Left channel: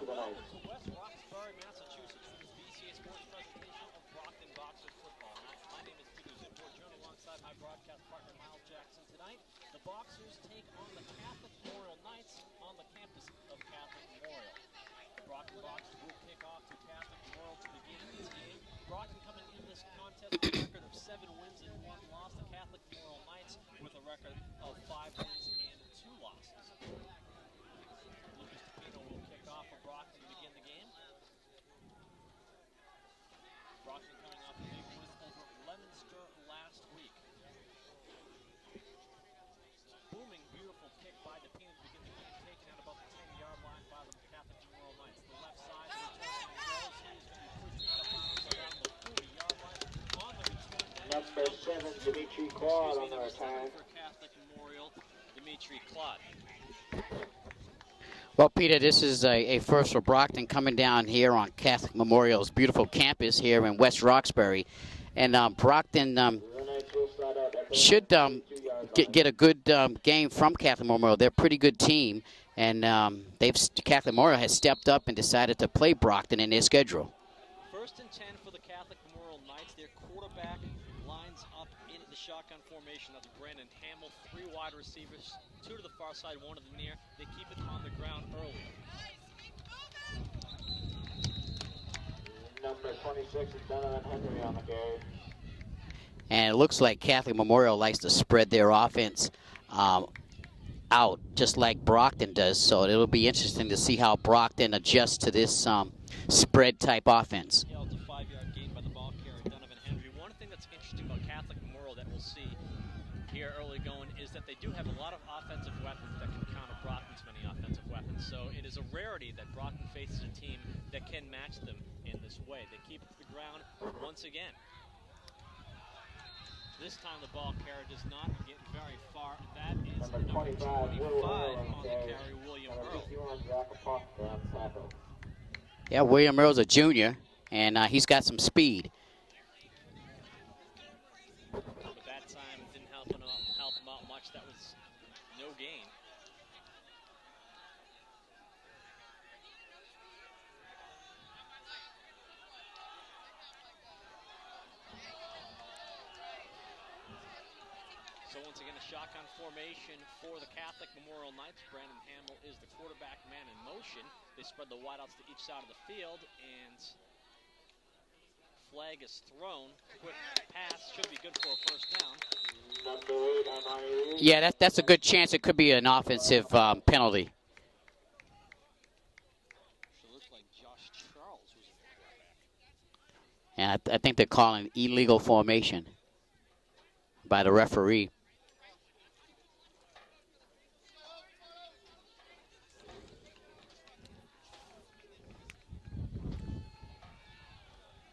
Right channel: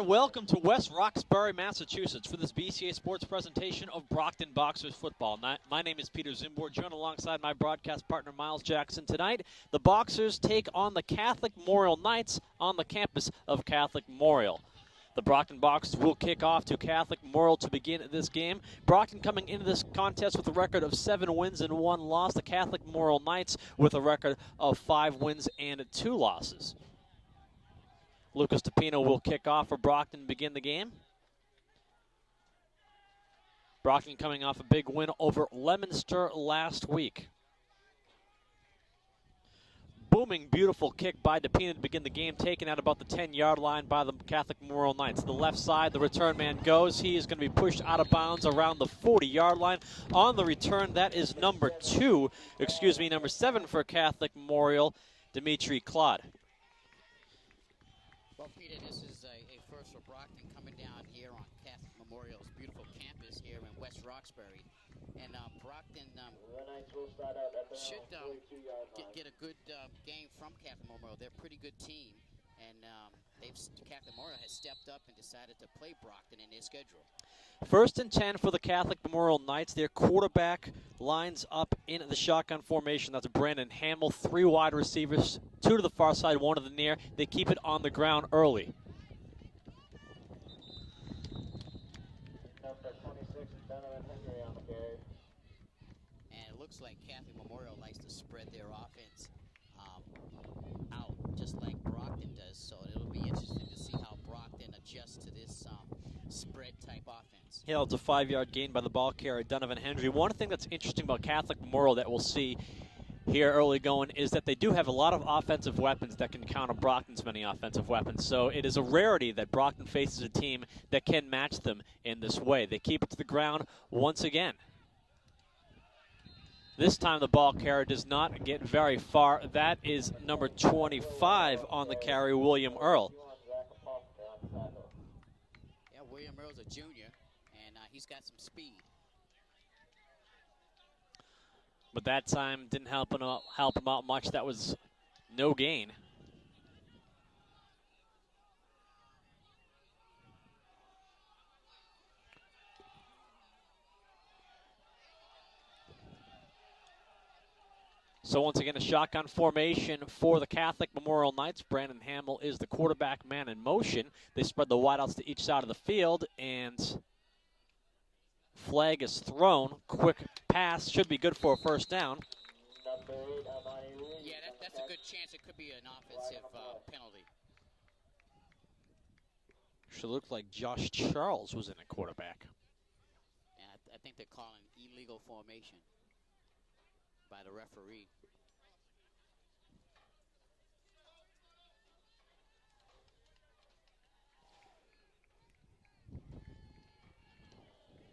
and welcome to West Roxbury, Massachusetts for this BCA Sports presentation of Brockton Boxers football. My name is Peter Zimborg, joined alongside my broadcast partner Miles Jackson. Tonight, the Boxers take on the Catholic Memorial Knights on the campus of Catholic Memorial. The Brockton Boxers will kick off to Catholic Memorial to begin this game. Brockton coming into this contest with a record of 7 wins and 1 loss. The Catholic Memorial Knights with a record of 5 wins and 2 losses. Lucas Tapino will kick off for Brockton to begin the game. Brockton coming off a big win over Leominster last week. Booming, beautiful kick by Tapino to begin the game, taken at about the 10-yard line by the Catholic Memorial Knights. To the left side, the return man goes. He is going to be pushed out of bounds around the 40-yard line. On the return, that is number 7 for Catholic Memorial, Dimitri Claude. Well, Peter, this is a first for Brockton coming down here on Catholic Memorial's beautiful campus here in West Roxbury. And Brockton should get a good game from Catholic Memorial. They're a pretty good team, and Catholic Memorial has stepped up and decided to play Brockton in their schedule. 1st and 10 for the Catholic Memorial Knights. Their quarterback lines up in the shotgun formation. That's Brandon Hamill. 3 wide receivers, 2 to the far side, 1 to the near. They keep it on the ground early. Number 26 is Donovan Henry on the carry. And it looks like Catholic Memorial likes to spread their offense out, just like Brockton does. So it'll be interesting to see how Brockton adjusts to this spread-type offense. Yeah, it's a 5-yard gain by the ball carrier, Donovan Henry. One thing that's interesting about Catholic Memorial that we'll see here early going is that they do have a lot of offensive weapons that can counter Brockton's many offensive weapons. So it is a rarity that Brockton faces a team that can match them in this way. They keep it to the ground once again. This time the ball carrier does not get very far. That is number 25 on the carry, William Earl. Yeah, William Earl's a junior, and he's got some speed. But that time didn't help him out much. That was no gain. So once again, a shotgun formation for the Catholic Memorial Knights. Brandon Hamill is the quarterback man in motion. They spread the wideouts to each side of the field, and flag is thrown. Quick pass should be good for a first down. Yeah, that's a good chance. It could be an offensive penalty. Should look like Josh Charles was in the quarterback. And I think they're calling illegal formation by the referee.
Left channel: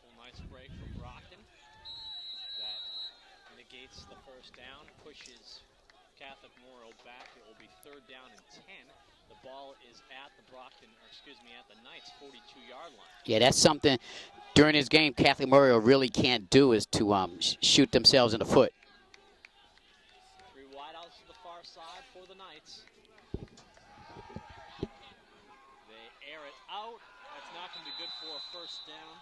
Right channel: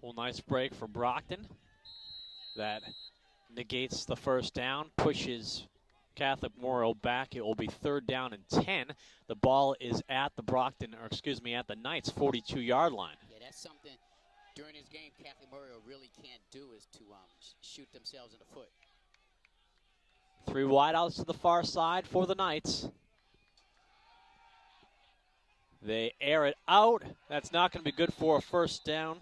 Well, nice break for Brockton. That negates the first down, pushes Catholic Memorial back. It will be 3rd down and 10. The ball is at the at the Knights' 42-yard line. Yeah, that's something during this game Catholic Memorial really can't do, is to shoot themselves in the foot. 3 wideouts to the far side for the Knights. They air it out. That's not going to be good for a first down.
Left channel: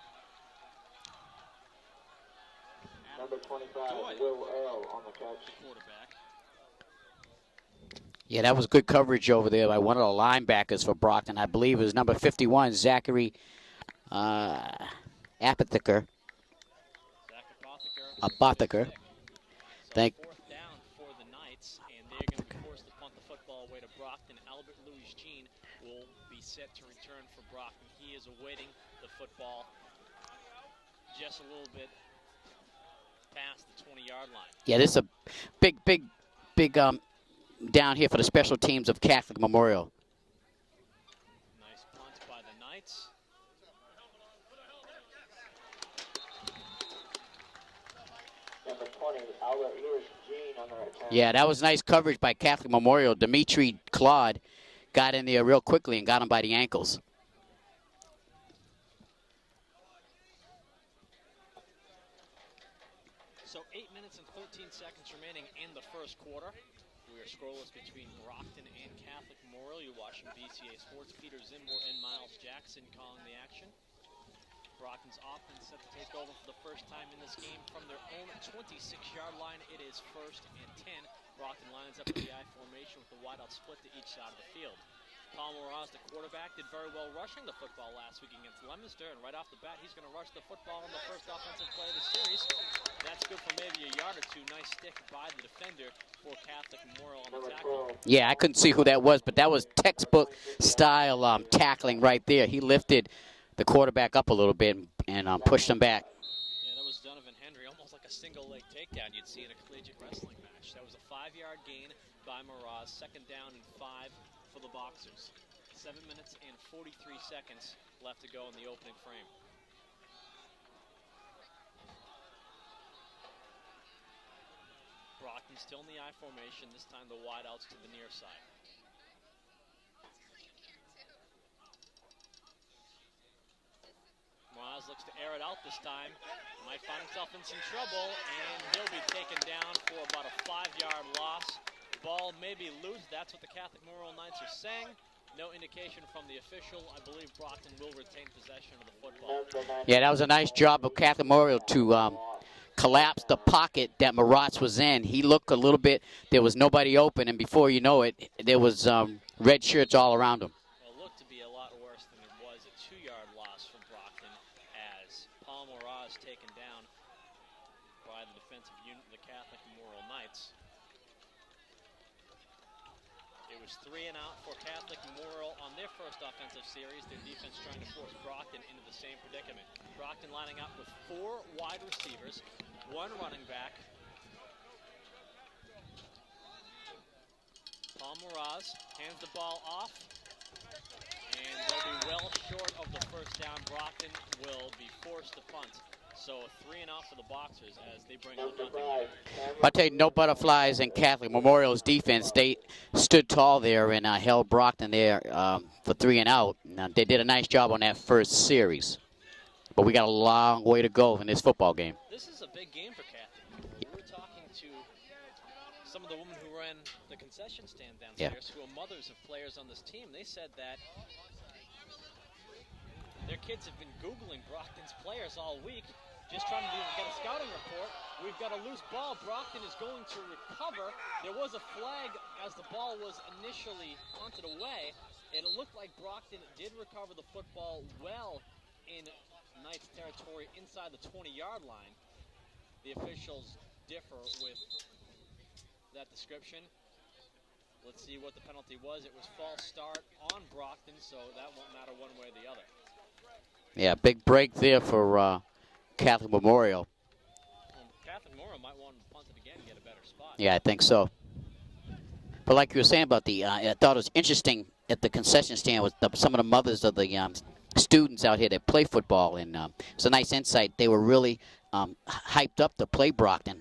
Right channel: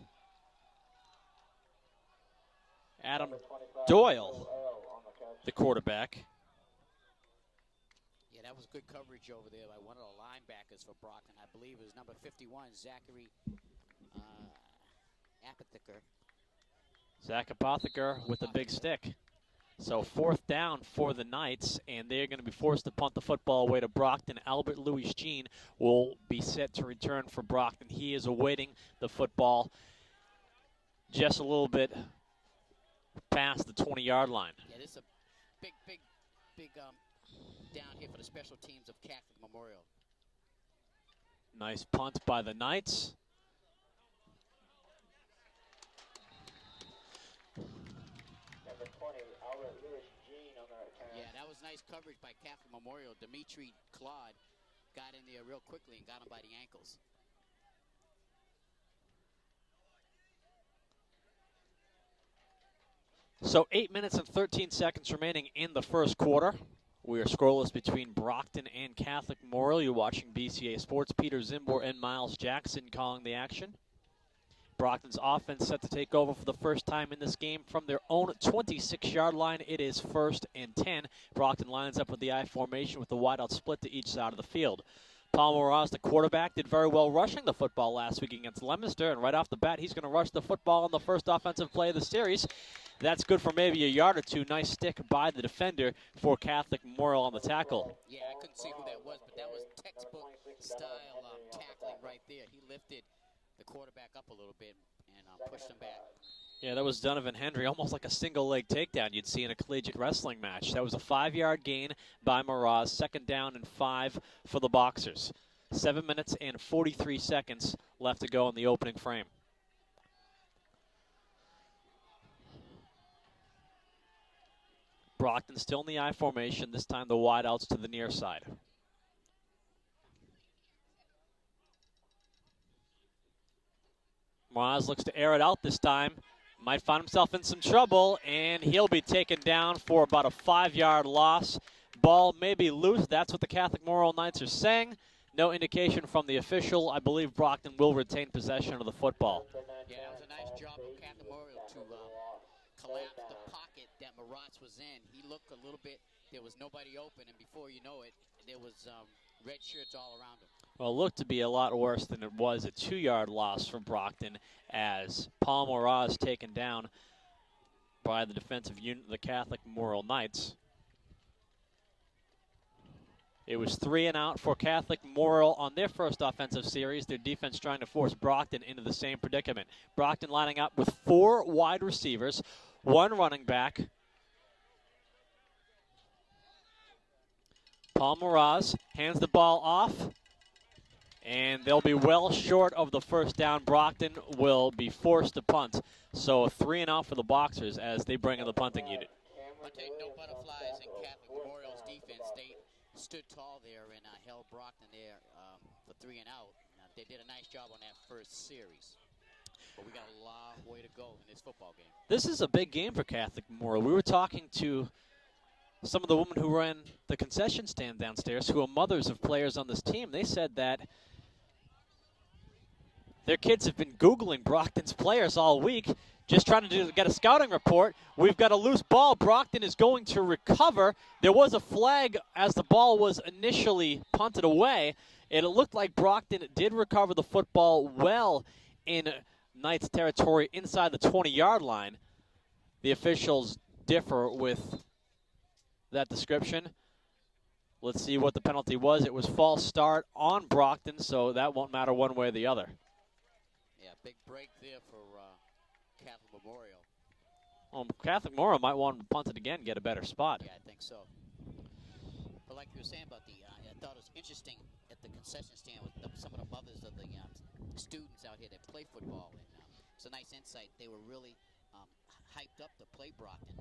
Adam Doyle, the quarterback. Yeah, that was good coverage over there by one of the linebackers for Brockton. I believe it was number 51, Zachary Apotheker. Zach Apotheker with the big stick. So 4th down for the Knights, and they're going to be forced to punt the football away to Brockton. Albert Louis Jean will be set to return for Brockton. He is awaiting the football just a little bit past the 20-yard line. Yeah, this is a big down here for the special teams of Catholic Memorial. Nice punt by the Knights. Number 20, Albert Louis Jean on the right side. Yeah, that was nice coverage by Catholic Memorial. Dimitri Claude got in there real quickly and got him by the ankles. So 8 minutes and 13 seconds remaining in the first quarter. We are scoreless between Brockton and Catholic Memorial. You're watching BCA Sports. Peter Zimbor and Miles Jackson calling the action. Brockton's offense set to take over for the first time in this game from their own 26-yard line. It is 1st and 10. Brockton lines up with the I formation with the wideout split to each side of the field. Paul Moraz, the quarterback, did very well rushing the football last week against Leominster, and right off the bat, he's going to rush the football on the first offensive play of the series. That's good for maybe a yard or two. Nice stick by the defender for Catholic Memorial on the tackle. Yeah, I couldn't see who that was, but that was textbook style tackling right there. He lifted the quarterback up a little bit and pushed him back. Yeah, that was Donovan Hendry, almost like a single-leg takedown you'd see in a collegiate wrestling match. That was a 5-yard gain by Moraz. 2nd down and 5 for the Boxers. 7 minutes and 43 seconds left to go in the opening frame. Brockton still in the I formation, this time the wideouts to the near side. Moraz looks to air it out this time. Might find himself in some trouble, and he'll be taken down for about a 5-yard loss. Ball may be loose. That's what the Catholic Memorial Knights are saying. No indication from the official. I believe Brockton will retain possession of the football. Yeah, that was a nice job of Catholic Memorial to collapse the pocket that Moraz was in. He looked a little bit, there was nobody open, and before you know it, there was red shirts all around him. Well, it looked to be a lot worse than it was. A 2-yard loss from Brockton as Paul Moraz taken down by the defensive unit of the Catholic Memorial Knights. It was 3 and out for Catholic Memorial on their first offensive series. Their defense trying to force Brockton into the same predicament. Brockton lining up with 4 wide receivers, 1 running back. Paul Moraz hands the ball off, and they'll be well short of the first down. Brockton will be forced to punt. So 3 and out for the Boxers as they bring in the punting unit. I'll tell you, no butterflies in Catholic Memorial's defense. They stood tall there and held Brockton there for 3 and out. Now, they did a nice job on that first series. But we got a long way to go in this football game. This is a big game for Catholic Memorial. We were talking to some of the women who ran the concession stand downstairs, who are mothers of players on this team. They said that their kids have been Googling Brockton's players all week, just trying to get a scouting report. We've got a loose ball. Brockton is going to recover. There was a flag as the ball was initially punted away, and it looked like Brockton did recover the football well in Knights territory inside the 20-yard line. The officials differ with that description. Let's see what the penalty was. It was false start on Brockton, so that won't matter one way or the other. Yeah, big break there for Catholic Memorial. Well, Catholic Memorial might want to punt it again, get a better spot. Yeah, I think so. But like you were saying about I thought it was interesting at the concession stand with some of the mothers of the students out here that play football, and it's a nice insight. They were really hyped up to play Brockton.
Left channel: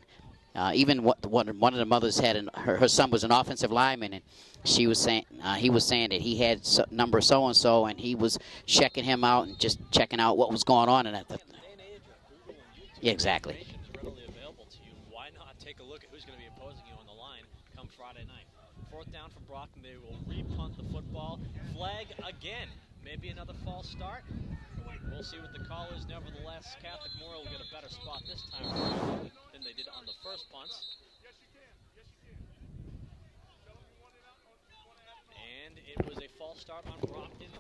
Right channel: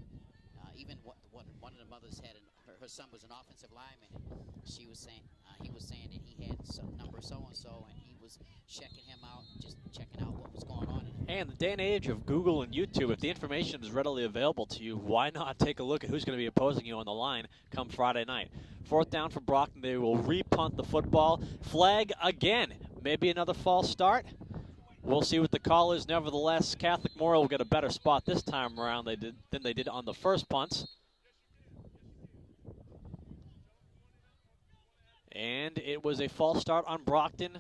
Even one of the mothers had her son was an offensive lineman, and she was saying he was saying that he had number so and so, and he was checking him out and just checking out what was going on. And the day and age of Google and YouTube, exactly. The information is readily available to you. Why not take a look at who's going to be opposing you on the line come Friday night? 4th down for Brockton. They will re-punt the football. Flag again. Maybe another false start. We'll see what the call is. Nevertheless, Catholic Memorial will get a better spot this time around than they did on the first punts. And it was a false start on Brockton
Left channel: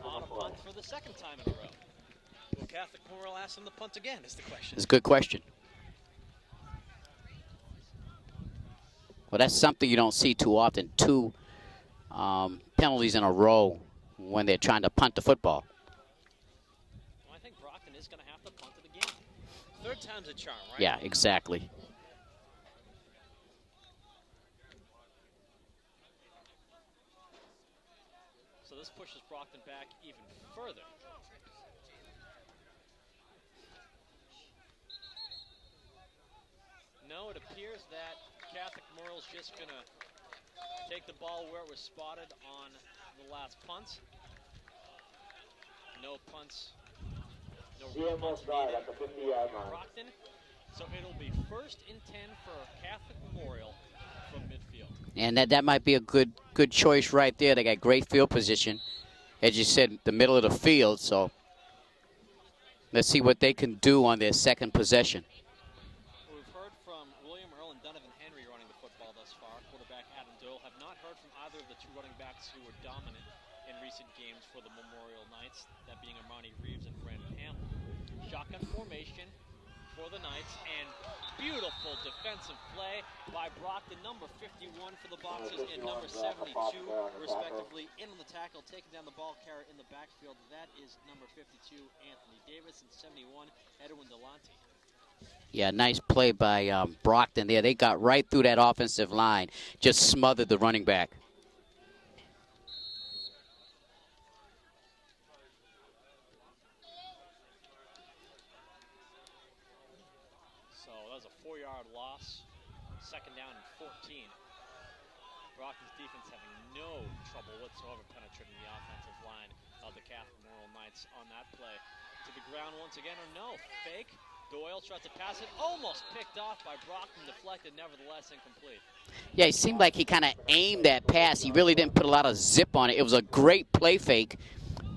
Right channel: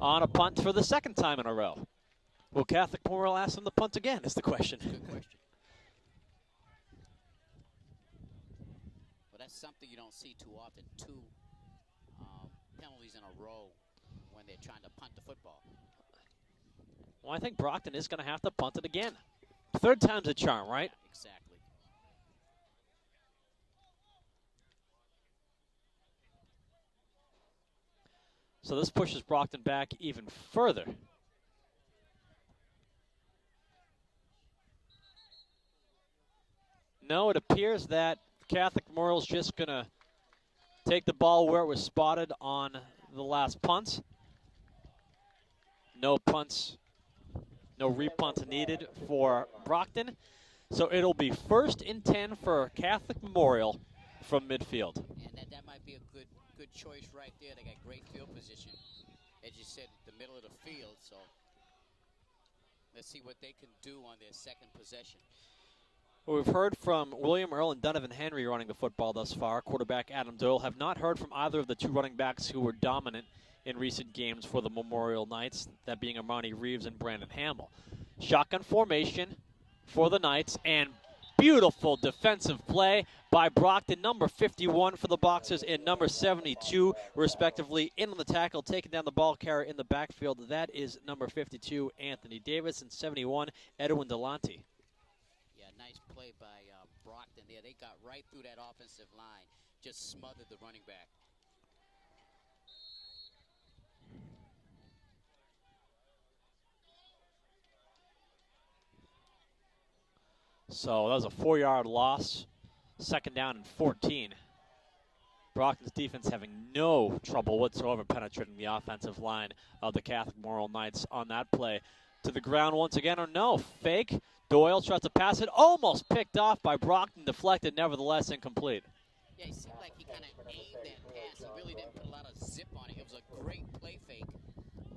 on a punt for the 2nd time in a row. Will Catholic Memorial ask them to punt again is the question. It's a good question. Well, that's something you don't see too often, 2 penalties in a row when they're trying to punt the football. Well, I think Brockton is going to have to punt it again. 3rd time's a charm, right? Yeah, exactly. So this pushes Brockton back even further. No, it appears that Catholic Memorial's just going to take the ball where it was spotted on the last punts. No punts, no repunts needed for Brockton. So it'll be 1st and 10 for Catholic Memorial from midfield. And that might be a good choice right there. They got great field position, as you said, the middle of the field. So let's see what they can do on their second possession. Well, we've heard from William Earl and Donovan Henry running the football thus far. Quarterback Adam Doyle. Have not heard from either of the two running backs who were dominant in recent games for the Memorial Knights, that being Armani Reeves and Brandon Hamill. Shotgun formation for the Knights, and beautiful defensive play by Brockton, number 51 for the Boxers and number 72, respectively, in on the tackle, taking down the ball carrier in the backfield. That is number 52, Anthony Davis, and 71, Edwin Delante. Yeah, nice play by Brockton there. They got right through that offensive line, just smothered the running back. So that was a 4-yard loss. Second down and 14. Brockton's defense having no trouble whatsoever penetrating the offensive line of the Catholic Memorial Knights on that play. To the ground once again, or no, fake. Doyle tries to pass it, almost picked off by Brockton, deflected, nevertheless incomplete. Yeah, it seemed like he kind of aimed that pass. He really didn't put a lot of zip on it. It was a great play fake,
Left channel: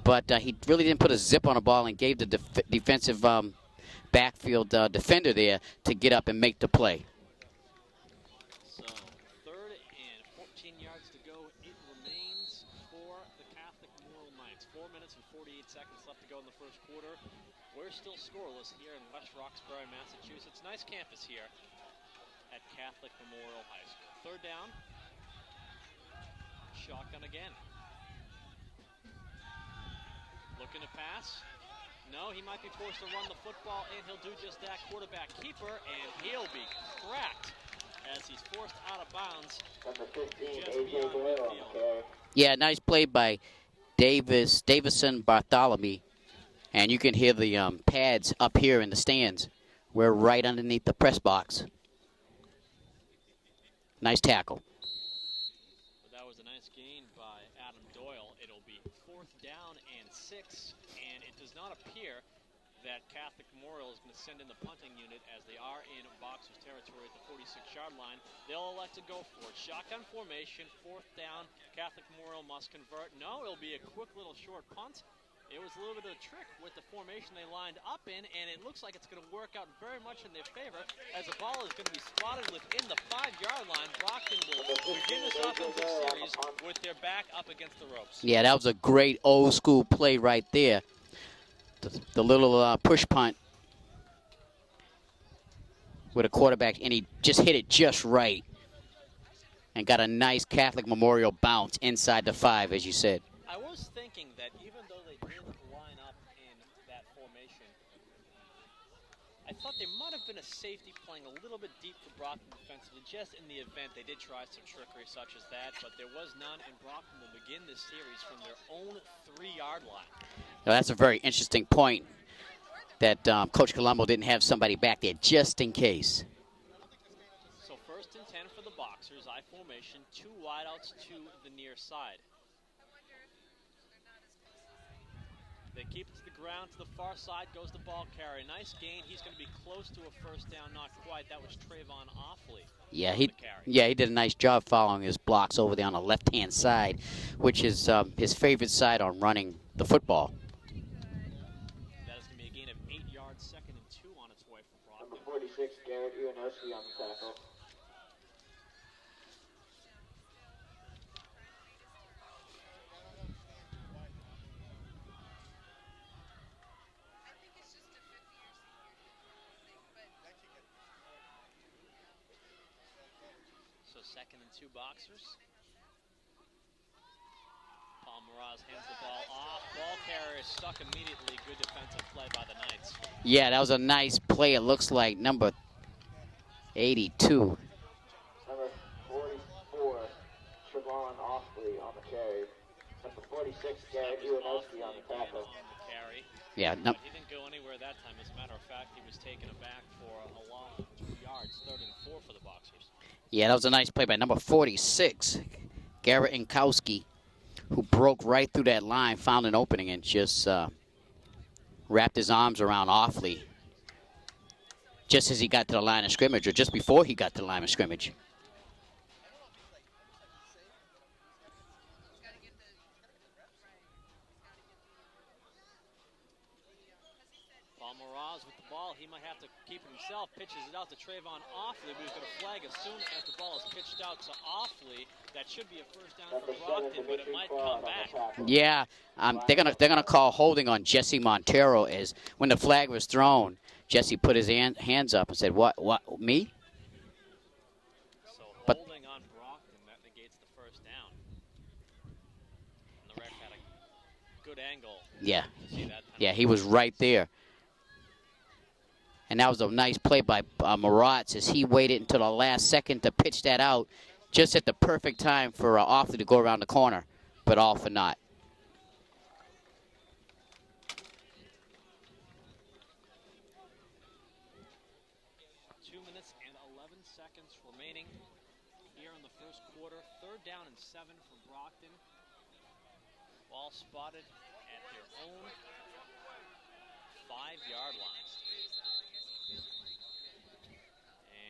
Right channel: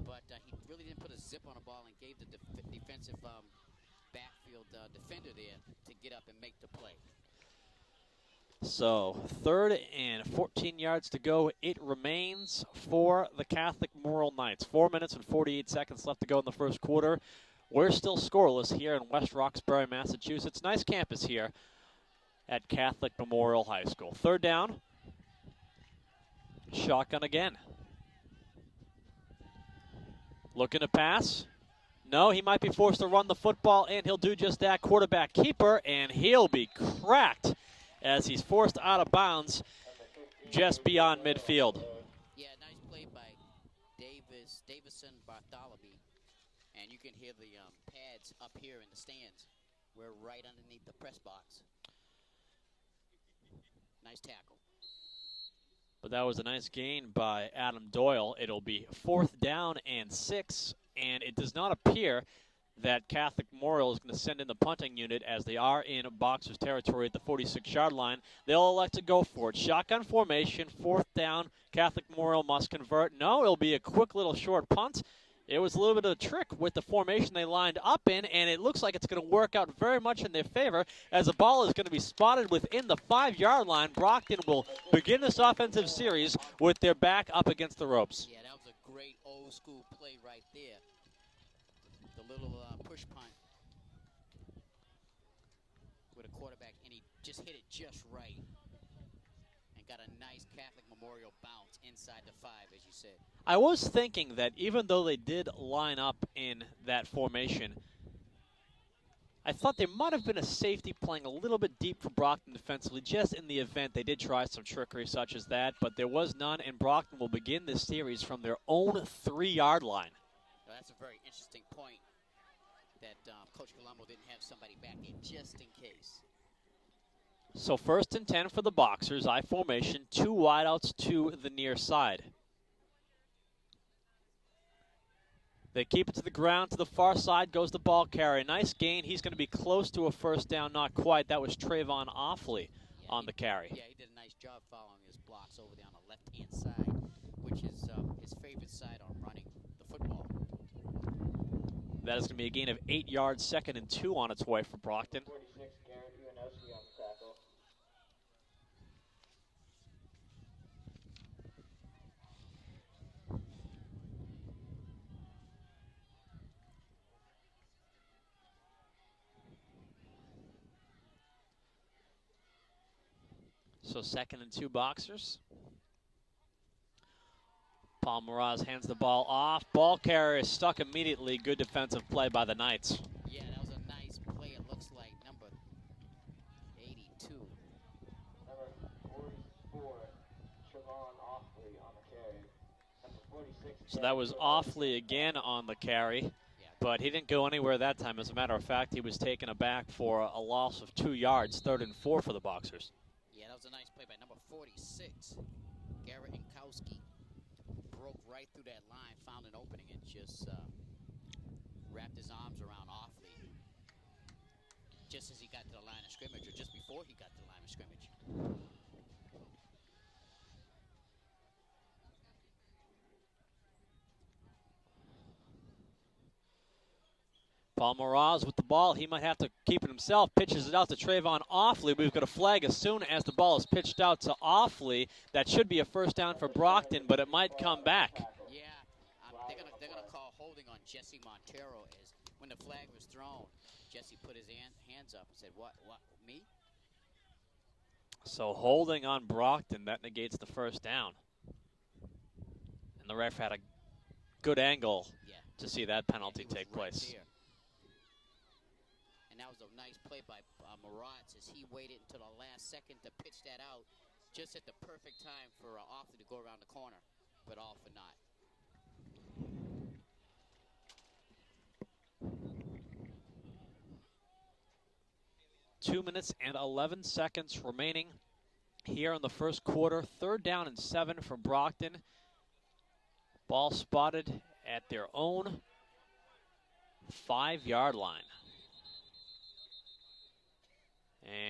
but he really didn't put a zip on the ball and gave the defensive backfield defender there to get up and make the play. So 3rd and 14 yards to go. It remains for the Catholic Memorial Knights. 4 minutes and 48 seconds left to go in the first quarter. We're still scoreless here in West Roxbury, Massachusetts. Nice campus here at Catholic Memorial High School. 3rd down. Shotgun again. Looking to pass. No, he might be forced to run the football, and he'll do just that. Quarterback keeper, and he'll be cracked as he's forced out of bounds just beyond midfield. Yeah, nice play by Davison Bartholomew. And you can hear the pads up here in the stands. We're right underneath the press box. Nice tackle. But that was a nice gain by Adam Doyle. It'll be 4th down and 6, and it does not appear that Catholic Memorial is going to send in the punting unit as they are in Boxers territory at the 46-yard line. They'll elect to go for it. Shotgun formation, 4th down. Catholic Memorial must convert. No, it'll be a quick little short punt. It was a little bit of a trick with the formation they lined up in, and it looks like it's going to work out very much in their favor as the ball is going to be spotted within the 5-yard line. Brockton will begin this offensive series with their back up against the ropes. Yeah, that was a great old-school play right there. The little push punt with a quarterback, and he just hit it just right and got a nice Catholic Memorial bounce inside the 5, as you said. I was thinking that even though they did line up in that formation, I thought there might have been a safety playing a little bit deep for Brockton defensively, just in the event they did try some trickery such as that, but there was none, and Brockton will begin this series from their own 3-yard line. Now, that's a very interesting point that Coach Colombo didn't have somebody back there just in case. So 1st and 10 for the Boxers, I formation, 2 wideouts to the near side. They keep it to the ground. To the far side goes the ball carrier. Nice gain. He's going to be close to a 1st down. Not quite. That was Trayvon Offley on the carry. Yeah, he did a nice job following his blocks over there on the left-hand side, which is his favorite side on running the football. That is going to be a gain of 8 yards, 2nd and 2 on its way for Brockton. 46, Garrett Uranowski on the tackle. So 2nd and 2 Boxers. Paul Miraz hands the ball off. Ball carrier is stuck immediately. Good defensive play by the Knights. Yeah, that was a nice play. It looks like number 82. Number 44, Trayvon Offley on the carry. Number 46, So that was Offley again on the carry. Yeah, But he didn't go anywhere that time. As a matter of fact, he was taken aback for a loss of 2 yards, 3rd and 4 for the Boxers. Yeah, that was a nice play by number 46, Garrett Inkowski, who broke right through that line, found an opening, and just wrapped his arms around Offley just as he got to the line of scrimmage, or just before he got to the line of scrimmage. Paul Moraz with the ball. He might have to keep it himself. Pitches it out to Trayvon Offley. We've got a flag as soon as the ball is pitched out to Offley. That should be a first down for Brockton, but it might come back. Yeah, they're gonna call holding on Jesse Montero. As when the flag was thrown, Jesse put his hands up and said, "What? Me?" So holding on Brockton, that negates the first down. And the ref had a good angle. Yeah. To see that penalty. Yeah, he was right there. And that was a nice play by Moraz as he waited until the last second to pitch that out, just at the perfect time for Offley to go around the corner, but all for naught. Two minutes and 11 seconds remaining here in the first quarter. Third down and 7 for Brockton. Ball spotted at their own 5-yard line.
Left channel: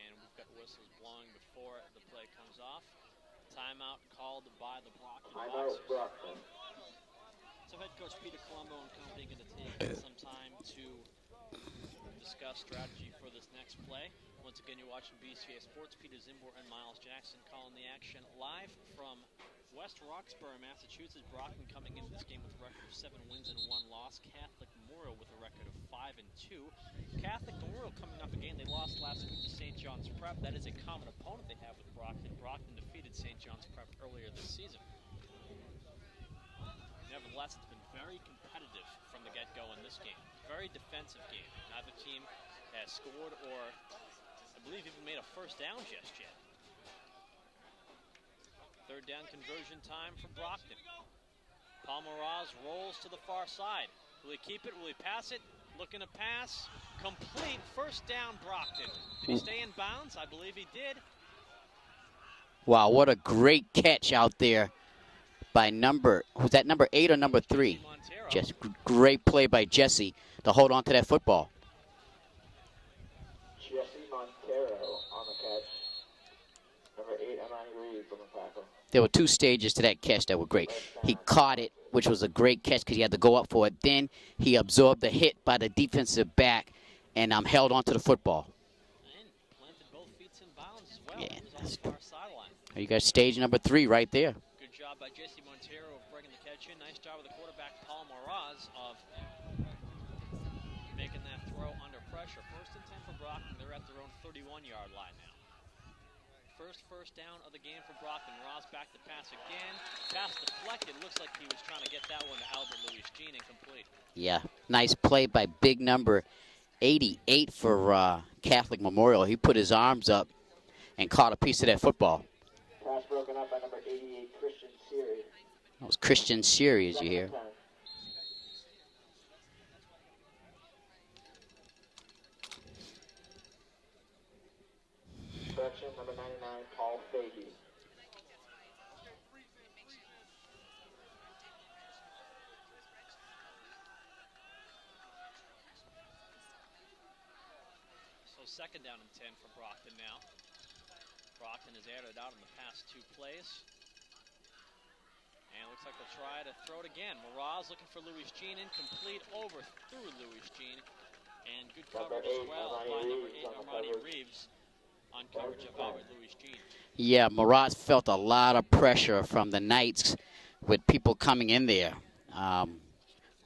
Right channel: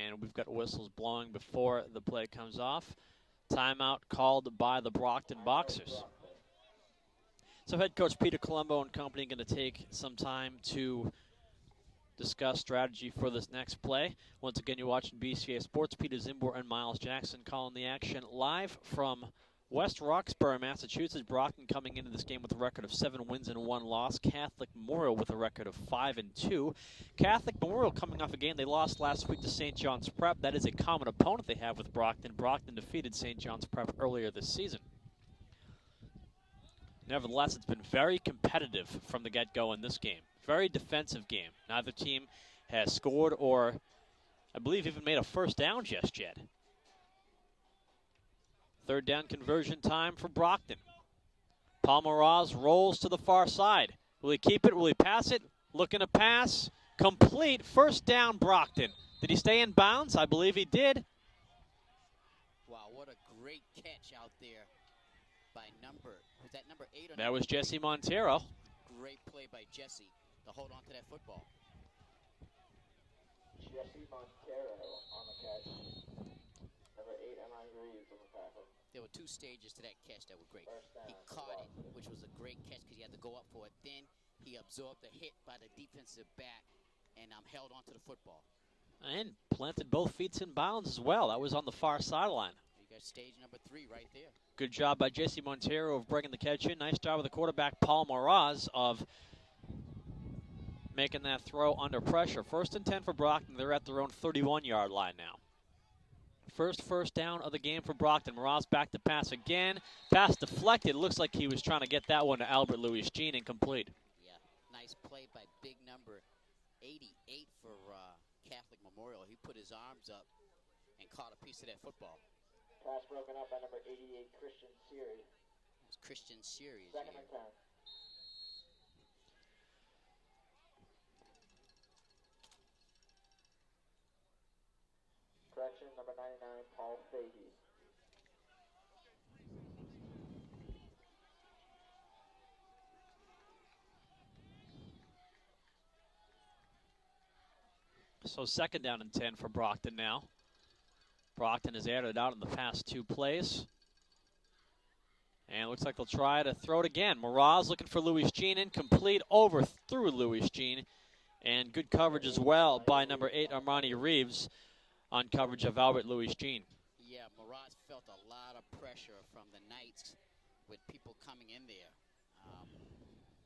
And we've got whistles blowing before the play comes off. Timeout called by the Brockton Boxers. So head coach Peter Colombo and company going to take some time to discuss strategy for this next play. Once again, you're watching BCA Sports. Peter Zimbor and Miles Jackson calling the action live from West Roxbury, Massachusetts. Brockton coming into this game with a record of 7 wins and 1 loss. Catholic Memorial with a record of 5-2. Catholic Memorial coming off a game they lost last week to St. John's Prep. That is a common opponent they have with Brockton. Brockton defeated St. John's Prep earlier this season. Nevertheless, it's been very competitive from the get-go in this game. Very defensive game. Neither team has scored or, I believe, even made a first down just yet. Third down conversion time for Brockton. Paul Moraz rolls to the far side. Will he keep it? Will he pass it? Looking to pass. Complete. First down, Brockton. Did he stay in bounds? I believe he did. Wow, what a great catch out there by was that number 8 or number 3? Jesse Montero. Just great play by Jesse to hold on to that football. Jesse Montero on the catch. Number 8, Emma Reeves on the tackle. There were 2 stages to that catch that were great. He caught it, which was a great catch because he had to go up for it. Then he absorbed the hit by the defensive back and held on to the football. And planted both feet in bounds as well. That was on the far sideline. You got stage number 3 right there. Good job by Jesse Montero of bringing the catch in. Nice job with the quarterback, Paul Moraz, of making that throw under pressure. First and 10 for Brockton. They're at their own 31-yard line now. First down of the game for Brockton. Moraz back to pass again. Pass deflected. Looks like he was trying to get that one to Albert Louis-Jean, incomplete. Yeah, nice play by big number 88 for Catholic Memorial. He put his arms up and caught a piece of that football. Pass broken up by number 88, Christian Siri. That was Christian Siri, as you hear. Correction, number 99, Paul Fahey. So second down and 10 for Brockton now. Brockton has aired it out in the past 2 plays. And looks like they'll try to throw it again. Moraz looking for Louis-Jean, incomplete, overthrew Louis-Jean. And good coverage as well by number 8, Armani Reeves, on coverage of Albert Louis-Jean. Yeah, Moraz felt a lot of pressure from the Knights with people coming in there.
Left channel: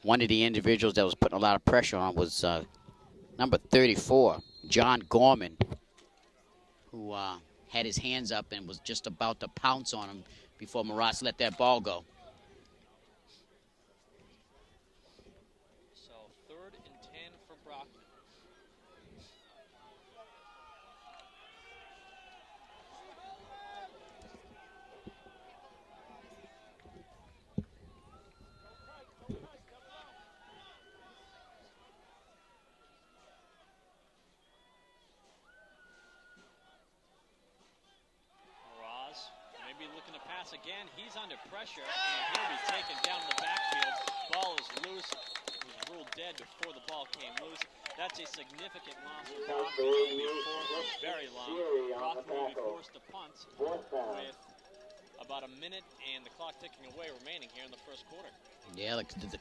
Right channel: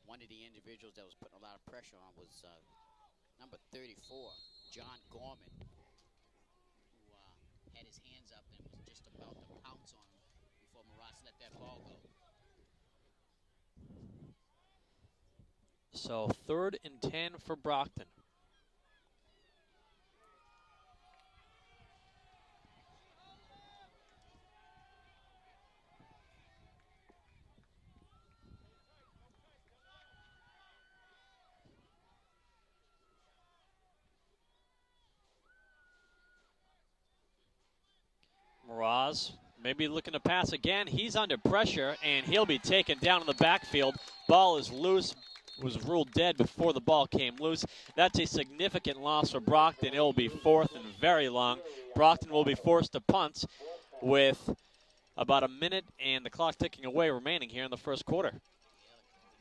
One of the individuals that was putting a lot of pressure on was number 34, John Gorman, who had his hands up and was just about to pounce on him before Moraz let that ball go. So third and 10 for Brockton. Moraz maybe looking to pass again. He's under pressure, and he'll be taken down in the backfield. Ball is loose. Was ruled dead before the ball came loose. That's a significant loss for Brockton. It will be 4th and very long. Brockton will be forced to punt with about a minute and the clock ticking away remaining here in the first quarter. Yeah, the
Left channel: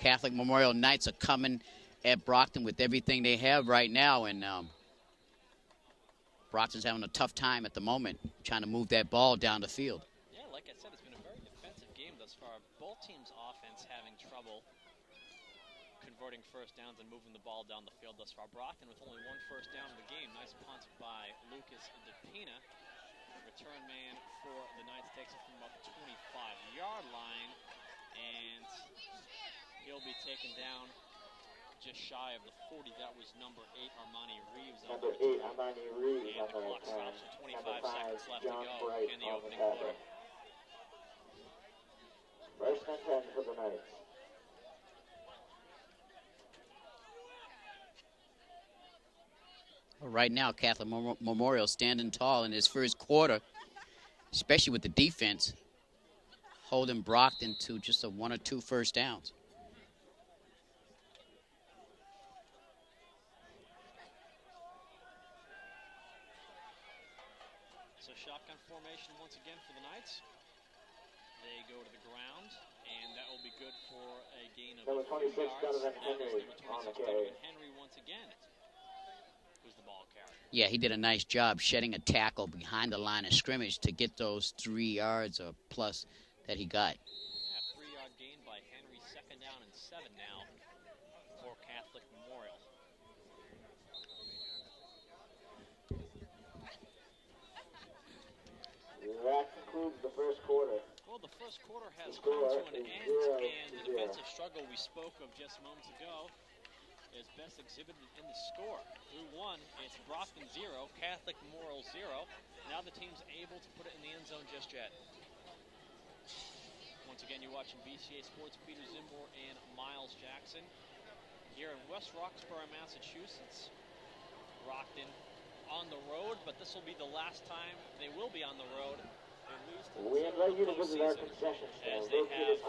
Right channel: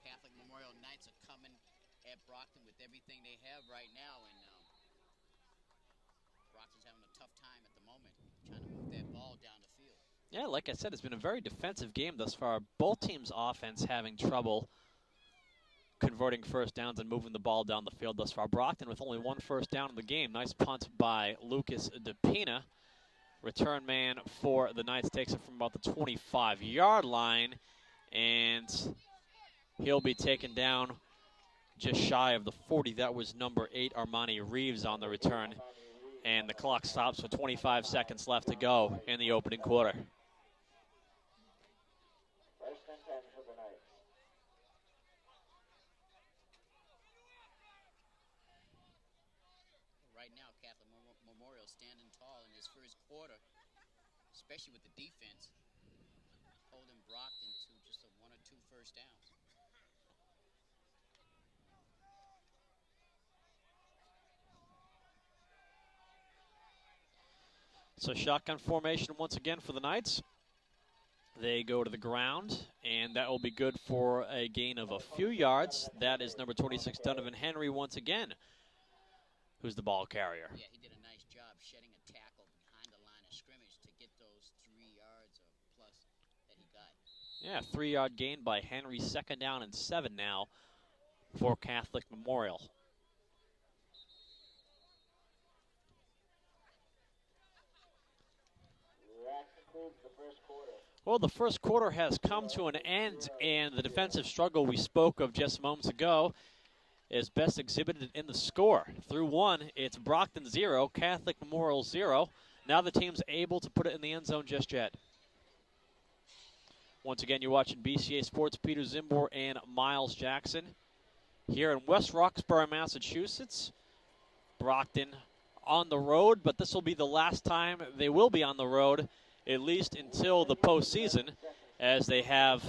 Catholic Memorial Knights are coming at Brockton with everything they have right now, and Brockton's having a tough time at the moment trying to move that ball down the field. Yeah, like I said, it's been a very defensive game thus far. Both teams' offense having trouble converting first downs and moving the ball down the field thus far. Brockton with only 1 first down in the game. Nice punt by Lucas DePina. Return man for the Knights takes it from about the 25-yard line, and he'll be taken down just shy of the 40. That was number 8, Armani Reeves, on the return. And the clock stops with 25 seconds left to go in the opening quarter. First and 10 for the Knights. Right now, Catholic Memorial standing tall in his first quarter, especially with the defense, holding Brockton to just a 1 or 2 first downs. So shotgun formation once again for the Knights. They go to the ground, and that will be good for a gain of a few yards. That is number 26, Donovan Henry, once again, who's the ball carrier. Yeah, he did a nice job shedding a tackle behind the line of scrimmage to get those 3 yards or plus that he got. Yeah, 3-yard gain by Henry. 2nd down and 7 now for Catholic Memorial. That concludes the first quarter. Well, the first quarter has come to an end, and the defensive struggle we spoke of just moments ago is best exhibited in the score. Through 1, it's Brockton 0, Catholic Memorial 0. Now the team's able to put it in the end zone just yet. Once again, you're watching BCA Sports. Peter Zimbor and Miles Jackson here in West Roxbury, Massachusetts. Brockton on the road, but this will be the last time they will be on the road, at least until the postseason, as they have...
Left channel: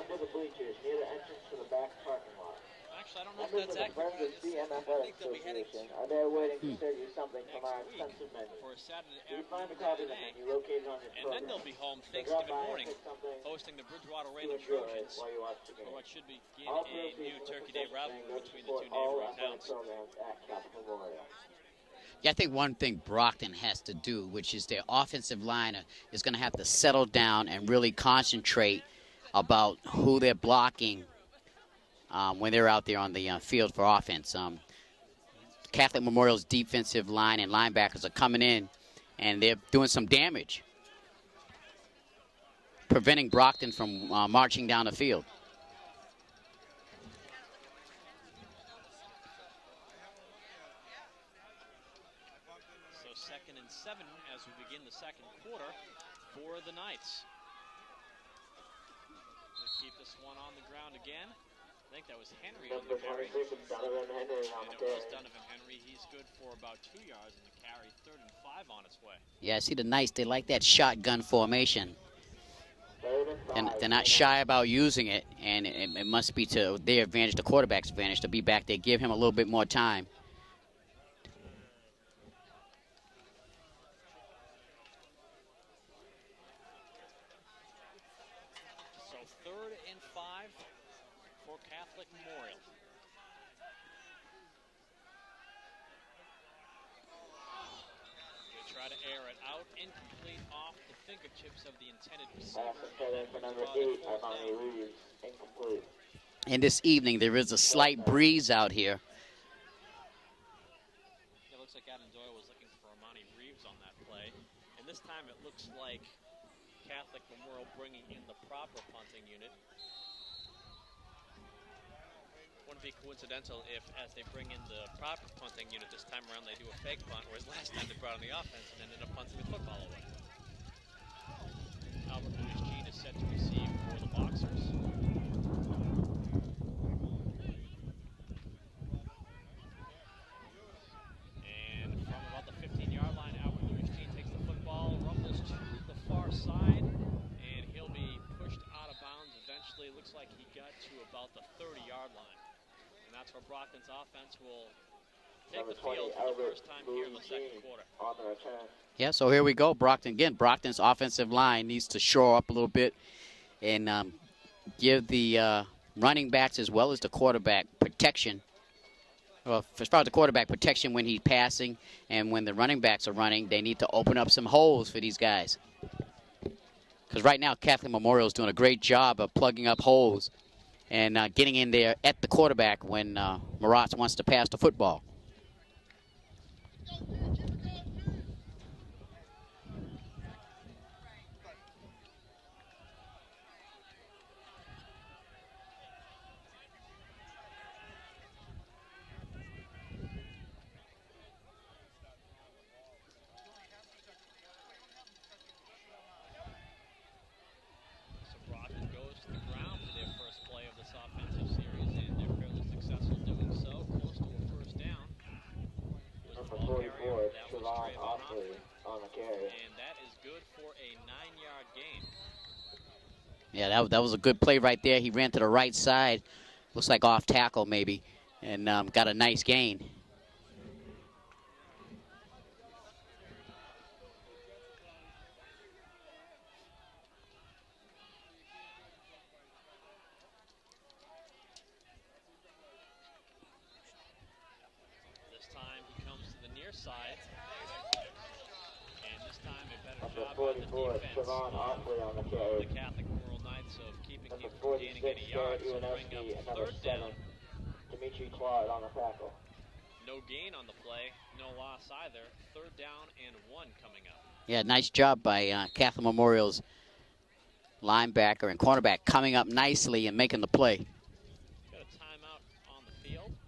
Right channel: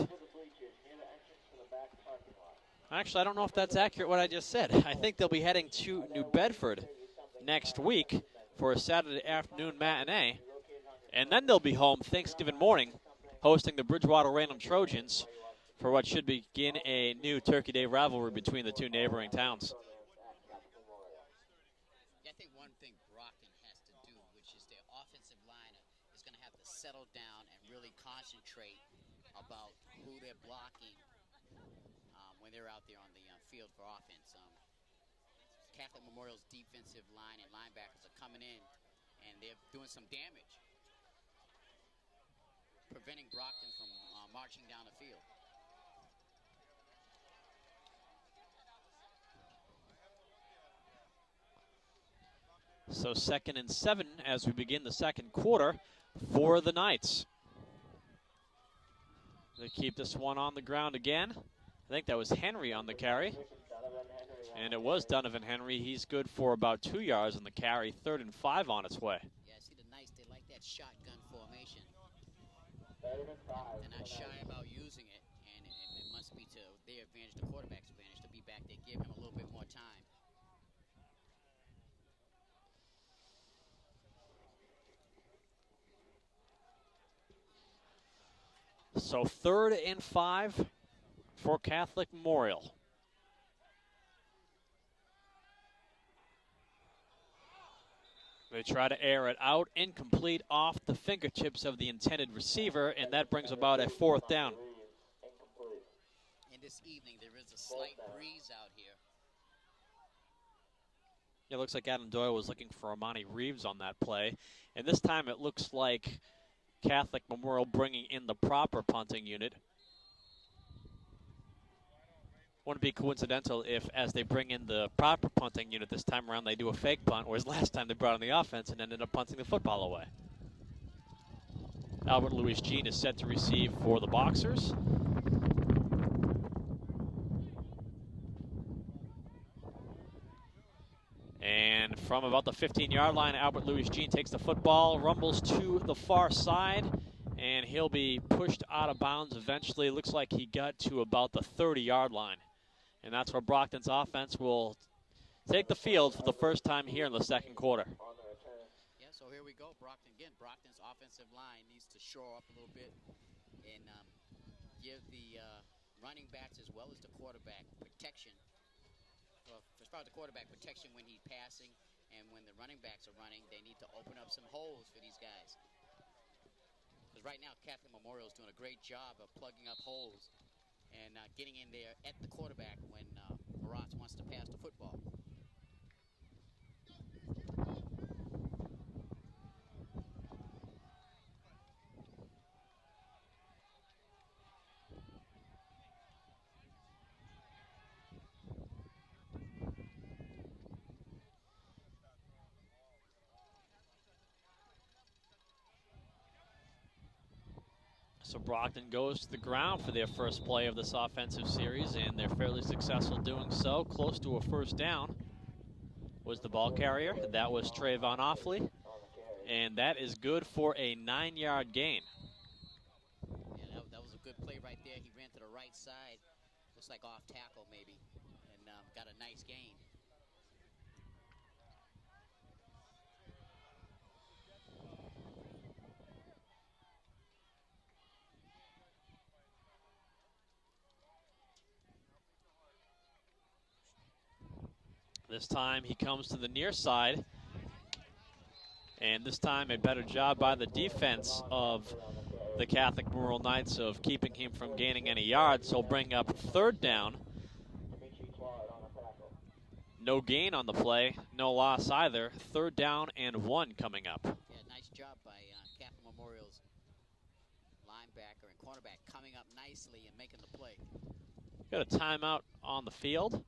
Actually, I don't know if that's accurate what I just said. I think they'll be heading to New Bedford next week for a Saturday afternoon matinee, and then they'll be home Thanksgiving morning, hosting the Bridgewater Random Trojans for what should begin a new Turkey Day rivalry between the two neighboring towns. Yeah, I think one thing Brockton has to do, which is their offensive line is going to have to settle down and really concentrate about who they're blocking when they're out there on the field for offense. Catholic Memorial's defensive line and linebackers are coming in, and they're doing some damage, preventing Brockton from marching down the field. So 2nd and 7 as we begin the second quarter for the Knights. They keep this one on the ground again. I think that was Henry on the carry. And it was Donovan Henry. He's good for about 2 yards on the carry. 3rd and 5 on its way. Yeah, see the Knights, they like that shotgun formation. And they're not shy about using it, and it must be to their advantage, the quarterback's advantage, to be back there, give him a little bit more time. So 3rd and 5 for Catholic Memorial. They try to air it out, incomplete off the fingertips of the intended receiver, and that brings about a 4th down. And this evening, there is a slight breeze out here. It looks like Adam Doyle was looking for Armani Reeves on that play. And this time it looks like Catholic Memorial bringing in the proper punting unit. Wouldn't be coincidental if, as they bring in the proper punting unit this time around, they do a fake punt, whereas last time they brought in the offense and ended up punting the football away. Albert Louis Jean is set to receive for the Boxers. And from about the 15-yard line, Albert Louis Jean takes the football, rumbles to the far side, and he'll be pushed out of bounds eventually. It looks like he got to about the 30-yard line. And that's where Brockton's offense will take the field for the first time here in the second quarter. Yeah, so here we go. Brockton, again, Brockton's offensive line needs to shore up a little bit and give the running backs as well as the quarterback protection Well, as far as the quarterback protection when he's passing and when the running backs are running, they need to open up some holes for these guys. Because right now, Catholic Memorial is doing a great job of plugging up holes and getting in there at the quarterback when Maratz wants to pass the football. So Brockton goes to the ground for their first play of this offensive series, and they're fairly successful doing so. Close to a first down was the ball carrier. That was Trayvon Offley, and that is good for a 9-yard gain. Yeah, that was a good play right there. He ran to the right side, looks like off tackle maybe, and got a nice gain. This time he comes to the near side, and this time a better job by the defense of the Catholic Memorial Knights of keeping him from gaining any yards. So bring up third down. No gain on the play, no loss either. Third down and 1 coming up. Yeah, nice job by Catholic Memorial's linebacker and cornerback coming up nicely and making the play. Got a timeout on the field.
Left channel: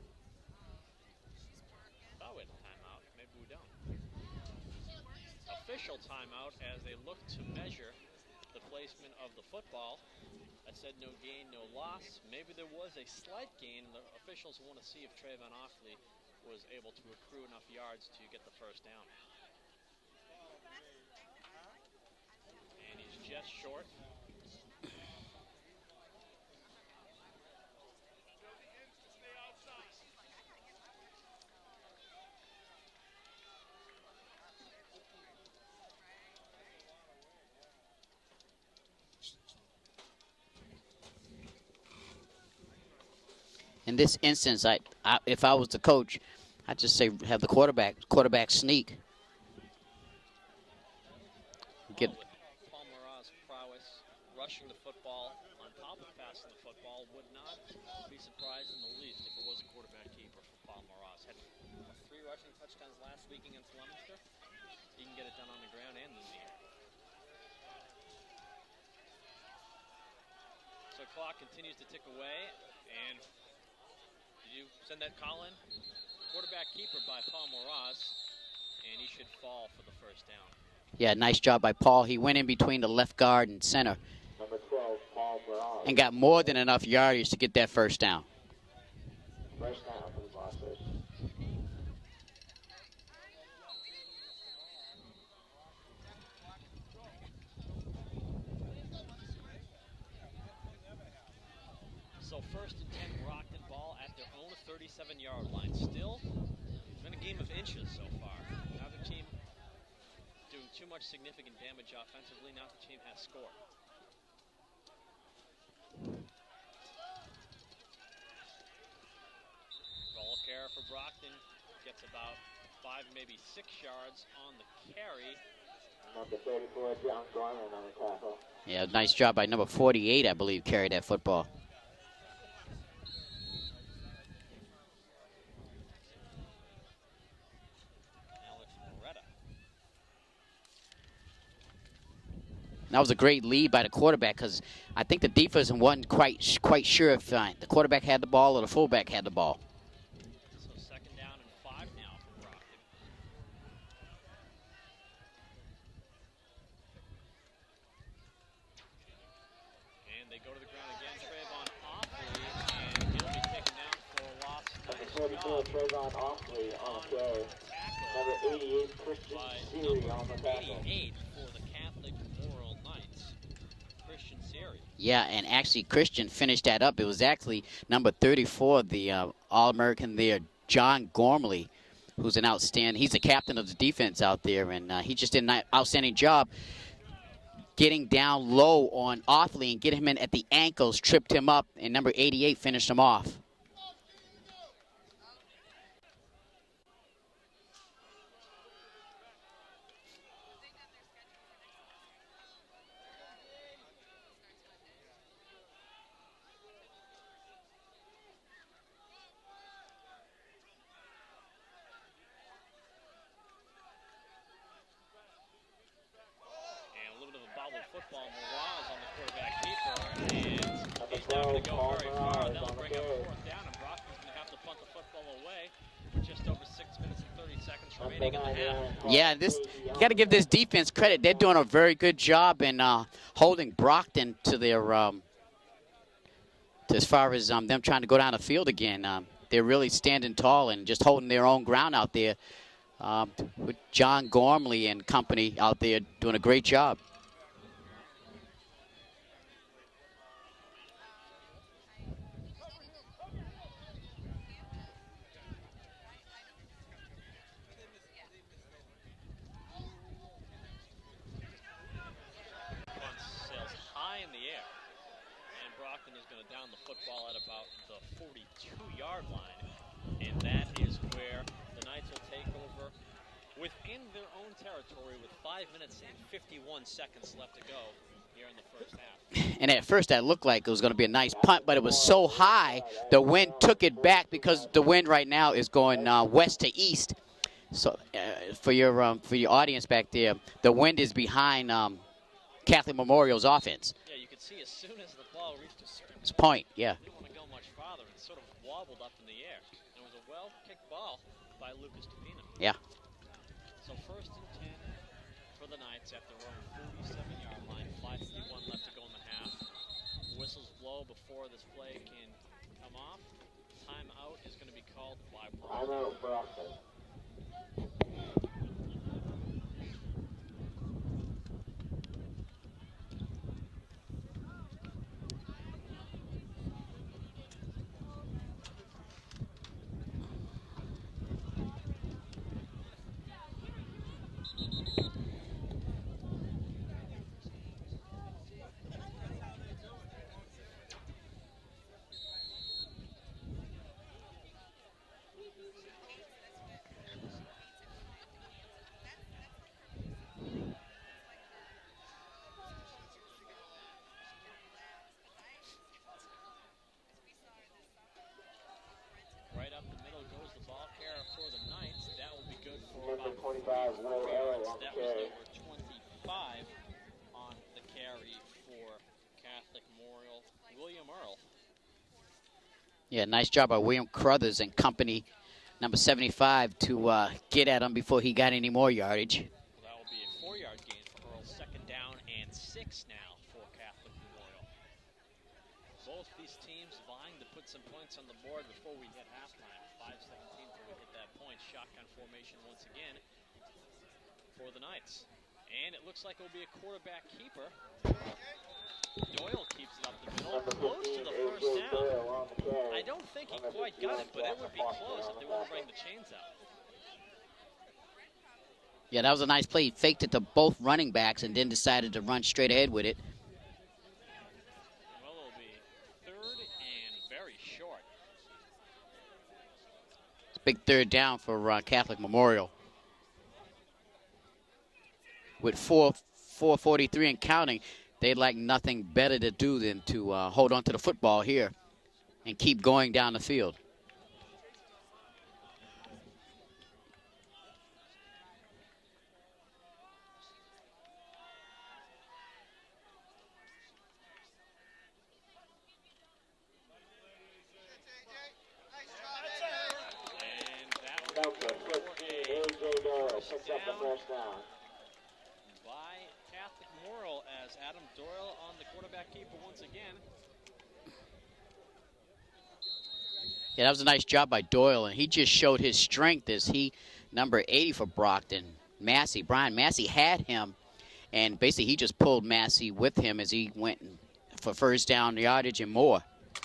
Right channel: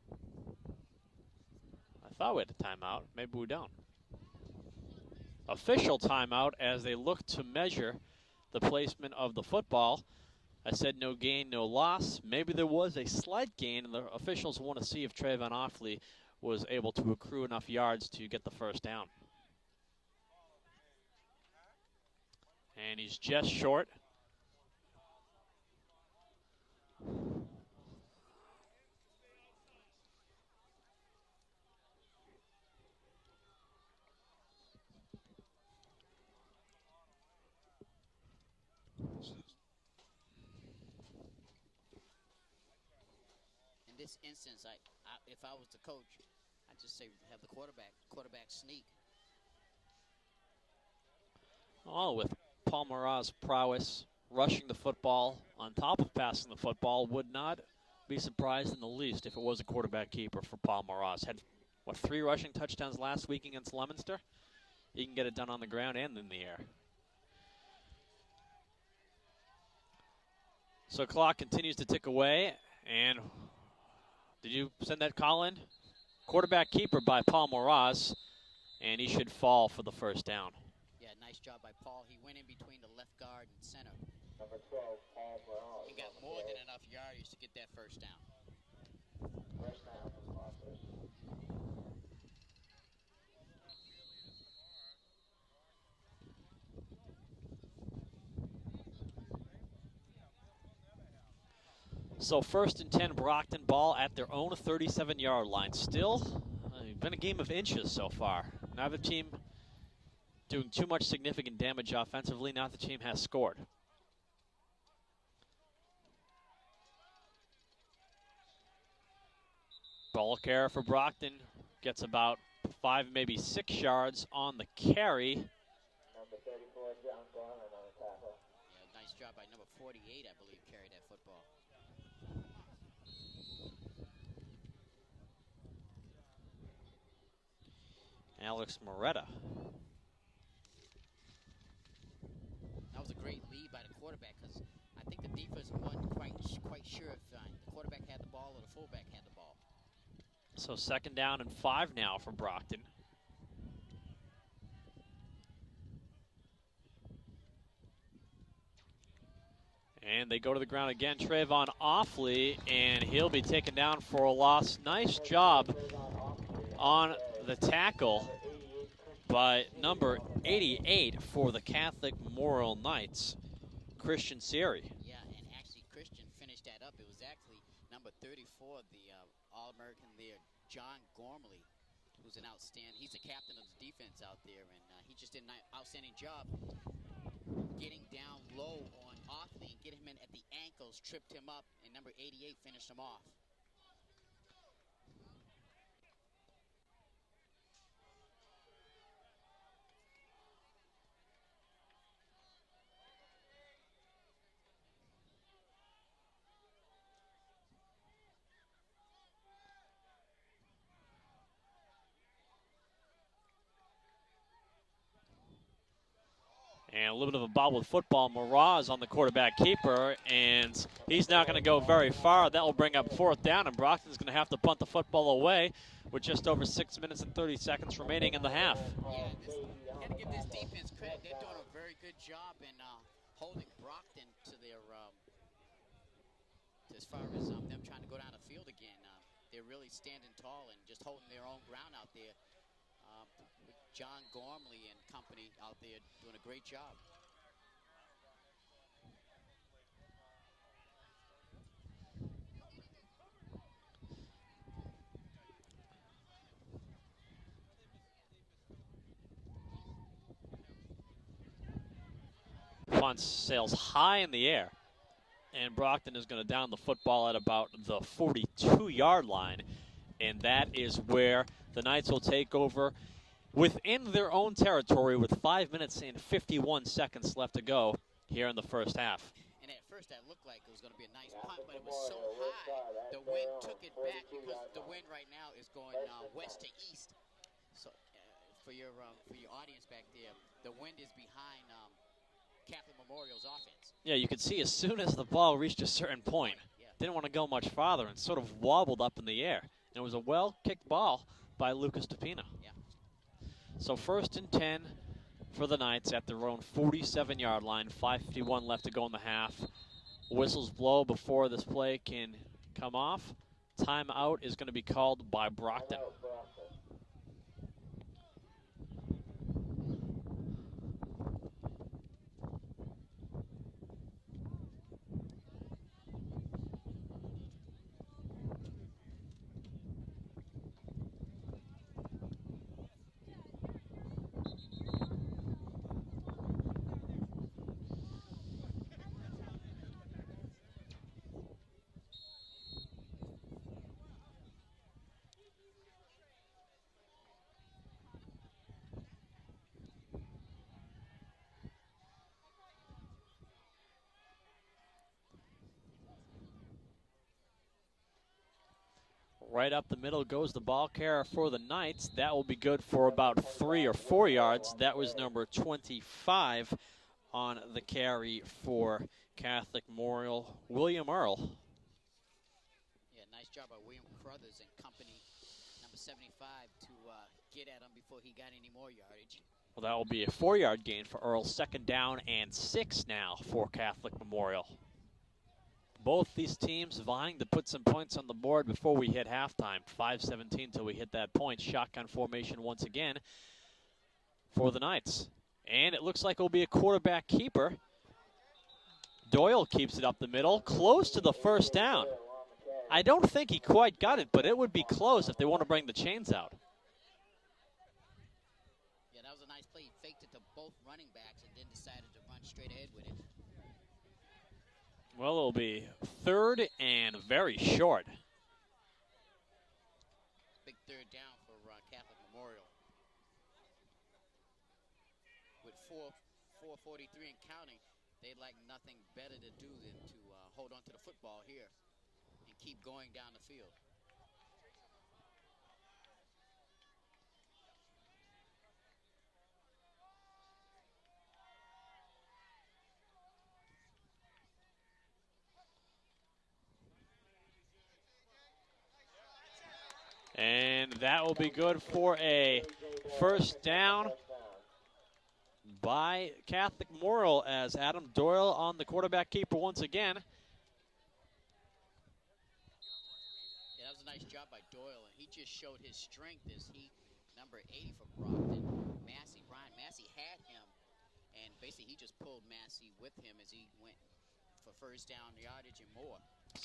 I thought we had a timeout. Maybe we don't. Official timeout as they look to measure the placement of the football. I said no gain, no loss. Maybe there was a slight gain, and the officials want to see if Trayvon Offley was able to accrue enough yards to get the first down. And he's just short. In this instance, if I was the coach, I'd just say have the quarterback sneak. With Paul Marat's prowess, rushing the football on top of passing the football, would not be surprised in the least if it was a quarterback keeper for Paul Marat. Had, 3 rushing touchdowns last week against Leominster? He can get it done on the ground and in the air. So clock continues to tick away, and did you send that call in? Quarterback keeper by Paul Marat, and he should fall for the first down. Yeah, nice job by Paul. He went in between the left guard and center. Number 12, Paul Marat. And got more than enough yardage to get that first down. First down for the Boxers. So 1st and 10, Brockton ball at their own 37-yard line. Still, been a game of inches so far. Neither team doing too much significant damage offensively. Neither team has scored. Ball carrier for Brockton gets about 5, maybe 6 yards on the carry. Number 34, John Gorman on the tackle. Yeah, nice job by number 48, I believe, carried that football. Alex Moretta. That was a great lead by the quarterback because I think the defense wasn't quite sure if the quarterback had the ball or the fullback had the ball. So 2nd down and 5 now from Brockton. And they go to the ground again. Trayvon Offley, and he'll be taken down for a loss. Nice job on the tackle by number 88 for the Catholic Memorial Knights, Christian Siri. Yeah, and actually Christian finished that up. It was actually number 34, the All-American there, John Gormley, who's an outstanding, he's the captain of the defense out there, and he just did an outstanding job getting down low on Offley and getting him in at the ankles, tripped him up, and number 88 finished him off. And a little bit of a bobbled football. Miraz on the quarterback keeper, and he's not going to go very far. That will bring up 4th down, and Brockton's going to have to punt the football away with just over 6 minutes and 30 seconds remaining in the half. Yeah, you got to give this defense credit. They're doing a very good job in holding Brockton to their as far as them trying to go down the field again. They're really standing tall and just holding their own ground out there. With John Gormley and company out there doing a great job. Punt sails high in the air, and Brockton is going to down the football at about the 42-yard line, and that is where the Knights will take over within their own territory with 5 minutes and 51 seconds left to go here in the first half. And at first that looked like it was going to be a nice punt, but it was so high, the wind took it back because the wind right now is going west to east. So for your audience back there, the wind is behind Catholic Memorial's offense. Yeah, you could see as soon as the ball reached a certain point, yeah. Didn't want to go much farther and sort of wobbled up in the air. It was a well-kicked ball by Lucas Tapina. Yeah. So 1st and 10 for the Knights at their own 47-yard line. 5:51 left to go in the half. Whistles blow before this play can come off. Timeout is going to be called by Brockton. Right up the middle goes the ball carrier for the Knights. That will be good for about 3 or 4 yards. That was number 25 on the carry for Catholic Memorial, William Earl. Yeah, nice job by William Crothers and company, number 75, to get at him before he got any more yardage. Well, that will be a 4-yard gain for Earl. 2nd down and 6 now for Catholic Memorial. Both these teams vying to put some points on the board before we hit halftime. 5:17 till we hit that point. Shotgun formation once again for the Knights. And it looks like it will be a quarterback keeper. Doyle keeps it up the middle, close to the 1st down. I don't think he quite got it, but it would be close if they want to bring the chains out. Yeah, that was a nice play. He faked it to both running backs and then decided to run straight ahead with it. Well, it'll be 3rd and very short. It's a big 3rd down for Catholic Memorial. With 4:43 and counting, they'd like nothing better to do than to hold on to the football here and keep going down the field. And that will be good for a 1st down by Catholic Memorial as Adam Doyle on the quarterback keeper once again. Yeah, that was a nice job by Doyle, and he just showed his strength as he, number 80 for Brockton, Massey. Brian Massey had him, and basically he just pulled Massey with him as he went for 1st down yardage and more.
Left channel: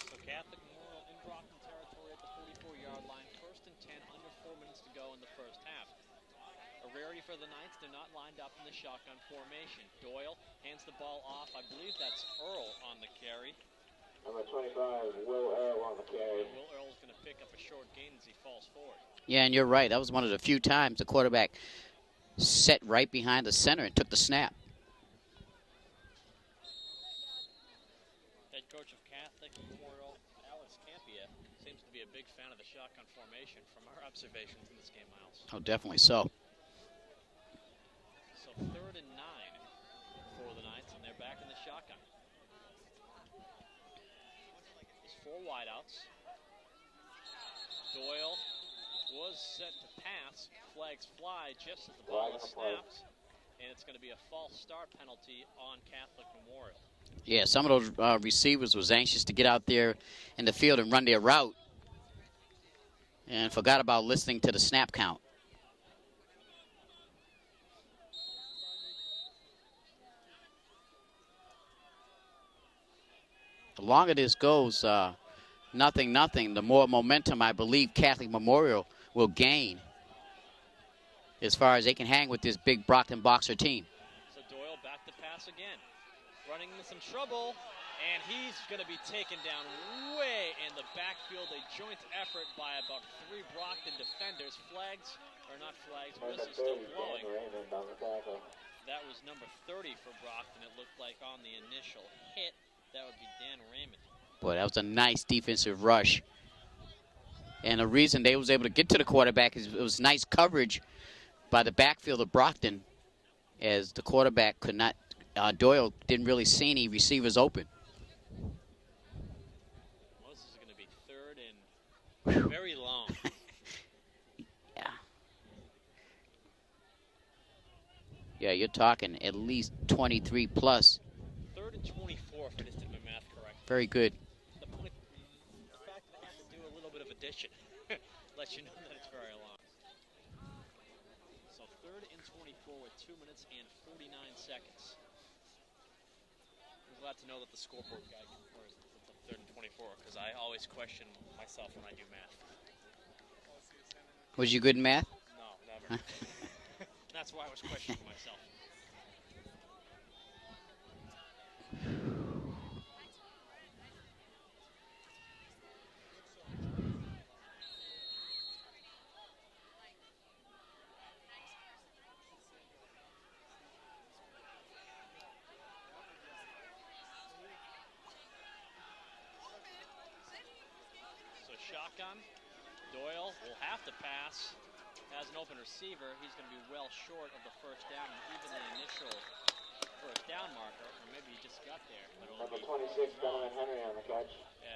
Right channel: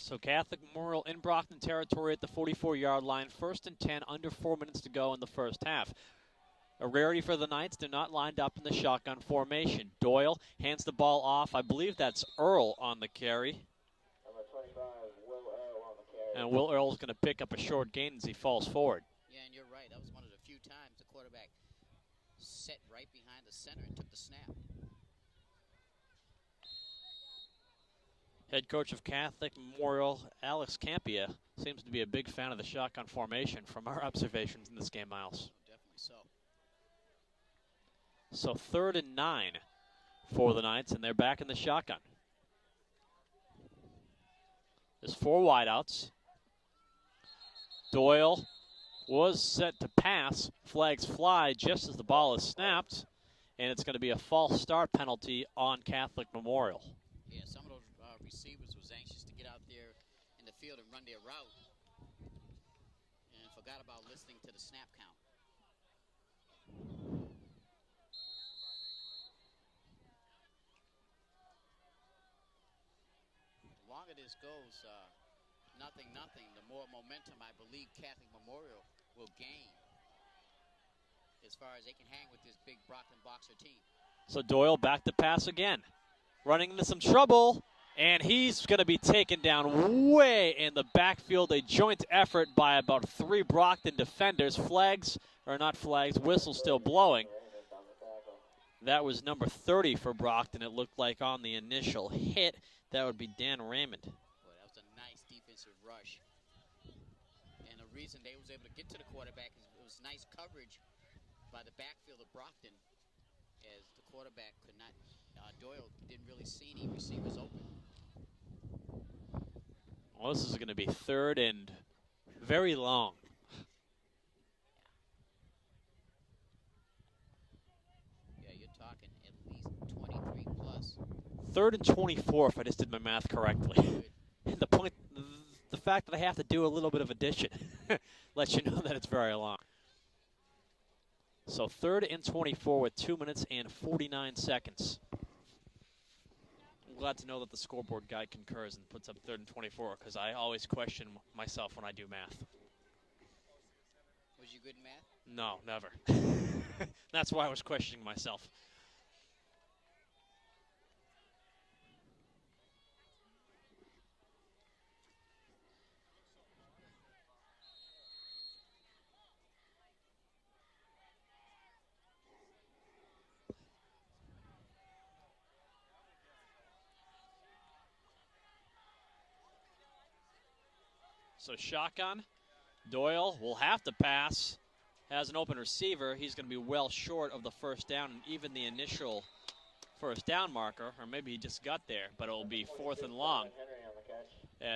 So Catholic Memorial in Brockton territory at the 44-yard line. 1st and 10, under 4 minutes to go in the first half. A rarity for the Knights. They're not lined up in the shotgun formation. Doyle hands the ball off. I believe that's Earl on the carry. Number 25, Will Earl on the carry. And Will Earl's going to pick up a short gain as he falls forward. Yeah, and you're right. That was one of the few times the quarterback set right behind the center and took the snap. Head coach of Catholic Memorial, Alex Campia, seems to be a big fan of the shotgun formation from our observations in this game, Miles. Oh, definitely so. So 3rd and 9 for the Knights, and they're back in the shotgun. There's 4 wideouts. Doyle was set to pass. Flags fly just as the ball is snapped, and it's going to be a false start penalty on Catholic Memorial. Yeah, some of those receivers was anxious to get out there in the field and run their route and forgot about listening to the snap count. The longer this goes, nothing, the more momentum I believe Catholic Memorial will gain as far as they can hang with this big Brockton Boxer team. So Doyle back to pass again. Running into some trouble, and he's going to be taken down way in the backfield. A joint effort by about 3 Brockton defenders. Flags, or not flags, whistle still blowing. That was number 30 for Brockton, it looked like, on the initial hit. That would be Dan Raymond. Boy, that was a nice defensive rush. And the reason they was able to get to the quarterback is it was nice coverage by the backfield of Brockton, as the quarterback could not, Doyle didn't really see any receivers open. Well, this is going to be 3rd and very long. Yeah. Yeah, you're talking at least 23 plus. 3rd and 24, if I just did my math correct. Very good. The fact that I have to do a little bit of addition lets you know that it's very long. So 3rd and 24 with 2 minutes and 49 seconds. I'm glad to know that the scoreboard guy concurs and puts up 3rd and 24, because I always question myself when I do math. Was you good in math? No, never. That's why I was questioning myself. So shotgun, Doyle will have to pass. Has an open receiver. He's going to be well short of the first down and even the initial first down marker, or maybe he just got there, but it will be 4th and long,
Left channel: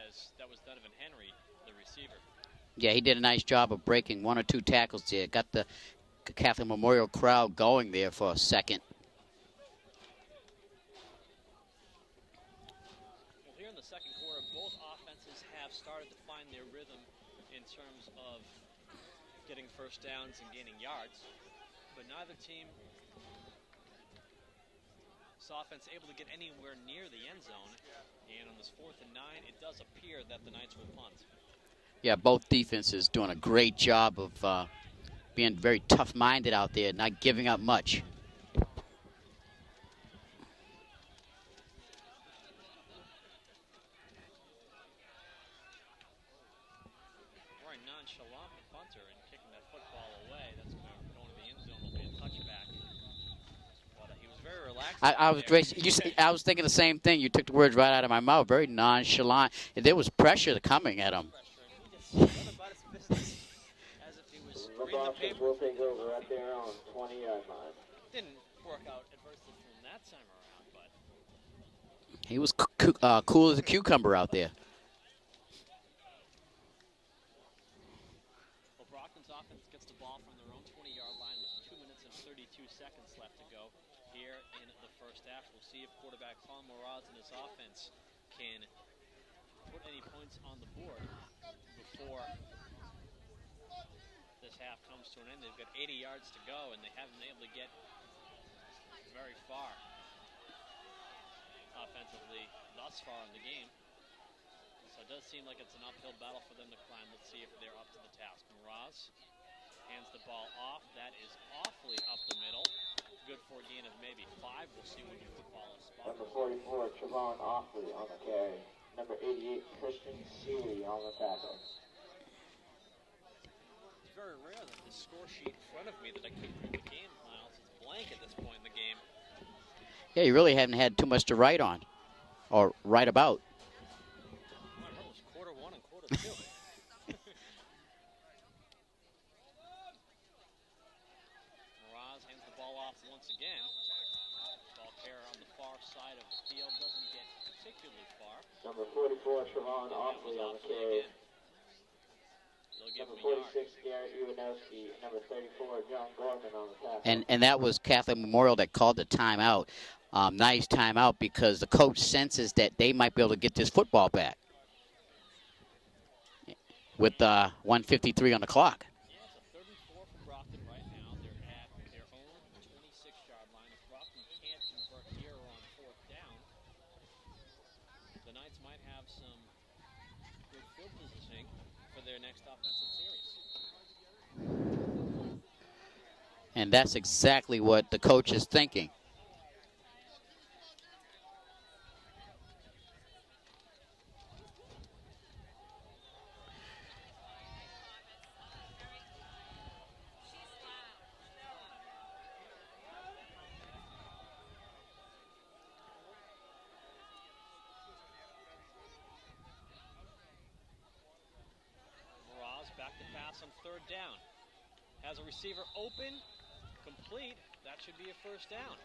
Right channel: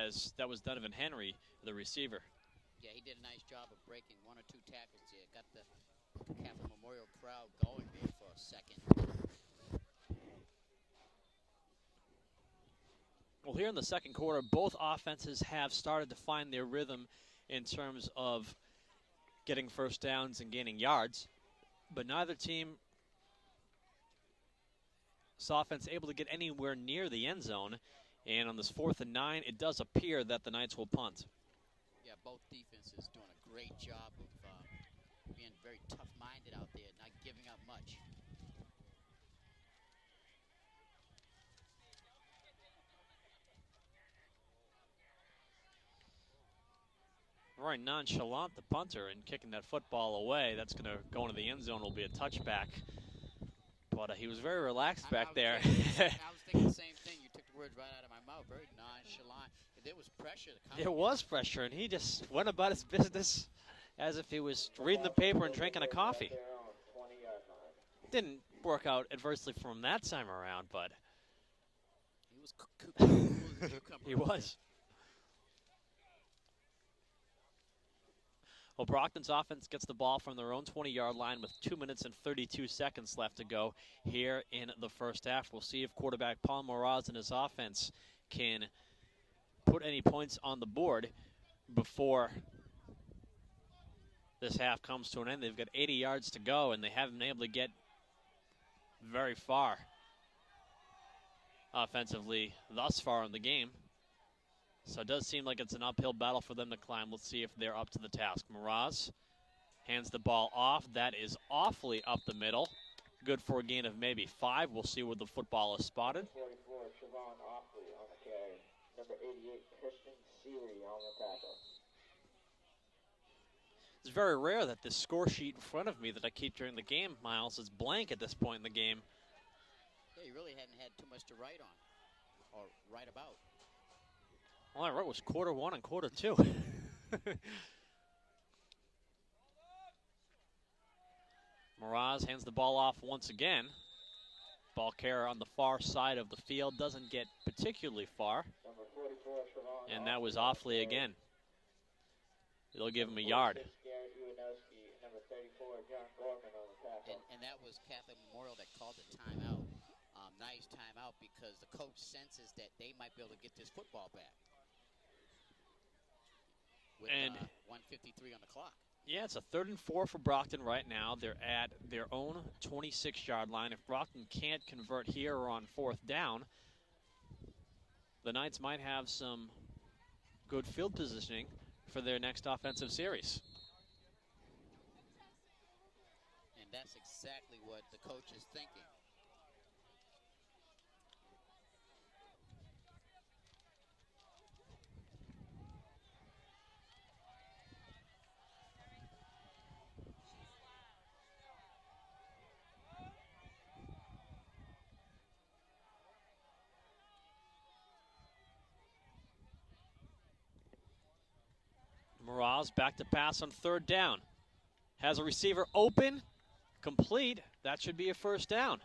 as that was Donovan Henry, the receiver. Yeah, he did a nice job of breaking 1 or 2 tackles there. Got the Catholic Memorial crowd going there for a second. Well, here in the second quarter, both offenses have started to find their rhythm in terms of getting first downs and gaining yards, but neither team saw offense able to get anywhere near the end zone. And on this 4th and 9, it does appear that the Knights will punt. Yeah, both defenses doing a great job of being very tough-minded out there, not giving up much. Very nonchalant, the punter, and kicking that football away. That's going to go into the end zone. Will be a touchback. But he was very relaxed back there. I was thinking the same thing. You took the words right out of my mouth. Very nonchalant. And there was pressure coming at him. There was pressure, and he just went about his business as if he was reading the paper and drinking a coffee. Didn't work out adversely for him that time around, but he was cool as a cucumber out there. Well, Brockton's offense gets the ball from their own 20-yard line with 2 minutes and 32 seconds left to go here in the first half. We'll see if quarterback Paul Moraz and his offense can put any points on the board before this half comes to an end. They've got 80 yards to go, and they haven't been able to get very far offensively thus far in the game. So it does seem like it's an uphill battle for them to climb. Let's see if they're up to the task. Moraz hands the ball off. That is awfully up the middle. Good for a gain of maybe 5. We'll see where the football is spotted. Number 44, Trevon Offley on the carry. Number 88, Christian Seeley on the tackle. It's very rare that this score sheet in front of me that I keep during the game, Miles, is blank at this point in the game. Yeah, you really haven't had too much to write on or write about. All I wrote was quarter 1 and quarter 2. Moraz hands the ball off once again. football carrier on the far side of the field. Doesn't get particularly far. Number 44, Trevon. And that was Oxley Offley again. They'll give him a yard. 46, Garrett Uwanowski. Number 34, John Gorman on the tackle. And that was Catholic Memorial that called the timeout. Nice timeout because the coach senses that they might be able to get this football back with 1:53 on the clock. Yeah, it's a 3rd and 4 for Brockton right now. They're at their own 26-yard line. If Brockton can't convert here or on 4th down, the Knights might have some good field positioning for their next offensive series. And that's exactly what the coach is thinking. Mraz back to pass on 3rd down. Has a receiver open, complete. That should be a 1st down.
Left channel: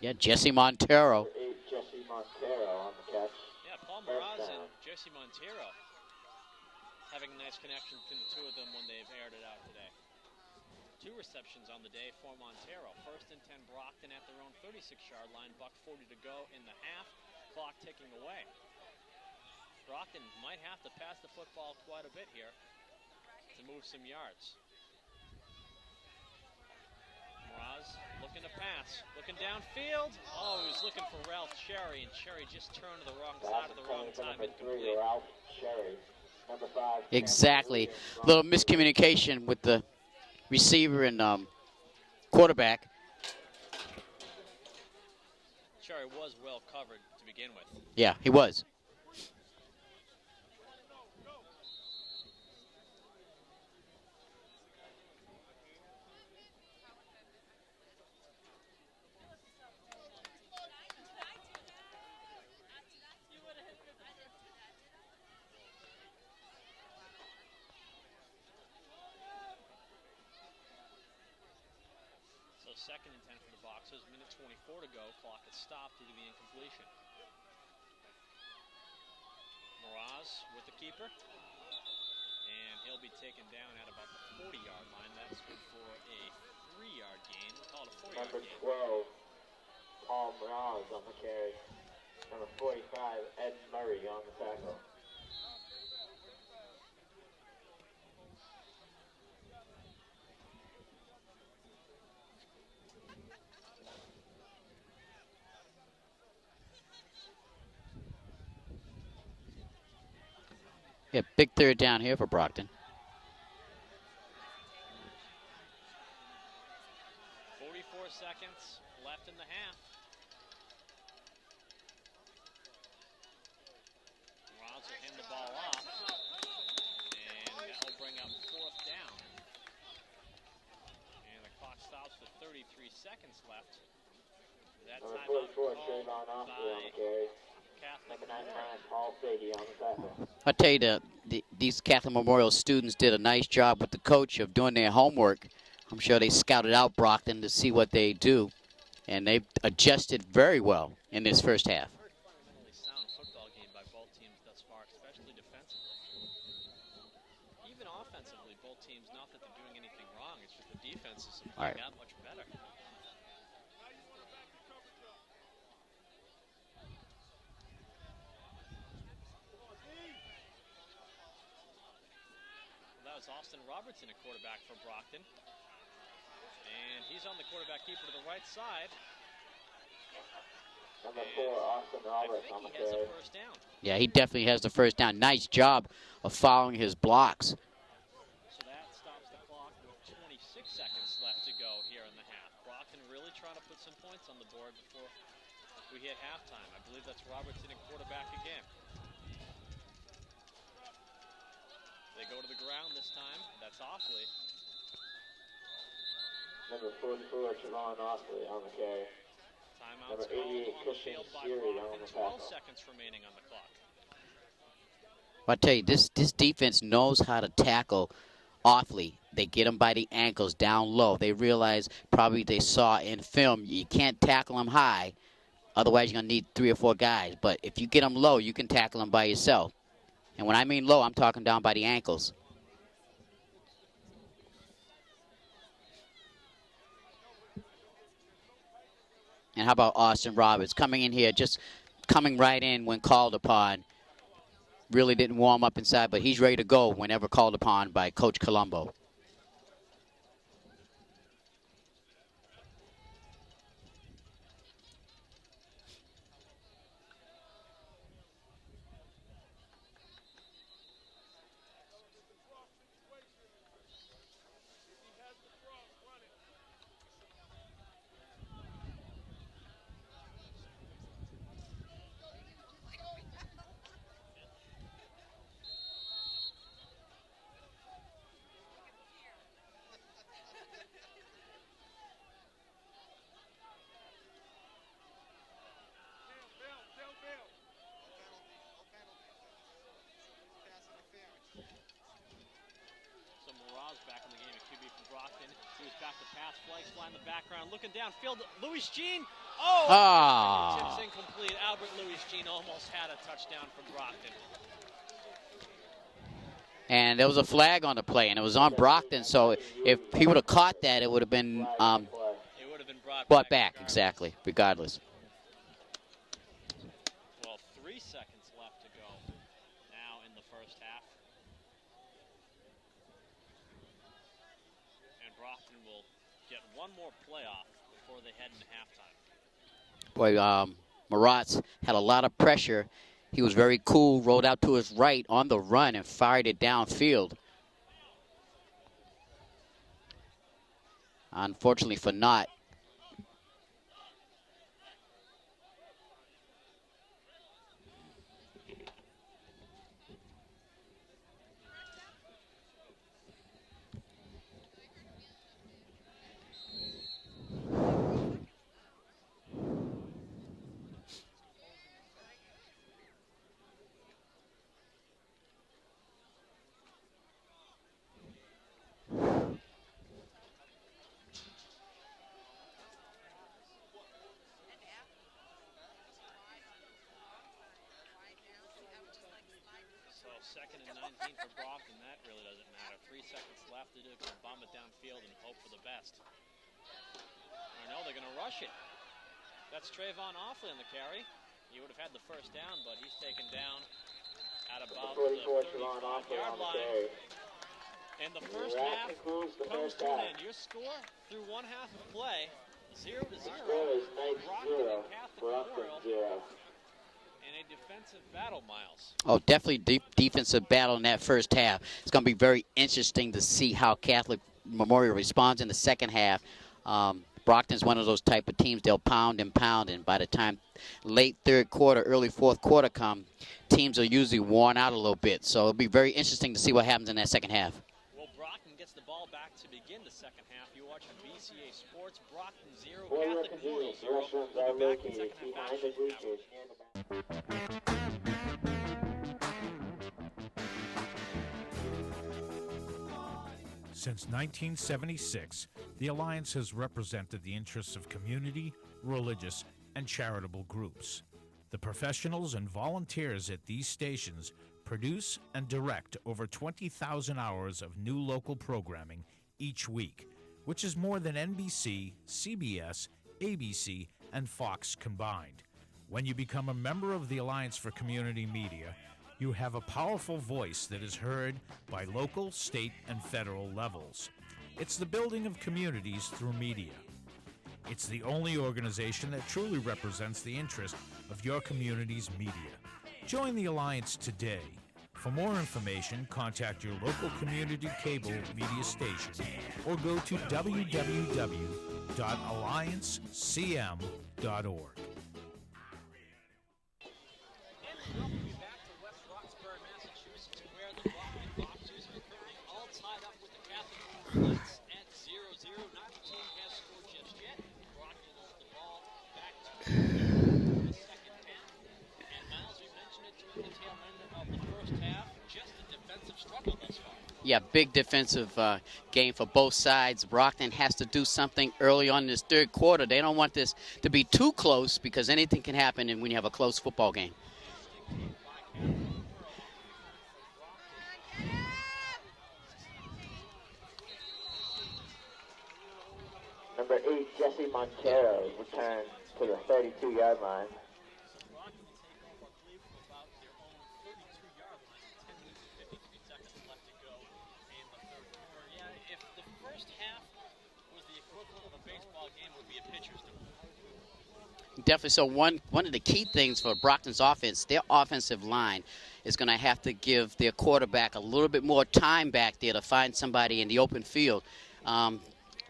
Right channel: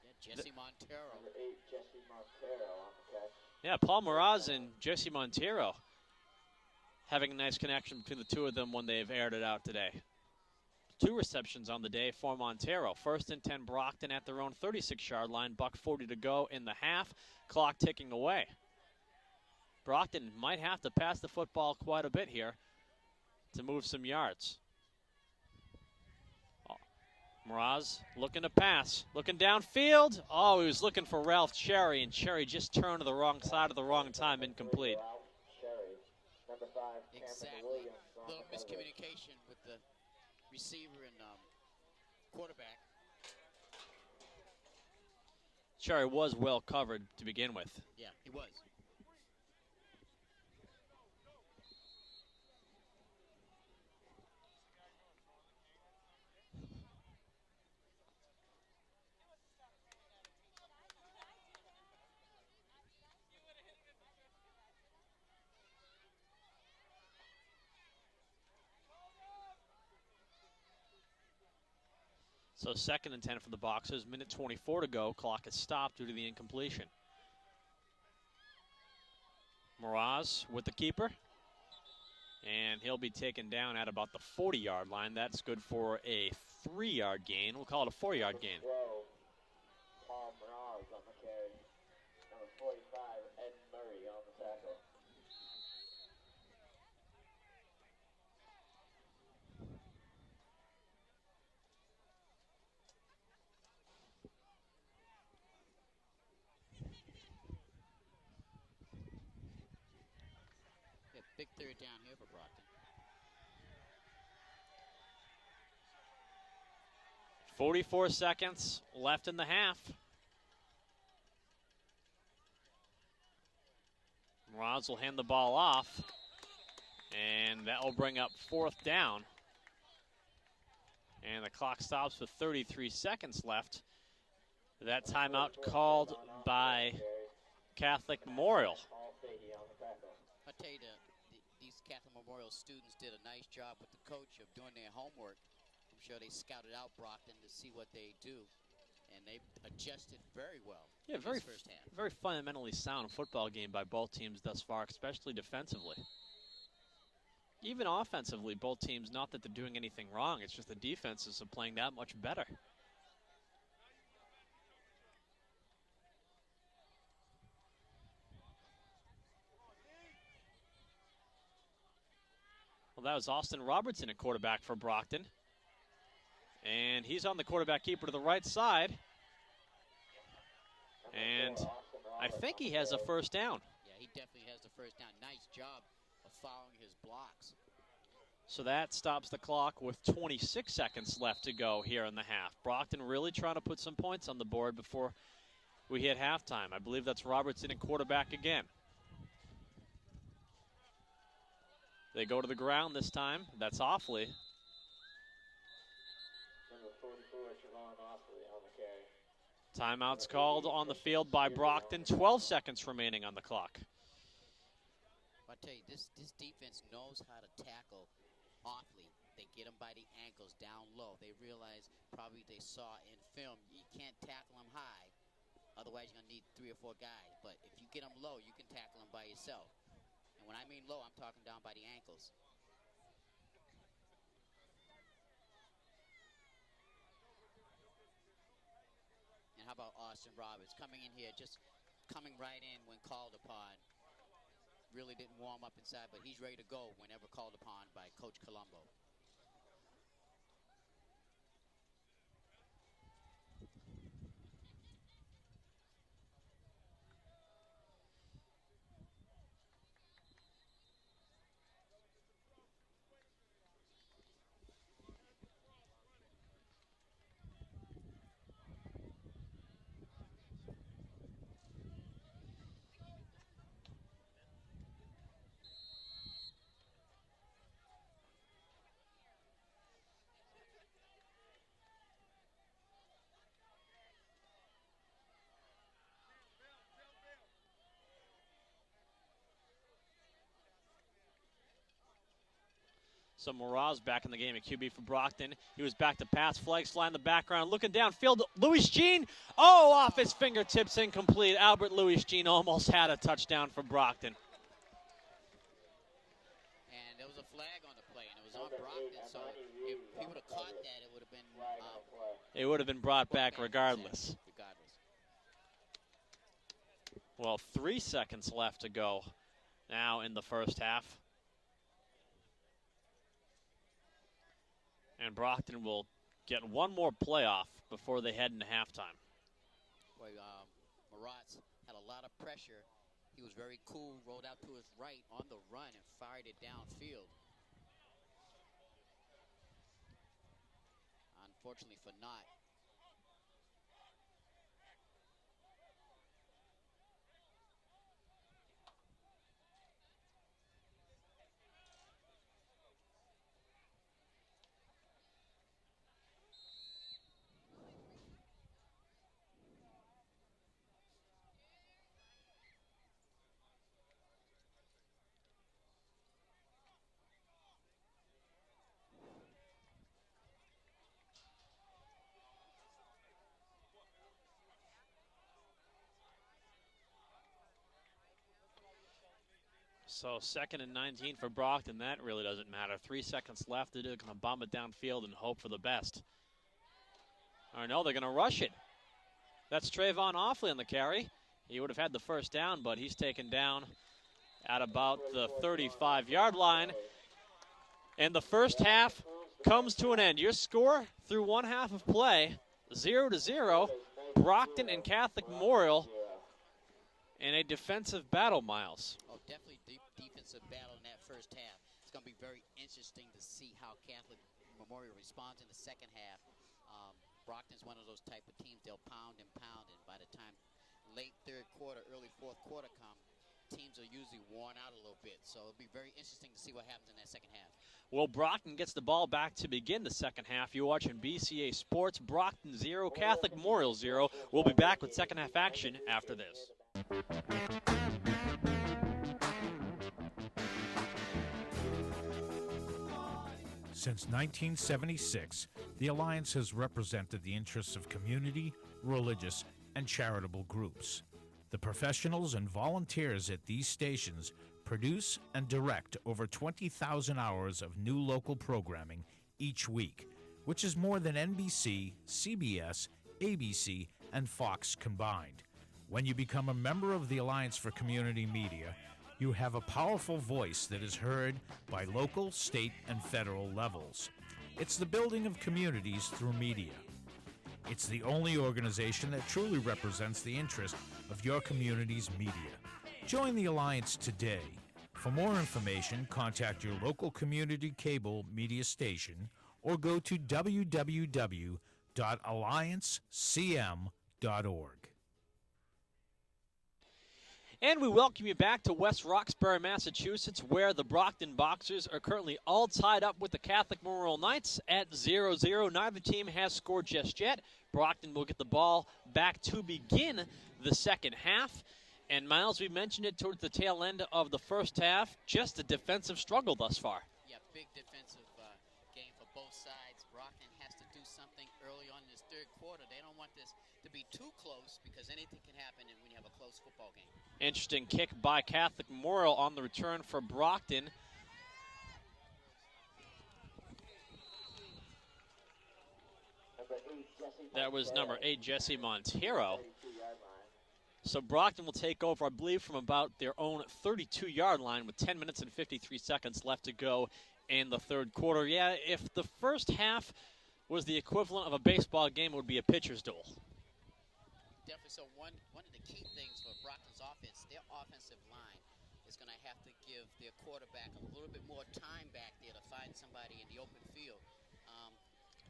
Yeah, Jesse Montero. Number 8, Jesse Montero on the catch. Yeah, Paul Mraz and Jesse Montero having a nice connection between the two of them when they've aired it out today. 2 receptions on the day for Montero. 1st and 10 Brockton at their own 36-yard line. $1:40 to go in the half. Clock ticking away. Brockton might have to pass the football quite a bit here to move some yards. Mraz looking to pass, looking downfield. Oh, he was looking for Ralph Cherry, and Cherry just turned to the wrong side at the wrong time, incomplete. Ralph Cherry. Number 5. Exactly. A little miscommunication with the receiver and quarterback. Cherry was well covered to begin with. Yeah, he was. So 2nd and 10 for the Boxers. 1:24 to go. Clock is stopped due to the incompletion. Mraz with the keeper. And he'll be taken down at about the 40-yard line. That's good for a 3-yard gain. We'll call it a 4-yard gain. 12, Paul Mraz on the carry. Number 45, Ed Murray on the tackle. Yeah, big 3rd down here for Brockton. 44 seconds left in the half. Mraz will hand the ball off, and that will bring up 4th down. And the clock stops with 33 seconds left. That timeout called by Catholic Memorial. I tell you, these Catholic Memorial students did a nice job with the coach of doing their homework. I'm sure they scouted out Brockton to see what they do, and they adjusted very well in this first half. Very fundamentally sound football game by both teams thus far, especially defensively. Even offensively, both teams, not that they're doing anything wrong, it's just the defenses are playing that much better. Well, that was Austin Robertson, a quarterback for Brockton. And he's on the quarterback keeper to the right side. And I think he has a 1st down. Yeah, he definitely has the 1st down. Nice job of following his blocks. So that stops the clock with 26 seconds left to go here in the half. Brockton really trying to put some points on the board before we hit halftime. I believe that's Robertson at quarterback again. They go to the ground this time. That's Offley. Number 44, Trevon Oxley on the carry. Timeout's called on the field by Brockton. 12 seconds remaining on the clock. I tell you, this defense knows how to tackle awfully. They get them by the ankles down low. They realize, probably they saw in film, you can't tackle them high. Otherwise, you're going to need 3 or 4 guys. But if you get them low, you can tackle them by yourself. And when I mean low, I'm talking down by the ankles. And how about Austin Roberts coming in here, just coming right in when called upon. Really didn't warm up inside, but he's ready to go whenever called upon by Coach Colombo. So Moraz back in the game at QB for Brockton. He was back to pass, flag slide in the background, looking downfield. Louis Jean, off his fingertips, incomplete. Albert Louis Jean almost had a touchdown from Brockton. And there was a flag on the play, and it was on Brockton. So if he would have caught that, it would have been it would have been brought back regardless. Exactly, regardless. Well, 3 seconds left to go now in the first half. And Brockton will get one more playoff before they head into halftime. Boy, Maratz had a lot of pressure. He was very cool, rolled out to his right on the run and fired it downfield. Unfortunately for Knott. So 2nd and 19 for Brockton. That really doesn't matter. 3 seconds left. They're going to bomb it downfield and hope for the best. Or no, they're going to rush it. That's Trayvon Offley on the carry. He would have had the first down, but he's taken down at about the 35-yard line. And the first half comes to an end. Your score through one half of play, 0-0. Brockton and Catholic Memorial in a defensive battle, Miles. Oh, definitely deep defensive battle in that first half. It's going to be very interesting to see how Catholic Memorial responds in the second half. Brockton's one of those type of teams, they'll pound and pound, and by the time late third quarter, early fourth quarter come, teams are usually worn out a little bit. So it'll be very interesting to see what happens in that second half. Well, Brockton gets the ball back to begin the second half. You're watching BCA Sports. Brockton 0, Catholic Memorial 0. We'll be back with second half action after this. Since 1976, the Alliance has represented the interests of community, religious, and charitable groups. The professionals and volunteers at these stations produce and direct over 20,000 hours of new local programming each week, which is more than NBC, CBS, ABC, and Fox combined. When you become a member of the Alliance for Community Media, you have a powerful voice that is heard by local, state, and federal levels. It's the building of communities through media. It's the only organization that truly represents the interest of your community's media. Join the Alliance today. For more information, contact your local community cable media station or go to www.alliancecm.org. And we welcome you back to West Roxbury, Massachusetts, where the Brockton Boxers are currently all tied up with the Catholic Memorial Knights at 0-0. Neither team has scored just yet. Brockton will get the ball back to begin the second half. And Miles, we mentioned it towards the tail end of the first half, just a defensive struggle thus far. Yeah, big defensive game for both sides. Brockton has to do something early on in this third quarter. They don't want this to be too close because anything can happen when you have a close football game. Interesting kick by Catholic Memorial on the return for Brockton. Number 8, Jesse Montero. That was number 8, Jesse Montero. 32-yard line. So Brockton will take over, I believe, from about their own 32-yard line with 10 minutes and 53 seconds left to go in the third quarter. Yeah, if the first half was the equivalent of a baseball game, it would be a pitcher's duel. Definitely. So one of the key things for Brockton's offense, their offensive line is going to have to give their quarterback a little bit more time back there to find somebody in the open field.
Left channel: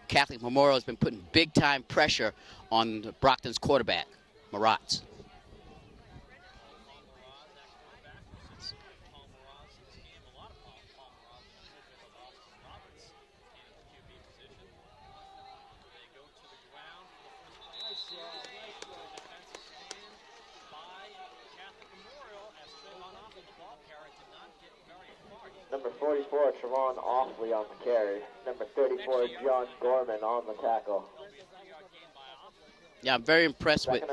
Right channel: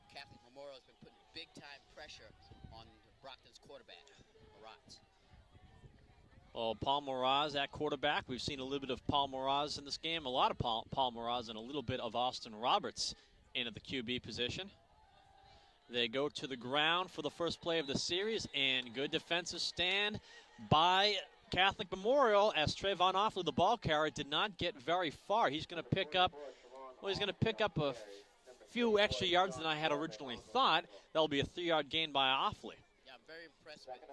Catholic Memorial has been putting big-time pressure on Brockton's quarterback, Maratz. Well, Paul Moraz at quarterback. We've seen a little bit of Paul Moraz in this game, a lot of Paul Moraz, and a little bit of Austin Roberts in at the QB position. They go to the ground for the first play of the series, and good defensive stand by Catholic Memorial as Trayvon Offley, the ball carrier, did not get very far. He's going to pick up a few extra yards than I had originally thought. That'll be a 3-yard gain by Offley. Yeah, I'm very impressed with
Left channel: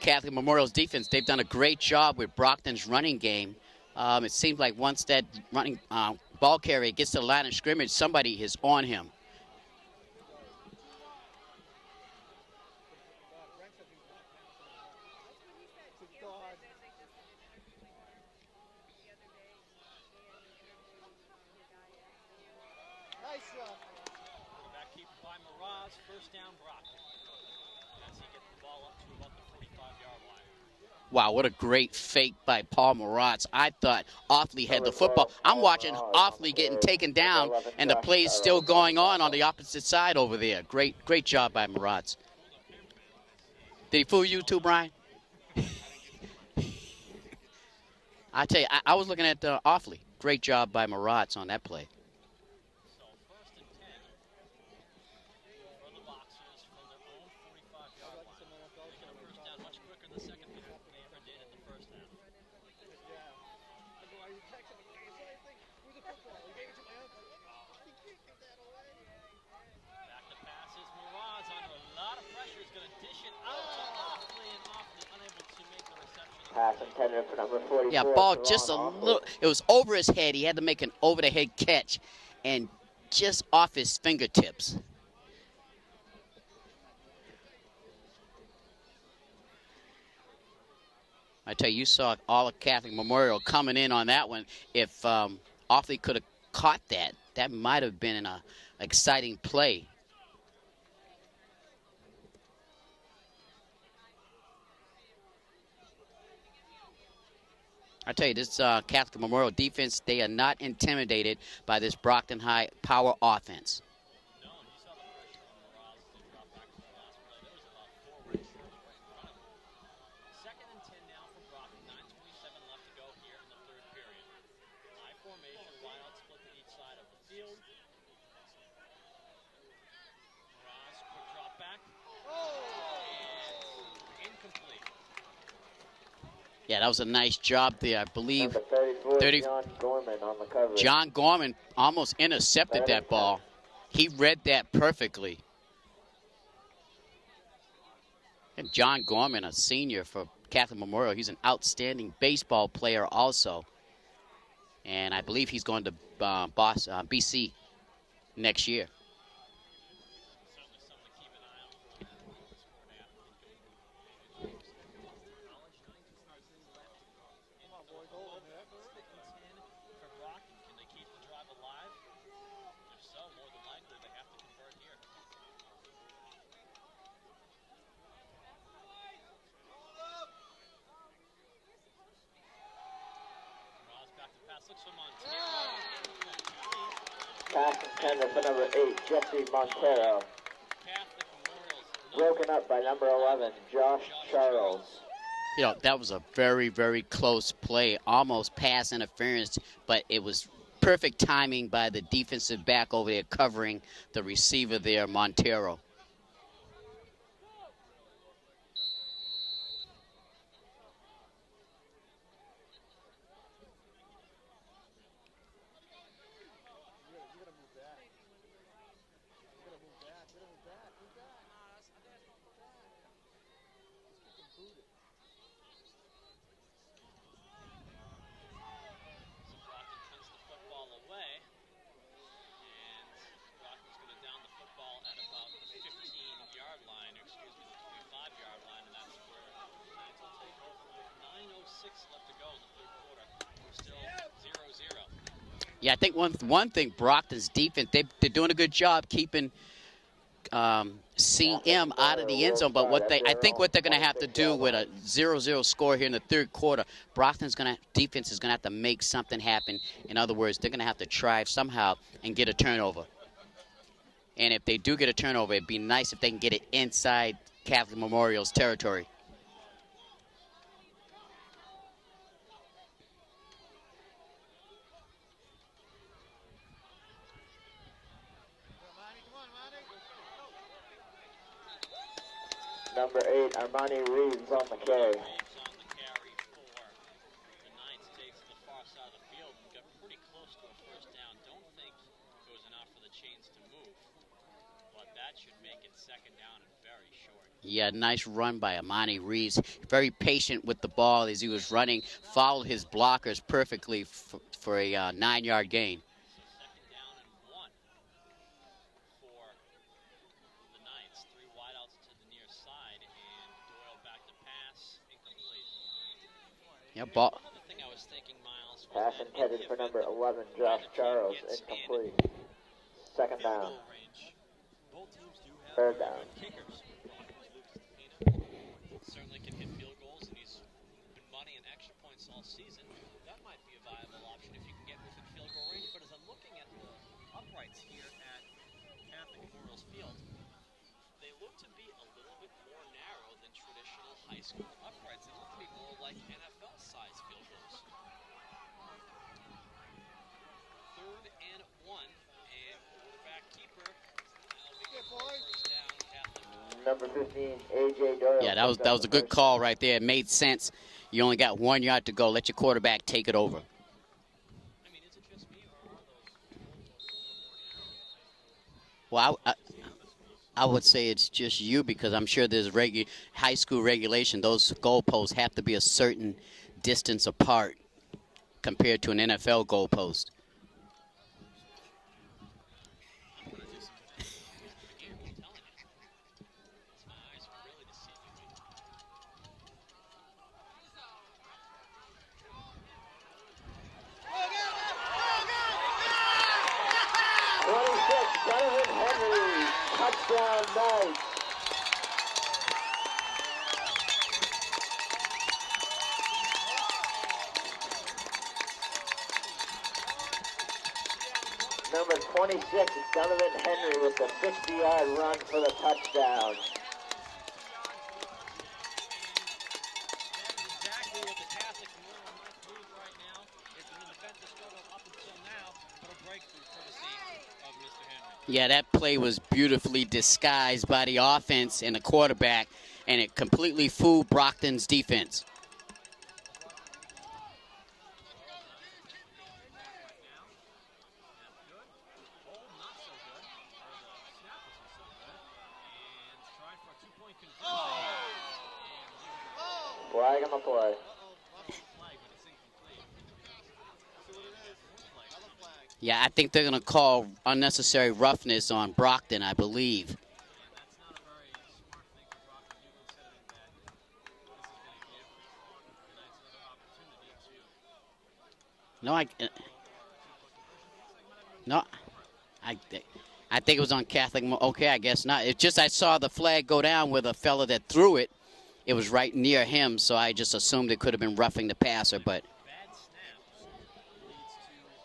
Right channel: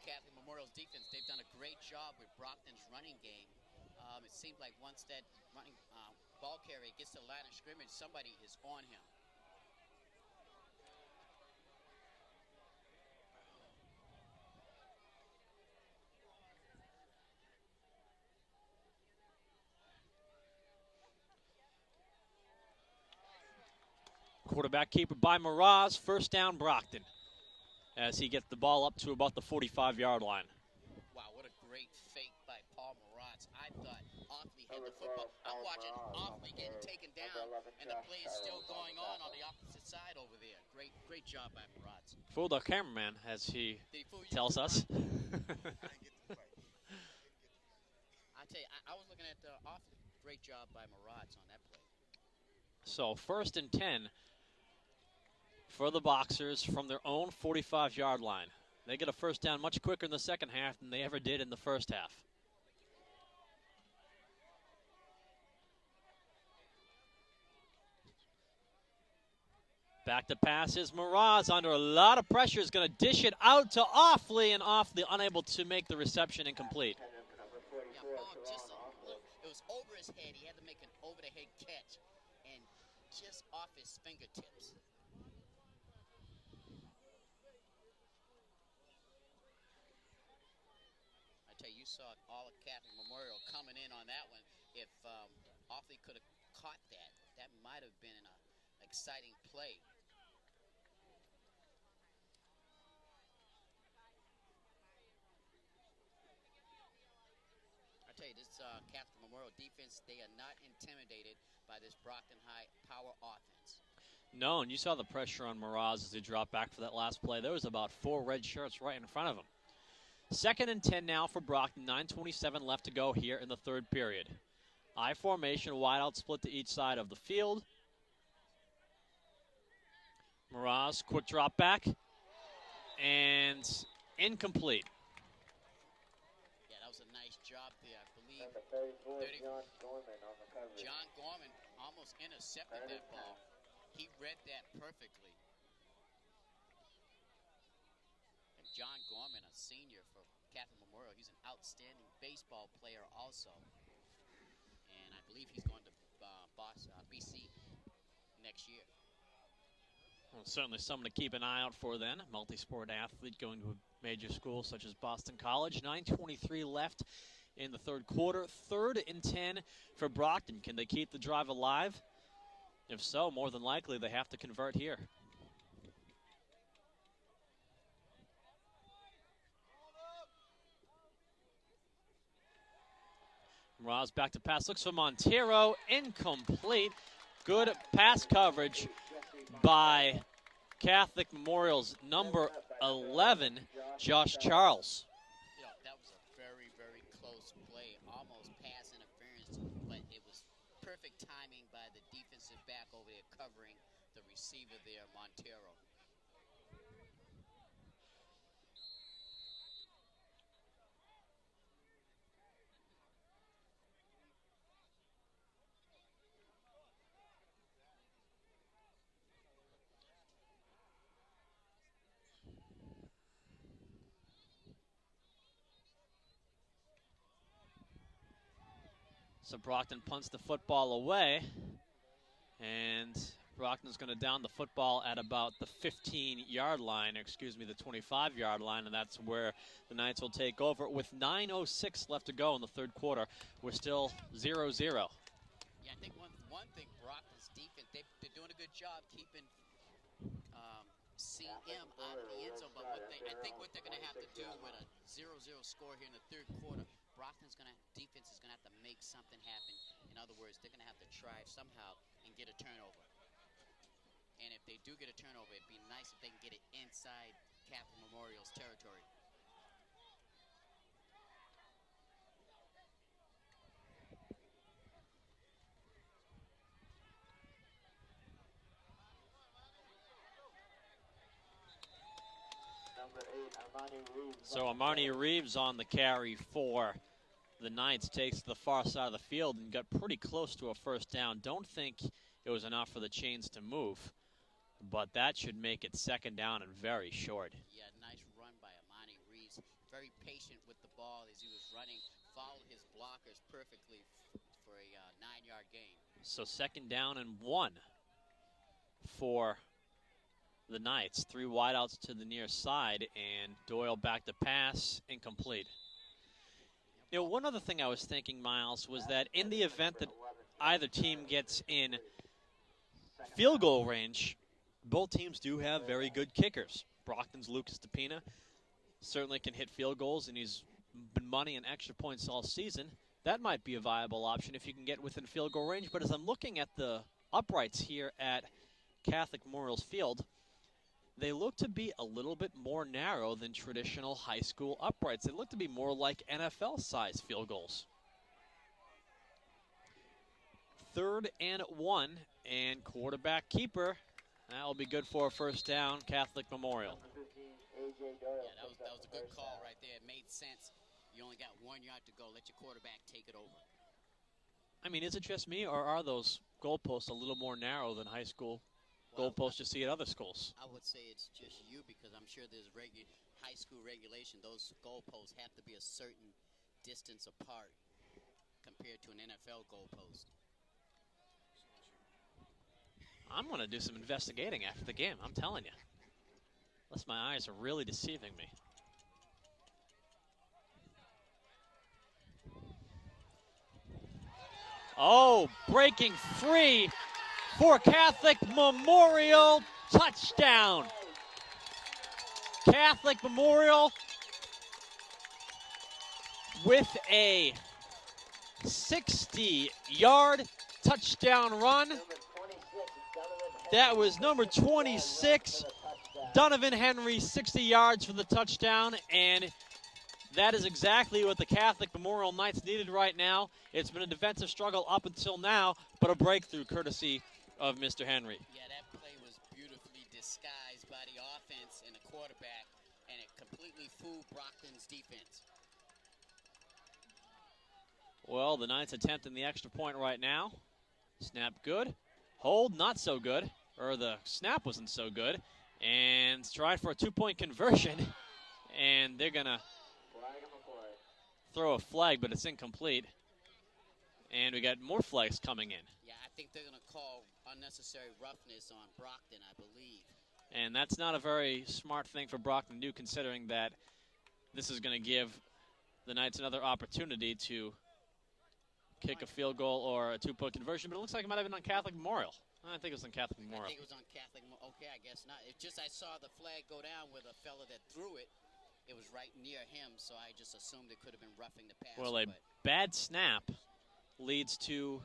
Catholic Memorial's defense. They've done a great job with Brockton's running game. It seems like once that running ball carrier gets to the line of scrimmage, somebody is on him. Quarterback keeper by Moraz. First down, Brockton, as he gets the ball up to about the 45-yard line. Wow, what a great fake by Paul Maratz. I thought Offley had the football. I'm watching Offley getting taken down, and the play's still going on the opposite side over there. Great job by Maratz. Fooled our cameraman as he Did he fool you too, Brian? I tell you, I was looking at Offley. Great job by Maratz on that play. So 1st and 10 for the Boxers from their own 45-yard line. They get a first down much quicker in the second half than they ever did in the first half. Back to pass is Moraz under a lot of pressure. Is going to dish it out to Offley, and Offley unable to make the reception incomplete. Yeah, ball just a little. It was over his head. He had to make an over-the-head catch, and just off his fingertips. I tell you, saw all of Catholic Memorial coming in on that one. If Offley could have caught that, that might have been an exciting play. I tell you, this Catholic Memorial defense, they are not intimidated by this Brockton High power offense. No, and you saw the pressure on Moraz as he dropped back for that last play. There was about 4 red shirts right in front of him. 2nd and 10 now for Brockton. 9:27 left to go here in the third period. I formation, wide out split to each side of the field. Moraz, quick drop back, and incomplete. Yeah, that was a nice job there. I believe 30, John Gorman on the cover. John Gorman almost intercepted that ball. He read that perfectly. And John Gorman, a senior for Catholic Memorial, he's an outstanding baseball player also. And I believe he's going to BC next year. Well, certainly something to keep an eye out for then. Multi-sport athlete going to major schools such as Boston College. 9:23 left in the third quarter. 3rd and 10 for Brockton. Can they keep the drive alive? If so, more than likely they have to convert here. Ross back to pass, looks for Montero, incomplete. Good pass coverage by Catholic Memorial's number 11, Josh Charles. You know, that was a very, very close play, almost pass interference, but it was perfect timing by the defensive back over there covering the receiver there, Montero. Brockton punts the football away, and Brockton's going to down the football at about the 15-yard line, excuse me, the 25-yard line, and that's where the Knights will take over. With 9:06 left to go in the third quarter, we're still 0-0. Yeah, I think one thing, Brockton's defense, they're doing a good job keeping CM out of the end zone, but I think what they're going to have to do with a 0-0 score here in the third quarter, defense is going to have to make something happen. In other words, they're going to have to try somehow and get a turnover. And if they do get a turnover, it'd be nice if they can get it inside Catholic Memorial's territory. Number 8, Armani Reeves. So on the Armani carry. Reeves on the carry for the Knights, takes the far side of the field and got pretty close to a first down. Don't think it was enough for the chains to move, but that should make it second down and very short. Yeah, nice run by Armani Reeves. Very patient with the ball as he was running, followed his blockers perfectly for a 9-yard gain. So second down and 1 for the Knights. 3 wideouts to the near side, and Doyle back to pass, incomplete. Yeah, You know, one other thing I was thinking, Miles, was that in the event that either team gets in field goal range, both teams do have very good kickers. Brockton's Lucas DePina certainly can hit field goals, and he's been money and extra points all season. That might be a viable option if you can get within field goal range. But as I'm looking at the uprights here at Catholic Memorial's field, they look to be a little bit more narrow than traditional high school uprights. They look to be more like NFL-sized field goals. 3rd and 1, and quarterback keeper. That'll be good for a first down, Catholic Memorial. Number 15, A.J. Doyle. Yeah, that was a good call right there. It made sense. You only got 1 yard to go. Let your quarterback take it over. I mean, is it just me, or are those goalposts a little more narrow than high school Well, goalposts you see at other schools? I would say it's just you, because I'm sure there's high school regulation. Those goalposts have to be a certain distance apart compared to an NFL goalpost. I'm going to do some investigating after the game, I'm telling you. Unless my eyes are really deceiving me. Oh, breaking free for Catholic Memorial, touchdown. Catholic Memorial with a 60-yard touchdown run. Number 26 is Donovan Henry. That was with a number 60-yard run 26, for the touchdown. Donovan Henry, 60 yards for the touchdown, and that is exactly what the Catholic Memorial Knights needed right now. It's been a defensive struggle up until now, but a breakthrough courtesy of Mr. Henry. Yeah, that play was beautifully disguised by the offense and the quarterback, and it completely fooled Brockton's defense. Well, the Knights attempting the extra point right now. Snap good. Hold not so good. Or the snap wasn't so good. And tried for a 2-point conversion. And they're going to Flag on the play. throw a flag, but it's incomplete. And we got more flags coming in. Yeah, I think they're going to call unnecessary roughness on Brockton, I believe. And that's not a very smart thing for Brockton to do, considering that this is going to give the Knights another opportunity to kick a field goal or a 2-point conversion. But it looks like it might have been on Catholic Memorial. I think it's on Catholic Memorial. I think it was on Catholic. Okay, I guess not. It's just I saw the flag go down with a fella that threw it. It was right near him, so I just assumed it could have been roughing the passer. Well, but bad snap leads to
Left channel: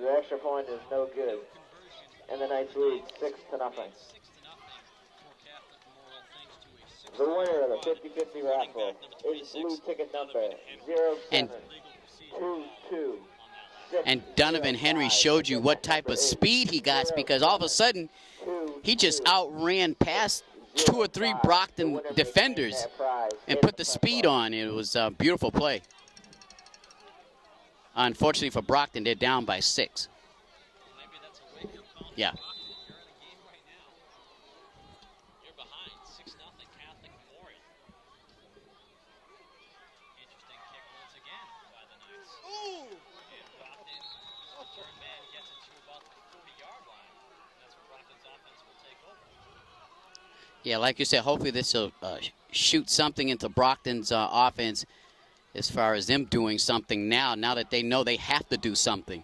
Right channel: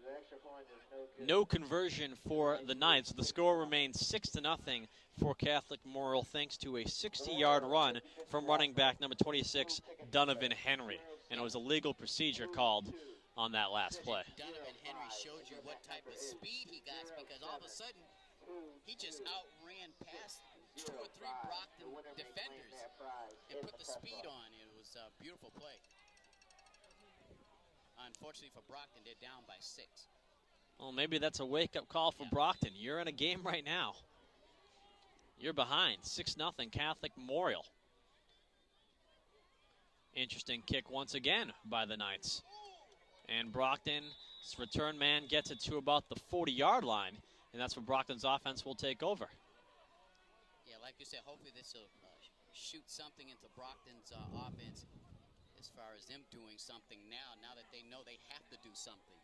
The extra point is no good. no conversion And for the the Knights Knights. lose The 6-0. score remains 6-0 for Catholic Memorial, thanks to a 60-yard run from running back number 26, Donovan Henry. There was a legal procedure called on that last play. and Donovan Henry showed you what type of speed he got, because all of a sudden he just outran past 2 or 3 Brockton defenders and put the speed on. It was a beautiful play. Unfortunately for Brockton, they're down by 6. Well, maybe that's a wake-up call for Brockton. You're in a game right now. You're behind 6-0 Catholic Memorial. Interesting kick once again by the Knights. And Brockton's return man gets it to about the 40-yard line, and that's where Brockton's offense will take over. Yeah, like you said, hopefully this will shoot something into Brockton's offense as far as them doing something now that they know they have to do something.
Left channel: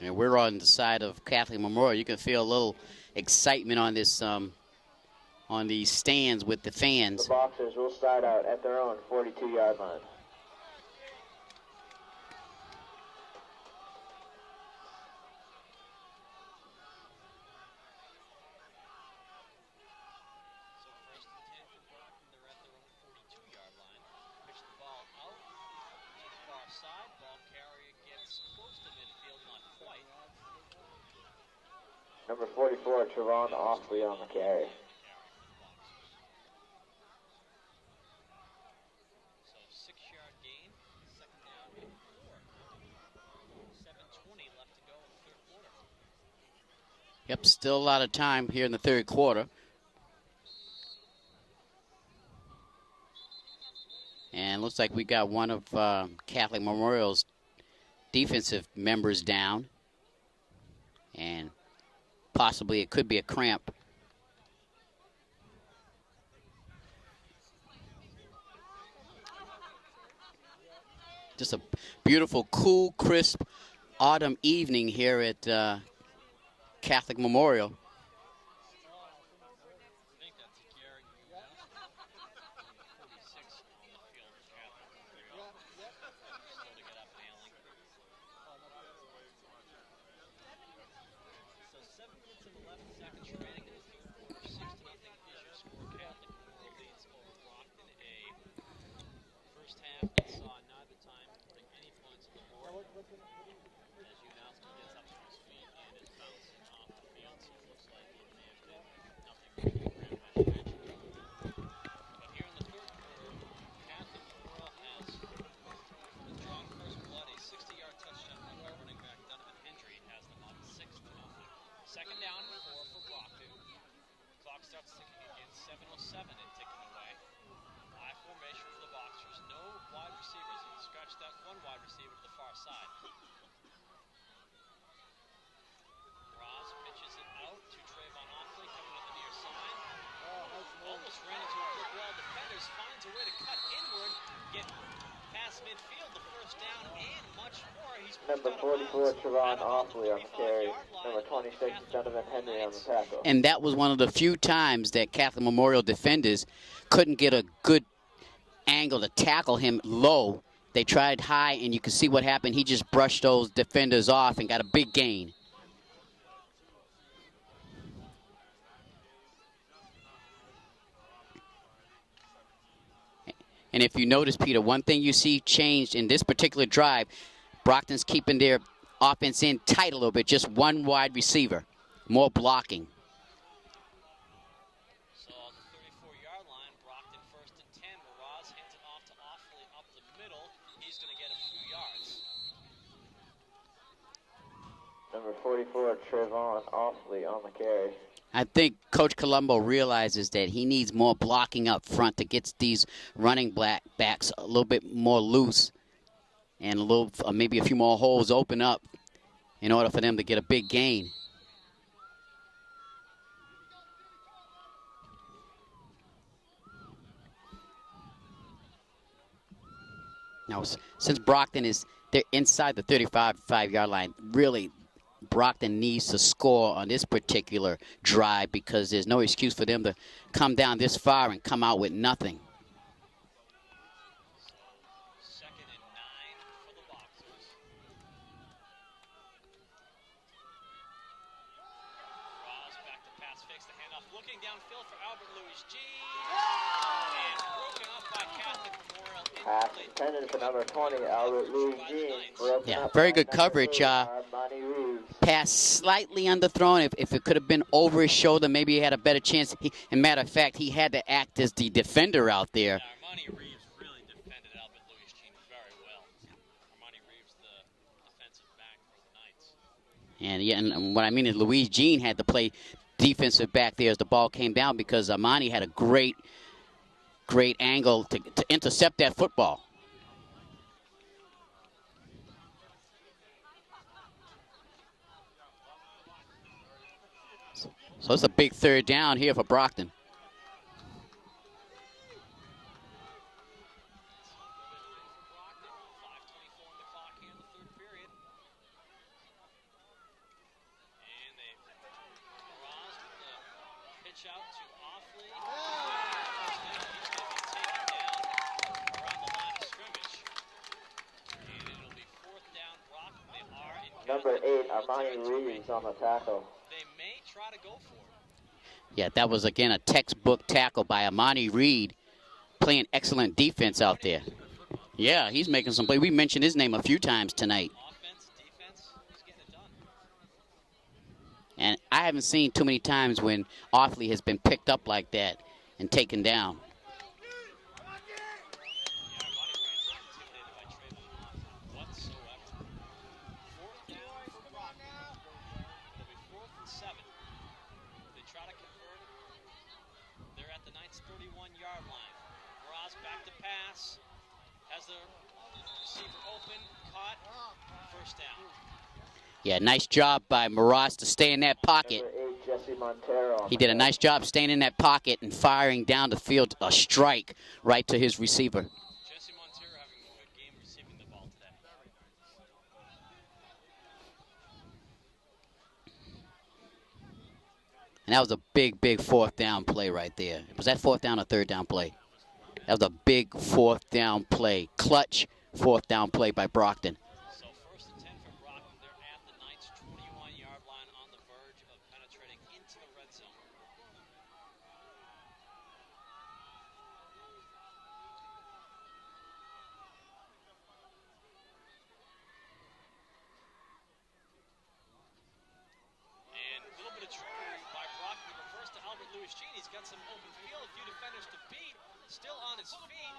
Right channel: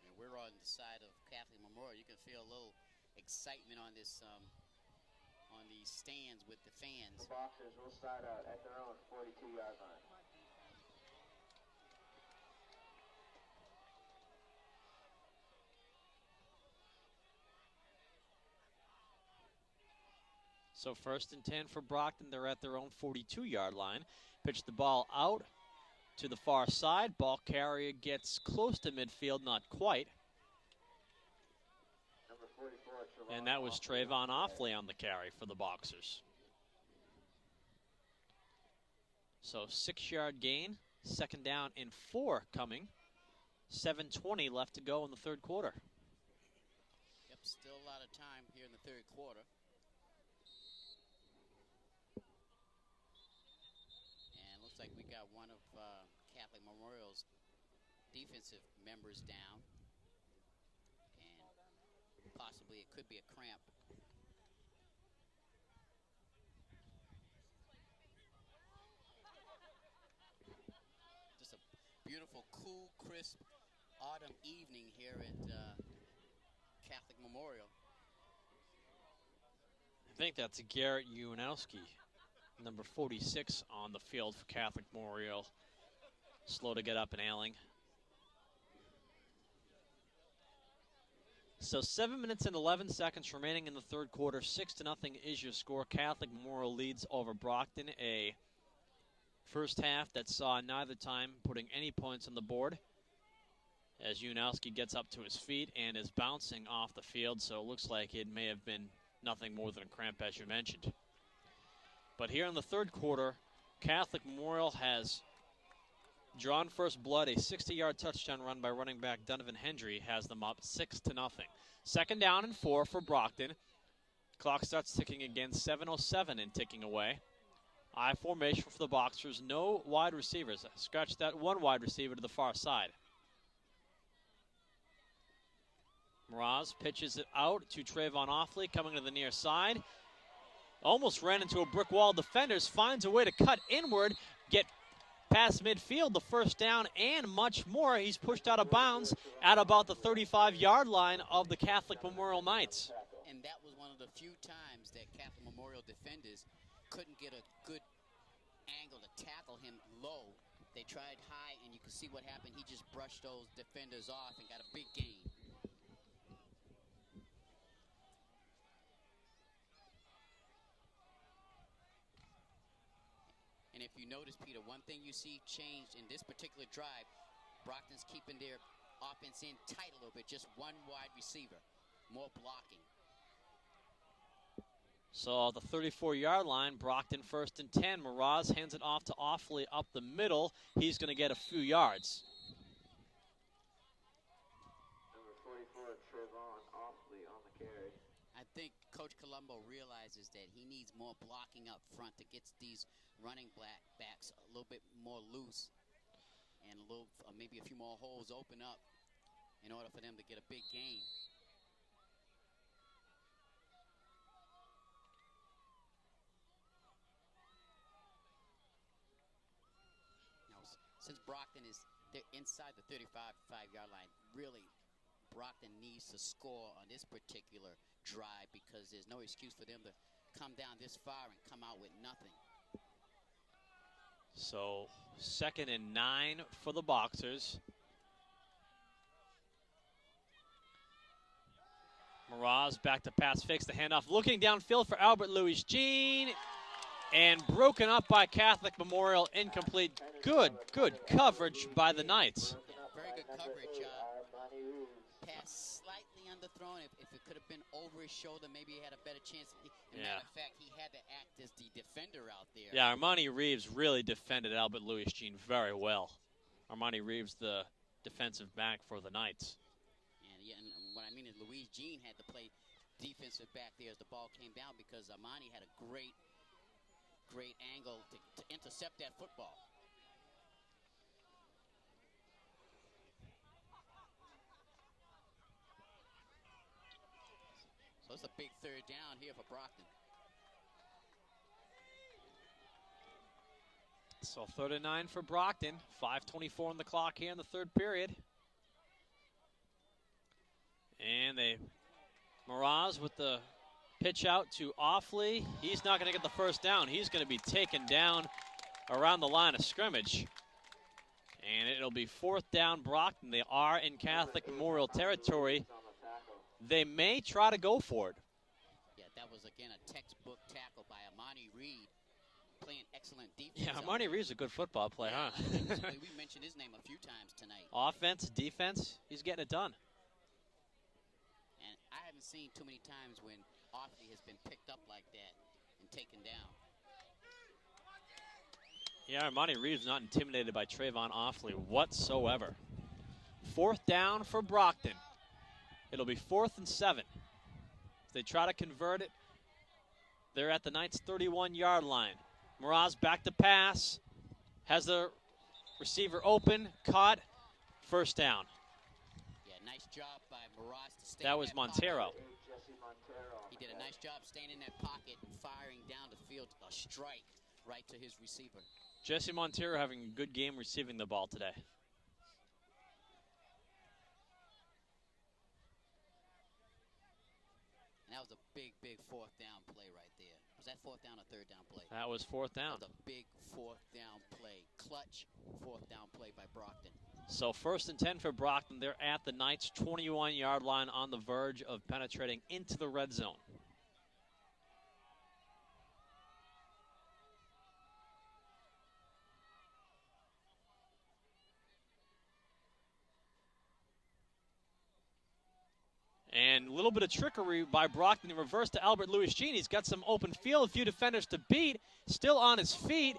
And we're on the side of Catholic Memorial. You can feel a little excitement on this, on these stands with the fans. The Boxers will start out at their own 42-yard line. So 1st and 10 for Brockton. They're at their own 42-yard line. Pitch the ball out to the far side. Ball carrier gets close to midfield, not quite. Number 44, Trevon And that was Offley Trayvon Offley on the carry for the Boxers. So 6-yard gain. 2nd down and 4 coming. 7:20 left to go in the 3rd quarter. Yep, still a lot of time here in the 3rd quarter. And looks like we got one of Catholic Memorial's defensive members down. And possibly it could be a cramp. Just a beautiful, cool, crisp autumn evening here at Catholic Memorial. I think that's Garrett Uwanowski, number 46 on the field for Catholic Memorial. Slow to get up and ailing. So 7 minutes and 11 seconds remaining in the 3rd quarter. 6-0 is your score. Catholic Memorial leads over Brockton. A first half that saw neither time putting any points on the board, as Uwanowski gets up to his feet and is bouncing off the field. So it looks like it may have been nothing more than a cramp, as you mentioned. But here in the 3rd quarter, Catholic Memorial has drawn first blood. A 60-yard touchdown run by running back Donovan Hendry has them up 6-0. 2nd down and 4 for Brockton. Clock starts ticking again, 7:07 and ticking away. I formation for the Boxers, no wide receivers. Scratch that one wide receiver to the far side. Mraz pitches it out to Trayvon Offley, coming to the near side. Almost ran into a brick wall. Defenders finds a way to cut inward, get past midfield, the 1st down, and much more. He's pushed out of bounds at about the 35-yard line of the Catholic Memorial Knights. And that was one of the few times that Catholic Memorial defenders couldn't get a good angle to tackle him low. They tried high, and you can see what happened. He just brushed those defenders off and got a big gain. And if you notice, Peter, one thing you see changed in this particular drive, Brockton's keeping their offense in tight a little bit, just one wide receiver, more blocking. So the 34-yard line, Brockton 1st and 10. Mraz hands it off to Offley up the middle. He's going to get a few yards. Number 44, Trayvon Offley on the carry. I think Coach Colombo realizes that he needs more blocking up front to get these running backs a little bit more loose and a little, maybe a few more holes open up in order for them to get a big gain. Now, since Brockton they're inside the 35-yard line, really Brockton needs to score on this particular drive because there's no excuse for them to come down this far and come out with nothing. So 2nd and 9 for the Boxers. Mraz back to pass, fakes the handoff, looking downfield for Albert Louis Jean, and broken up by Catholic Memorial, incomplete. Good coverage by the Knights. Yeah, very good coverage. Pass slightly underthrown. If it could have been over his shoulder, maybe he had a better chance. And matter of fact, he had to act as the defender out there. Yeah, Armani Reeves really defended Albert Louis Jean very well. Armani Reeves, the defensive back for the Knights. And yeah, and what I mean is Louise Jean had to play defensive back there as the ball came down because Amani had a great angle to intercept that football. So it's a big third down here for Brockton. So 3rd and 9 for Brockton. 5:24 on the clock here in the third period. And Miraz with the pitch out to Offley. He's not going to get the first down. He's going to be taken down around the line of scrimmage. And it'll be 4th down Brockton. They are in Catholic Memorial territory. They may try to go for it. Yeah, that was, again, a textbook tackle by Amani Reed, playing excellent defense out there. Reed's a good football player. Yeah, he's making some play. We mentioned his name a few times tonight. Offense, defense, he's getting it done. And I haven't seen too many times when Offley has been picked up like that and taken down. Yeah, Armani Reed's not intimidated by Trayvon Offley whatsoever. 4th down for Brockton. It'll be 4th and 7. If they try to convert it, they're at the Knights' 31-yard line. Miraz back to pass. Has the receiver open, caught, 1st down. Yeah, nice job by Miraz to stay in that pocket. He did a nice job staying in that pocket and firing down the field a strike right to his receiver. Jesse Montero having a good game receiving the ball today. And that was a big 4th down play right there. Was that 4th down or 3rd down play? That was 4th down. That was a big 4th down play. Clutch 4th down play by Brockton. So 1st and 10 for Brockton. They're at the Knights' 21-yard line on the verge of penetrating into the red zone. And a little bit of trickery by Brockton. The reverse to Albert Louis Jean. He's got some open field, a few defenders to beat. Still on his feet.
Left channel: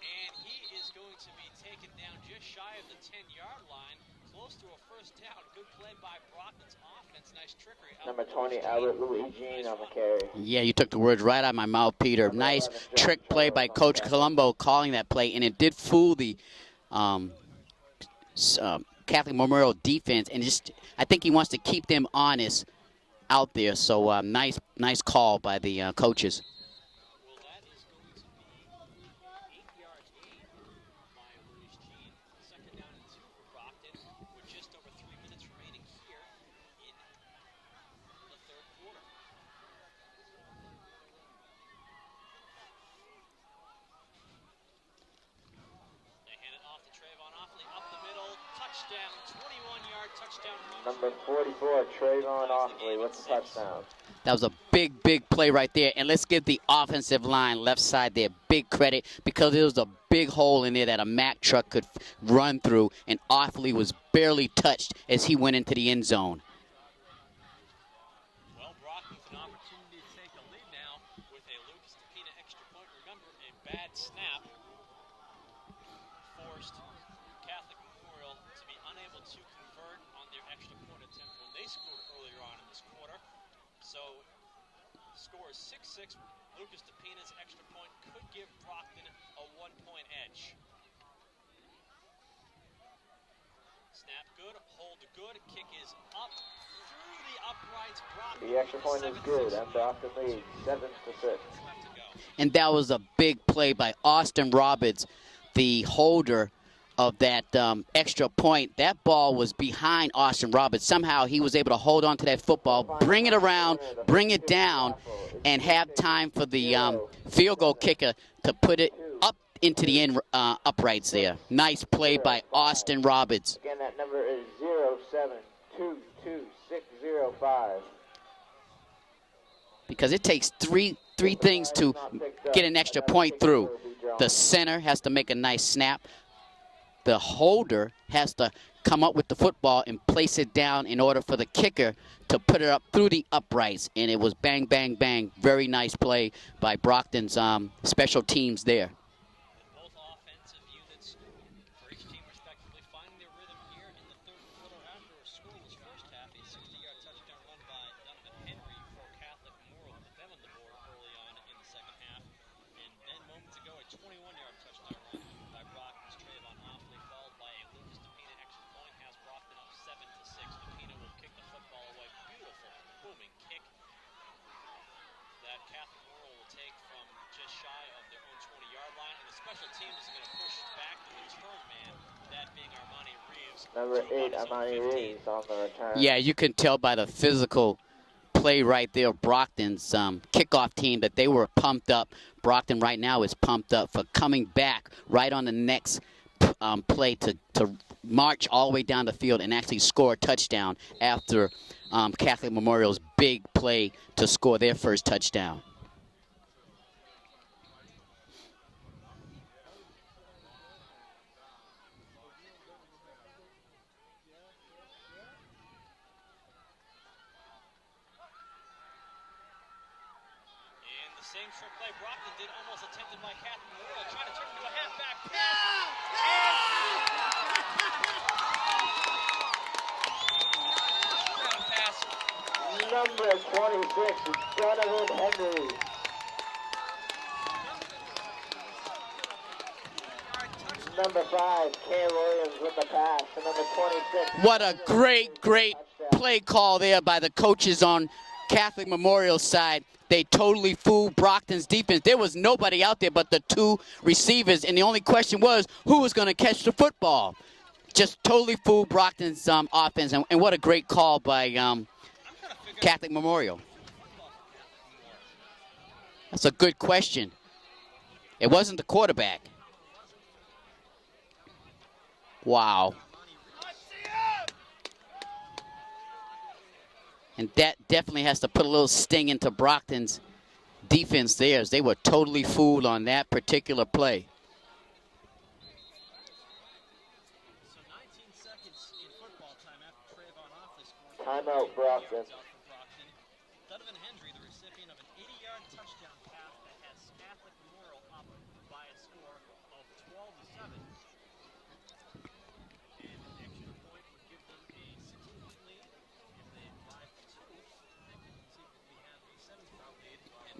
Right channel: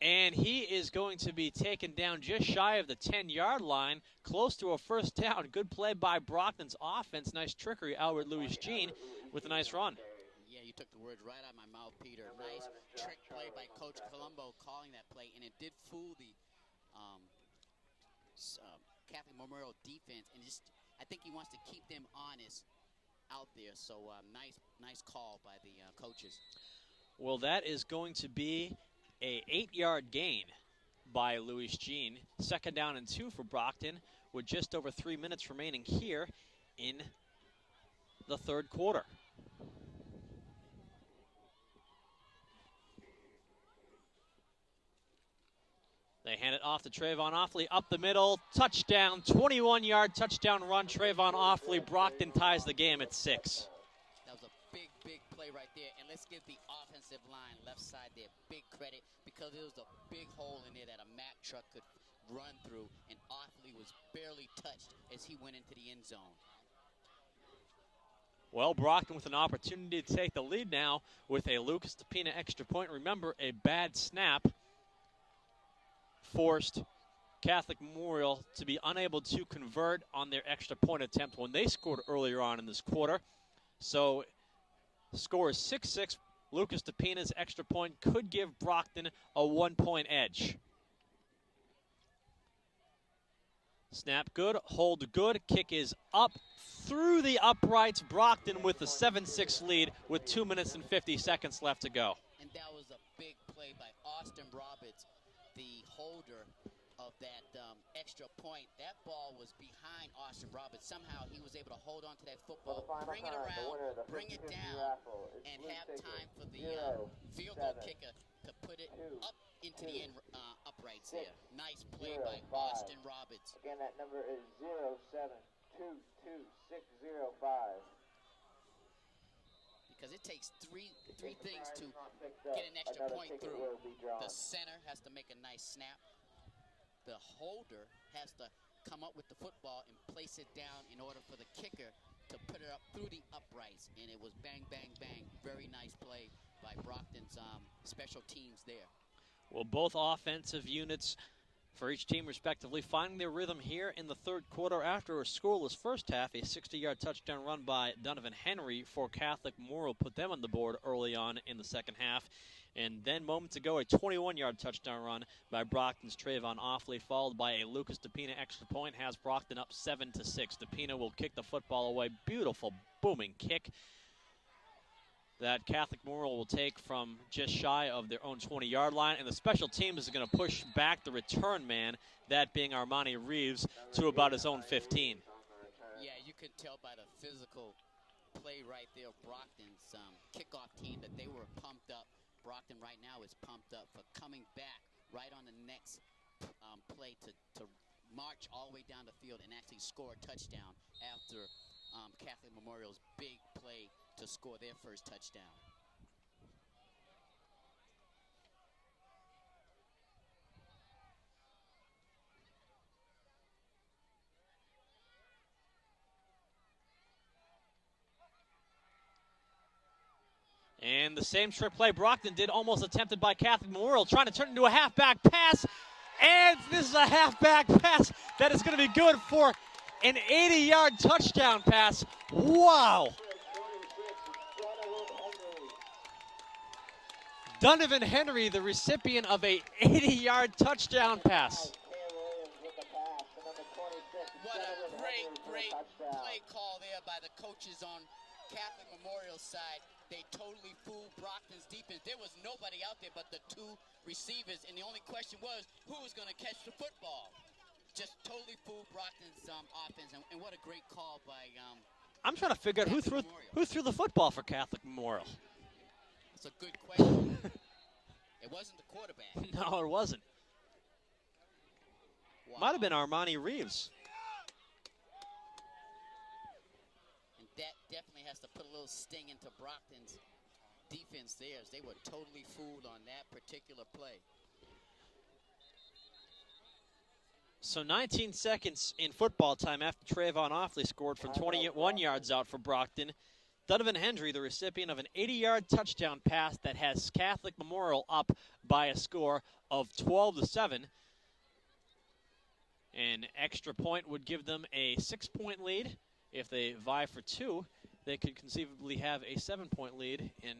And he is going to be taken down just shy of the 10-yard line, close to a 1st down. Good play by Brockton's offense. Nice trickery, Albert Louis Jean with a nice run. Yeah, you took the words right out of my mouth, Peter. Nice trick play by Coach Colombo calling that play, and it did fool the Catholic Memorial defense, and I think he wants to keep them honest out there. So nice call by the coaches. Well, that is going to be a 8-yard gain by Louis Jean. 2nd down and 2 for Brockton with just over 3 minutes remaining here in the 3rd quarter. They hand it off to Trayvon Offley up the middle. Touchdown, 21-yard touchdown run. Trayvon Offley. Brockton ties the game at 6. That was a big play right there. And let's give the offensive line left side there big credit because there was a big hole in there that a Mack truck could run through, and Offley was barely touched as he went into the end zone. Well, Brockton with an opportunity to take the lead now with a Lucas DePina extra point. Remember, a bad snap forced Catholic Memorial to be unable to convert on their extra point attempt when they scored earlier on in this quarter. So the score is 6-6. Lucas DePina's extra point could give Brockton a 1-point edge. Snap good, hold good, kick is up through the uprights. Brockton with a 7-6 lead with 2 minutes and 50 seconds left to go. And that was a big play by Austin Roberts, the holder of that extra point. That ball was behind Austin Roberts. Somehow he was able to hold on to that football, bring it around, bring it down, and have time for the field goal kicker to put it up into the end uprights there. Nice play by Austin Roberts. Again, that number is 0722605. Because it takes three things to get an extra point through. The center has to make a nice snap. The holder has to come up with the football and place it down in order for the kicker to put it up through the uprights. And it was bang, bang, bang. Very nice play by Brockton's special teams there. Well, both offensive units for each team respectively, finding their rhythm here in the third quarter after a scoreless first half. A 60-yard touchdown run by Donovan Henry for Catholic Memorial put them on the board early on in the second half. And then moments ago, a 21-yard touchdown run by Brockton's Trayvon Offley, followed by a Lucas DePina extra point, has Brockton up 7-6. DePina will kick the football away. Beautiful, booming kick that Catholic Memorial will take from just shy of their own 20-yard line. And the special teams is going to push back the return man, that being Armani Reeves, to about his own 15. Yeah, you can tell by the physical play right there of Brockton's kickoff team that they were pumped up. Brockton right now is pumped up for coming back right on the next play to march all the way down the field and actually score a touchdown after Catholic Memorial's big play to score their first touchdown. And the same trick play Brockton did, almost attempted by Catholic Memorial, trying to turn it into a halfback pass. And this is a halfback pass that is going to be good for an 80-yard touchdown pass. Wow. Number 26 is Donovan Henry. Donovan Henry, the recipient of a 80-yard touchdown Number pass. 5, Cam Williams with the pass. And number 26. What a great play call there by the coaches on Catholic Memorial's side. They totally fooled Brockton's defense. There was nobody out there but the two receivers, and the only question was who was going to catch the football. Just totally fooled Brockton's offense, and what a great call by I'm trying to figure Catholic out Memorial. who threw the football for Catholic Memorial. That's a good question. It wasn't the quarterback. No, it wasn't. Wow. Might have been Armani Reeves. And that definitely has to put a little sting into Brockton's defense there, as they were totally fooled on that particular play. So 19 seconds in football time after Trayvon Offley scored for 21 yards out for Brockton. Donovan Henry, the recipient of an 80-yard touchdown pass that has Catholic Memorial up by a score of 12-7. An extra point would give them a 6-point lead. If they vie for 2, they could conceivably have a 7-point lead, and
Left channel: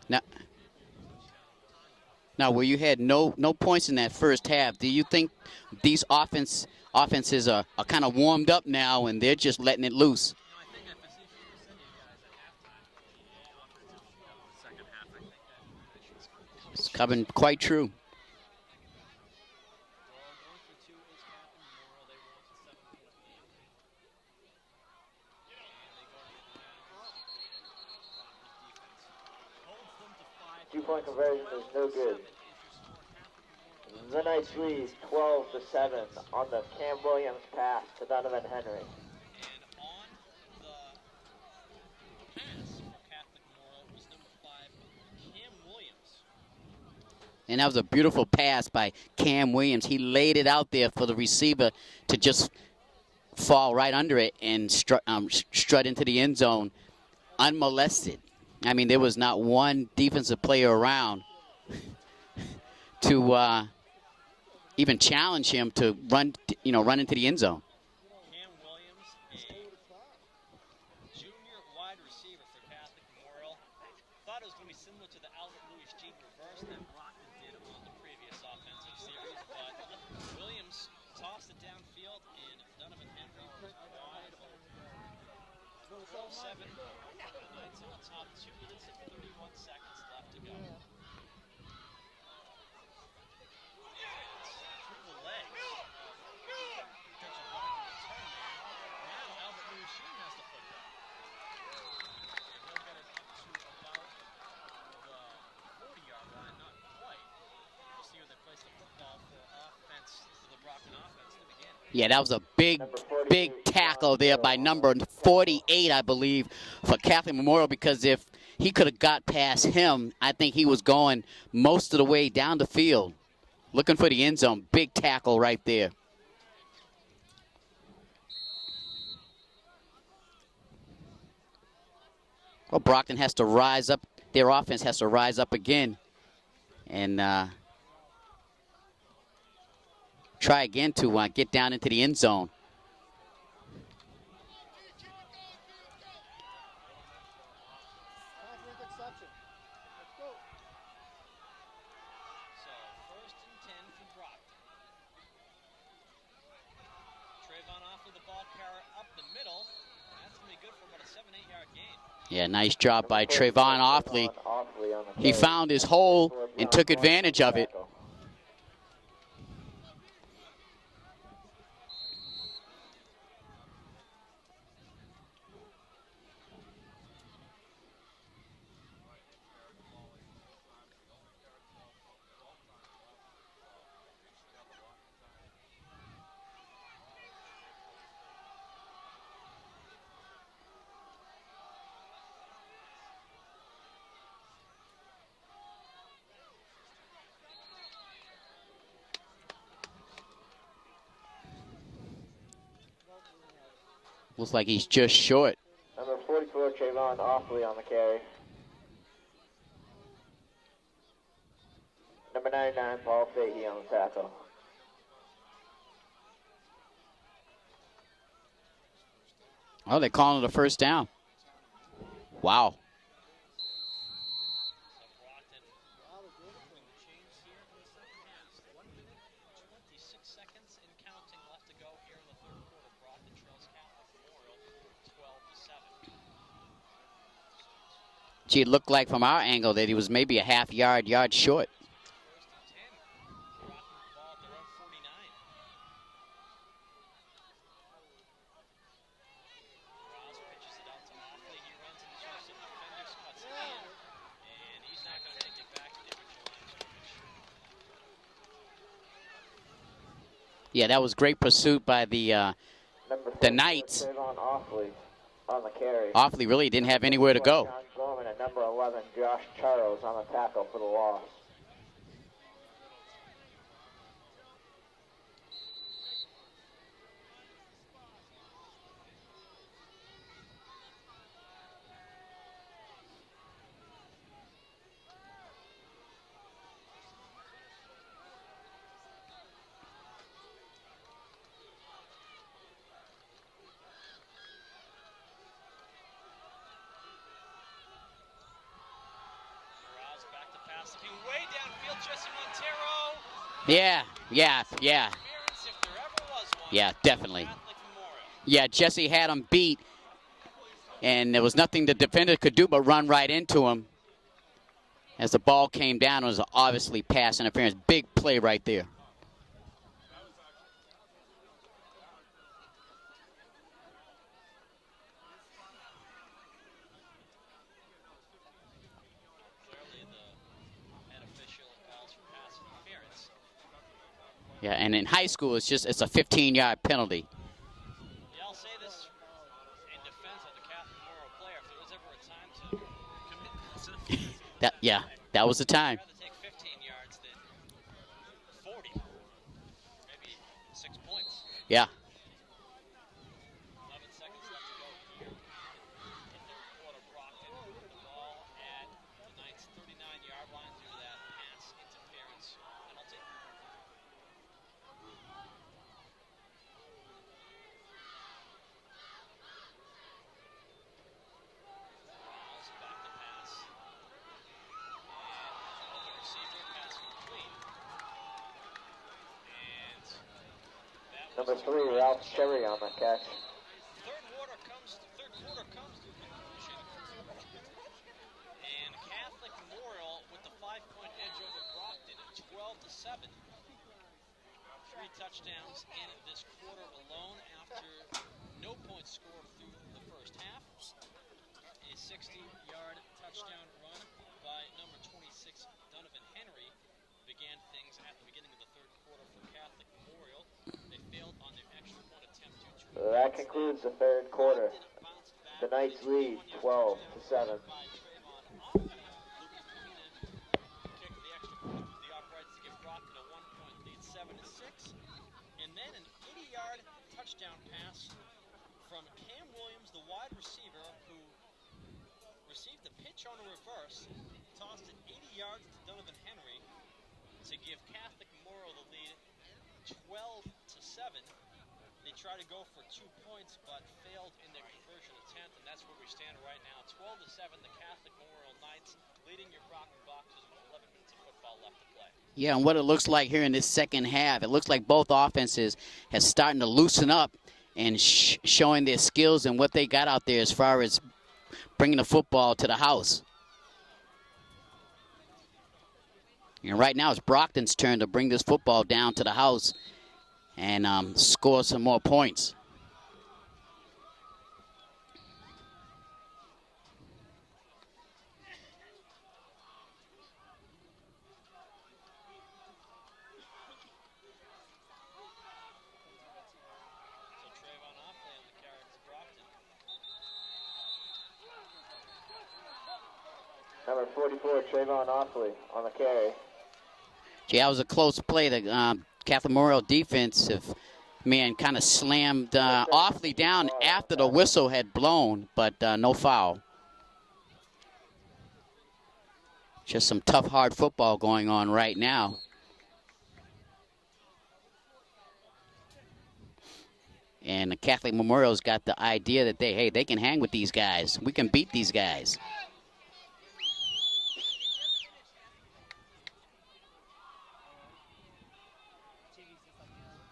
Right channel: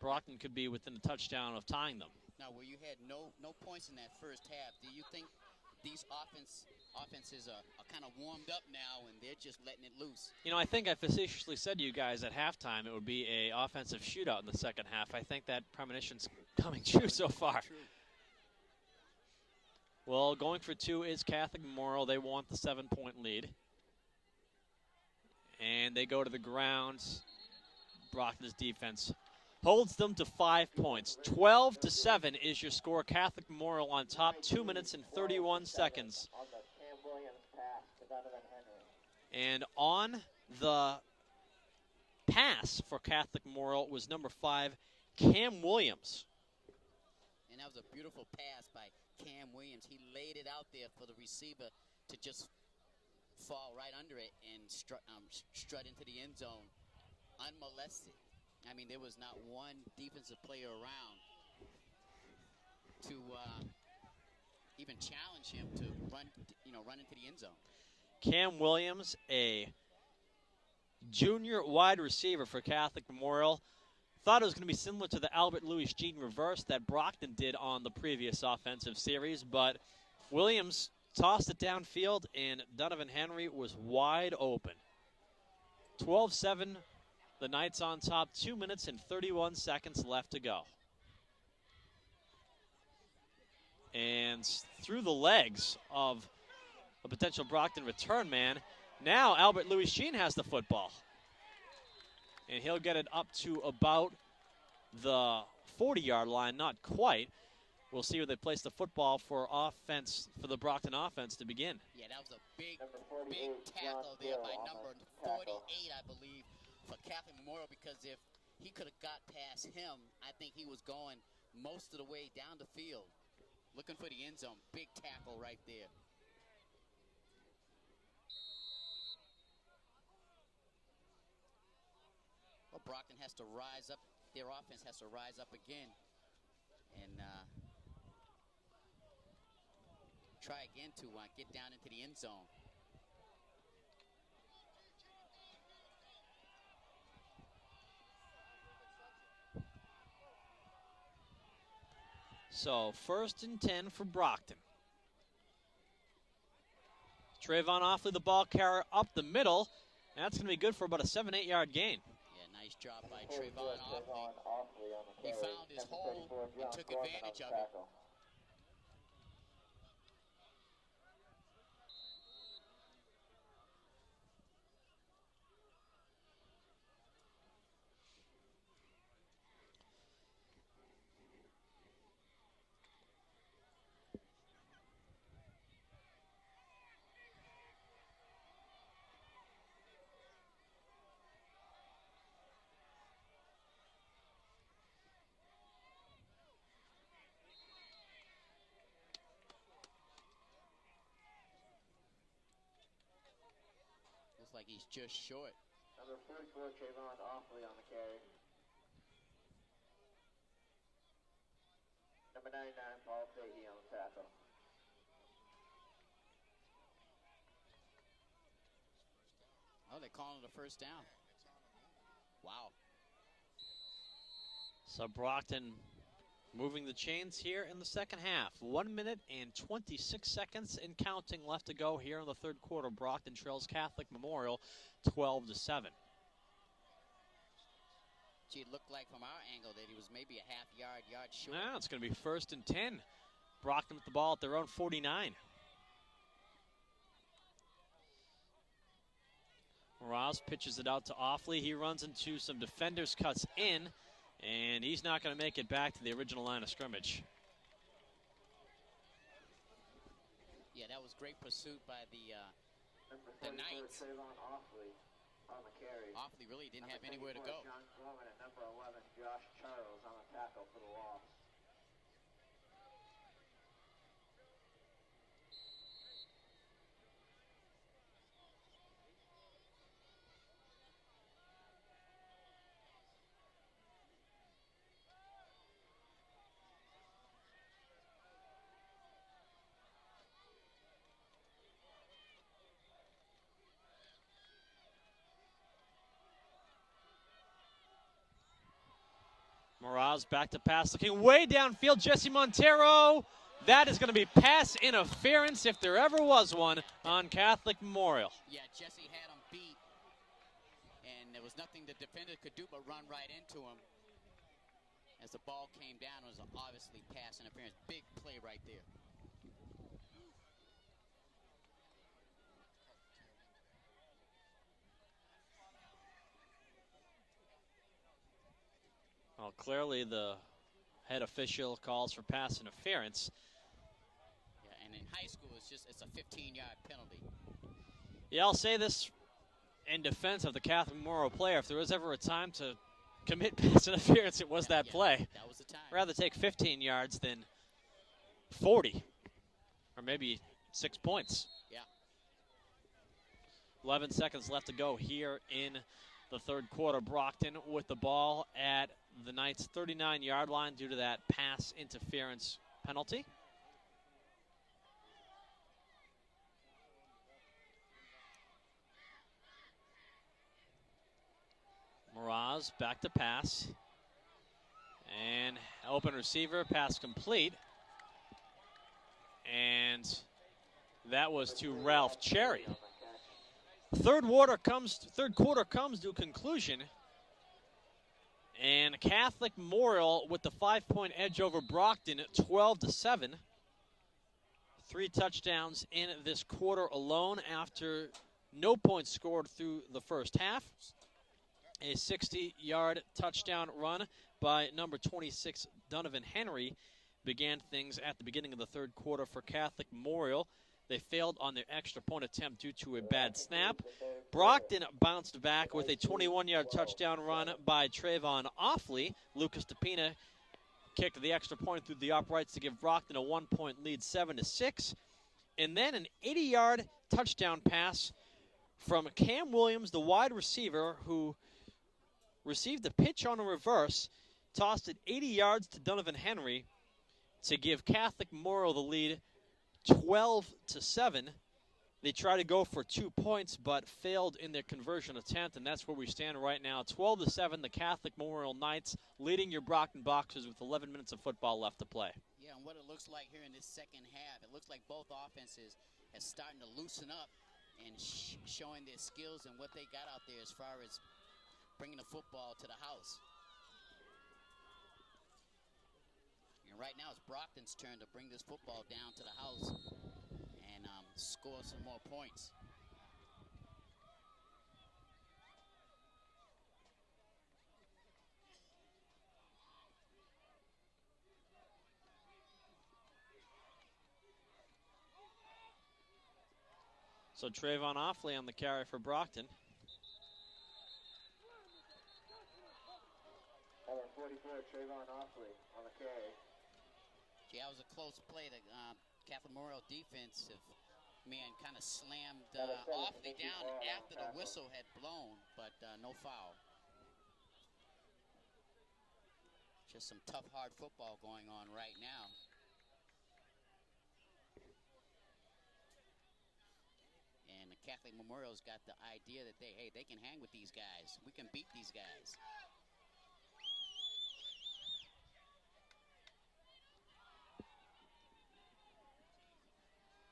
Brockton could be within a touchdown of tying them. Now, where you had no points in that first half, do you think these offenses are kind of warmed up now and they're just letting it loose? You know, I think I facetiously said to you guys at halftime it would be a offensive shootout in the second half. I think that premonition's coming true Coming so quite far. true. Well, going for 2 is Catholic Memorial. They want the 7-point lead. And they go to the ground. Brockton's defense holds them to 5 points. 12-7 is your score. Catholic Memorial on top, 2 minutes and 31 seconds. On the Cam Williams pass to Donovan Henry. And on the pass for Catholic Memorial was number 5, Cam Williams. And that was a beautiful pass by Cam Williams. He laid it out there for the receiver to just fall right under it and strut into the end zone unmolested. I mean, there was not one defensive player around to even challenge him to run into the end zone. Cam Williams, a junior wide receiver for Catholic Memorial. Thought it was going to be similar to the Albert Louis Jean reverse that Brockton did on the previous offensive series, but Williams tossed it downfield, and Donovan Henry was wide open. 12-7, the Knights on top, 2 minutes and 31 seconds left to go. And through the legs of a potential Brockton return man, now Albert Louis Jean has the football. And he'll get it up to about the 40-yard line, not quite. We'll see where they place the football for offense, for the Brockton offense to begin. Yeah, that was a big tackle there by number 48, I believe, for Catholic Memorial, because if he could have got past him, I think he was going most of the way down the field, looking for the end zone. Big tackle right there. Well, Brockton has to rise up. Their offense has to rise up again and try again to get down into the end zone. So 1st and 10 for Brockton. Trayvon Offley, the ball carrier up the middle. That's going to be good for about a 7-8 yard gain. Yeah, nice job by Trayvon Offley. He found his hole and took advantage of it. Looks like he's just short. Number 44, Trayvon Offley on the carry. Number 99, Paul Fahey on the tackle. Oh, they're calling it a first down. Wow. So Brockton moving the chains here in the second half. 1 minute and 26 seconds and counting left to go here in the third quarter. Brockton trails Catholic Memorial 12-7. Gee, it looked like from our angle that he was maybe a half yard short. Yeah, it's going to be 1st and 10. Brockton with the ball at their own 49. Ross pitches it out to Offley. He runs into some defenders, cuts in, and he's not going to make it back to the original line of scrimmage. Yeah, that was great pursuit by the Knights. Offley on the carry. Offley really didn't have anywhere to go. John Gorman and number 11, Josh Charles on the tackle for the loss. Moraz back to pass, looking way downfield. Jesse Montero. That is going to be pass interference if there ever was one. Yeah, definitely. On Catholic Memorial. Yeah, Jesse had him beat, and there was nothing the defender could do but run right into him. As the ball came down, it was obviously pass interference. Big play right there. Clearly, the head official calls for pass interference. Yeah, and in high school, it's a 15-yard penalty. Yeah, I'll say this in defense of the Catholic Memorial player. If there was ever a time to commit pass interference, it was that play. That was the time. I'd rather take 15 yards than 40, or maybe 6 points. Yeah. 11 seconds left to go here in the third quarter. Brockton with the ball at the Knights' 39-yard line due to that pass interference penalty. Moraz back to pass. And open receiver, pass complete. And that was to Ralph Cherry. On the catch. Third quarter comes to a conclusion. And Catholic Memorial with the 5-point edge over Brockton, 12-7. 3 touchdowns in this quarter alone after no points scored through the first half. A 60-yard touchdown run by number 26, Donovan Henry, began things at the beginning of the third quarter for Catholic Memorial. They failed on their extra point attempt due to a bad snap. Brockton bounced back with a 21-yard touchdown run by Trayvon Offley. Lucas DePina kicked the extra point through the uprights to give Brockton a 1-point lead, 7-6. And then an 80-yard touchdown pass from Cam Williams, the wide receiver, who received a pitch on a reverse, tossed it 80 yards to Donovan Henry to give Catholic Memorial the lead, 12-7. They tried to go for 2 points, but failed in their conversion attempt, and that's where we stand right now. 12-7, the Catholic Memorial Knights leading your Brockton Boxers with 11 minutes of football left to play. Yeah, and what it looks like here in this second half, it looks like both offenses have starting to loosen up and showing their skills and what they got out there as far as bringing the football to the house. And right now it's Brockton's turn to bring this football down to the house and score some more points. So Trayvon Offley on the carry for Brockton. Number 44, Trayvon Offley on the carry. Yeah, that was a close play. The Catholic Memorial defensive man kind of slammed Offley down after the whistle had blown, but no foul. Just some tough, hard football going on right now. And the Catholic Memorial's got the idea that they can hang with these guys. We can beat these guys.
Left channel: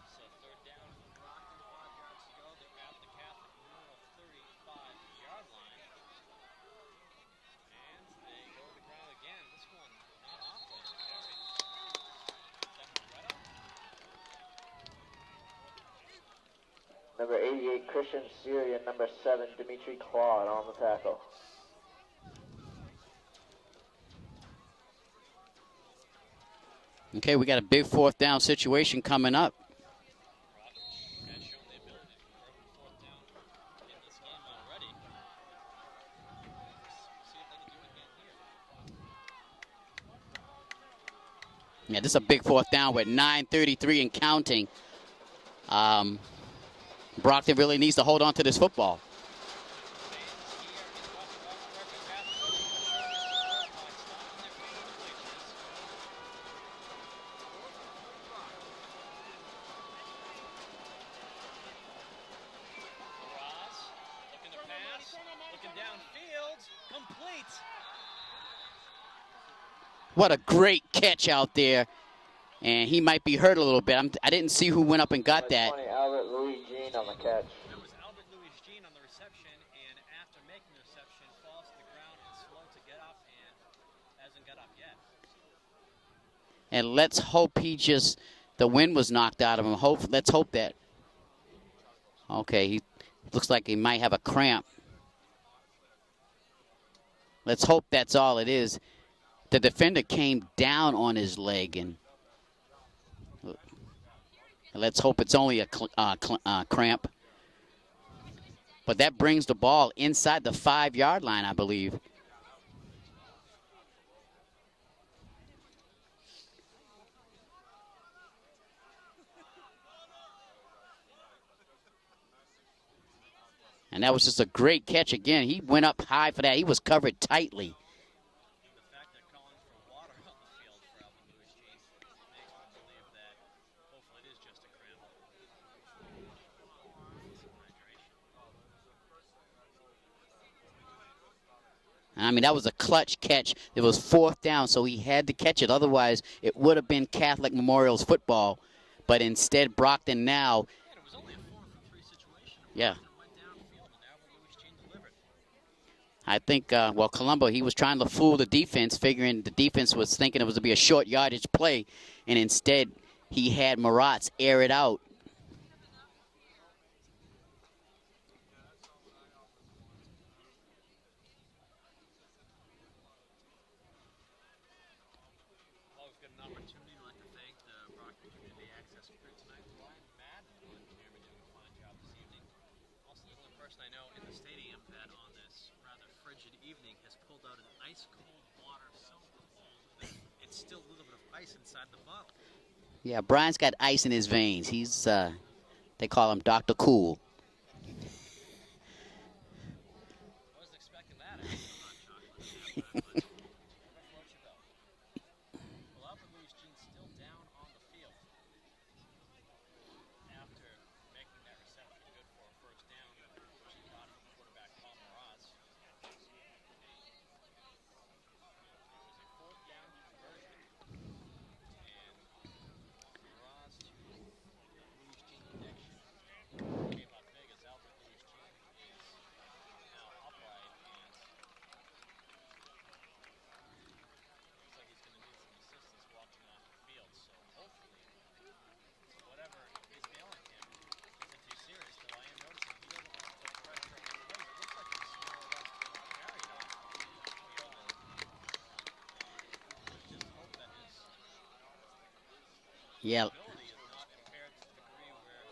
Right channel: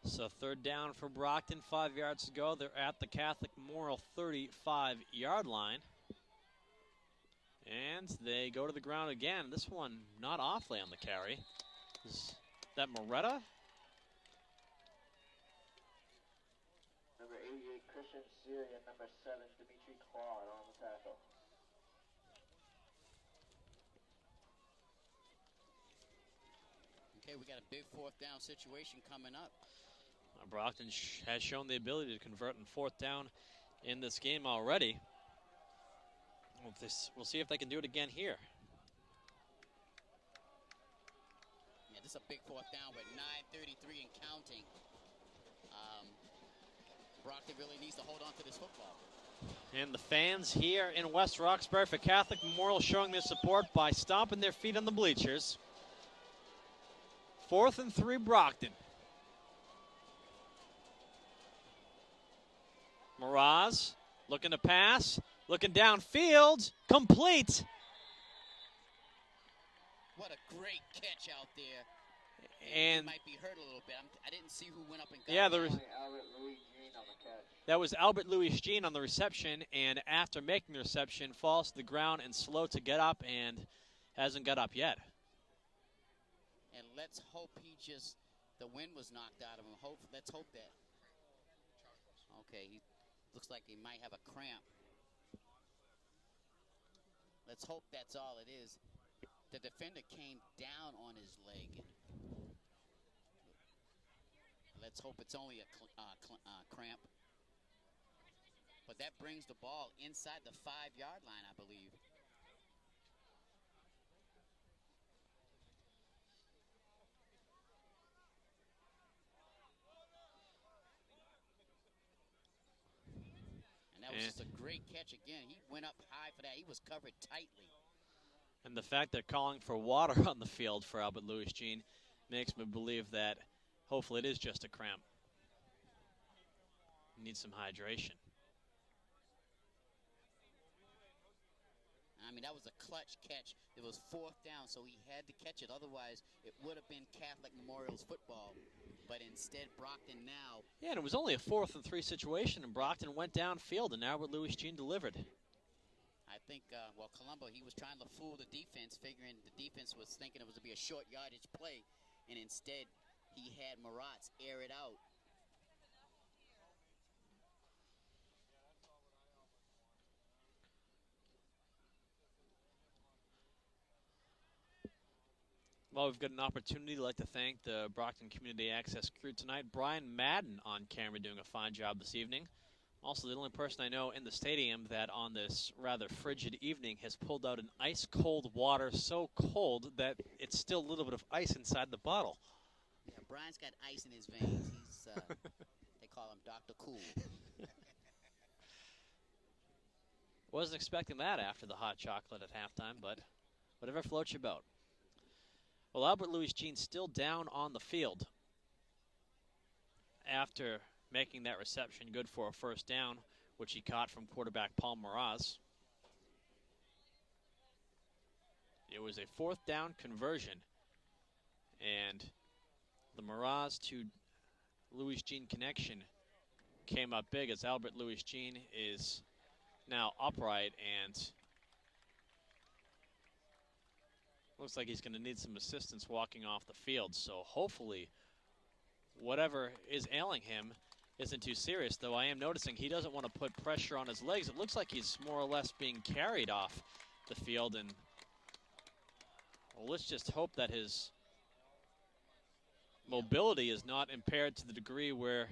So third down for Brockton, 5 yards to go. They're at the Catholic Memorial 35-yard line. And they go to the ground again. This one not Offley on the carry. Is that Moretta? Number 88, Christian Syria. Number 7, Dimitri Claude on the tackle. Okay, we got a big fourth down situation coming up. Brockton has shown the ability to convert in fourth down in this game already. We'll see if they can do it again here. Yeah, this is a big fourth down with 9:33 and counting. Brockton really needs to hold on to this football. And the fans here in West Roxbury for Catholic Memorial showing their support by stomping their feet on the bleachers. 4th and 3, Brockton. Moraz looking to pass, looking downfield, complete. What a great catch out there. And he might be hurt a little bit. I didn't see who went up and got that. Albert Louis Jean on the catch. That was Albert Louis Jean on the reception, and after making the reception, falls to the ground and slow to get up, and hasn't got up yet. And let's hope the wind was knocked out of him. Let's hope that. Okay, he looks like he might have a cramp. Let's hope that's all it is. The defender came down on his leg, and let's hope it's only a cramp. But that brings the ball inside the 5-yard line, I believe. And that was just a great catch again. He went up high for that. He was covered tightly. And the fact they're calling for water on the field for Albert Louis Jean makes me believe that hopefully it is just a cramp. Need some hydration. I mean, that was a clutch catch. It was 4th down, so he had to catch it. Otherwise, it would have been Catholic Memorial's football. But instead, Brockton now. Yeah, and it was only a 4th and 3 situation, and Brockton went downfield, and Albert Louis Jean delivered. I think, Colombo, he was trying to fool the defense, figuring the defense was thinking it was to be a short yardage play, and instead he had Maratz air it out. Well, we've got an opportunity. I'd like to thank the Brockton Community Access crew tonight. Brian Madden on camera doing a fine job this evening. Also, the only person I know in the stadium that on this rather frigid evening has pulled out an ice-cold water so cold that it's still a little bit of ice inside the bottle. Yeah, Brian's got ice in his veins. He's, they call him Dr. Cool. Wasn't expecting that after the hot chocolate at halftime, but whatever floats your boat. Well, Albert Louis Jean still down on the field. after making that reception good for a first down, which he caught from quarterback Paul Mraz. It was a 4th down conversion, and the Mraz to Louis Jean connection came up big as Albert Louis Jean is now upright and looks like he's going to need some assistance walking off the field. So hopefully whatever is ailing him isn't too serious, though I am noticing he doesn't want to put pressure on his legs. It looks like he's more or less being carried off the field, and well, let's just hope that his mobility is not impaired to the degree where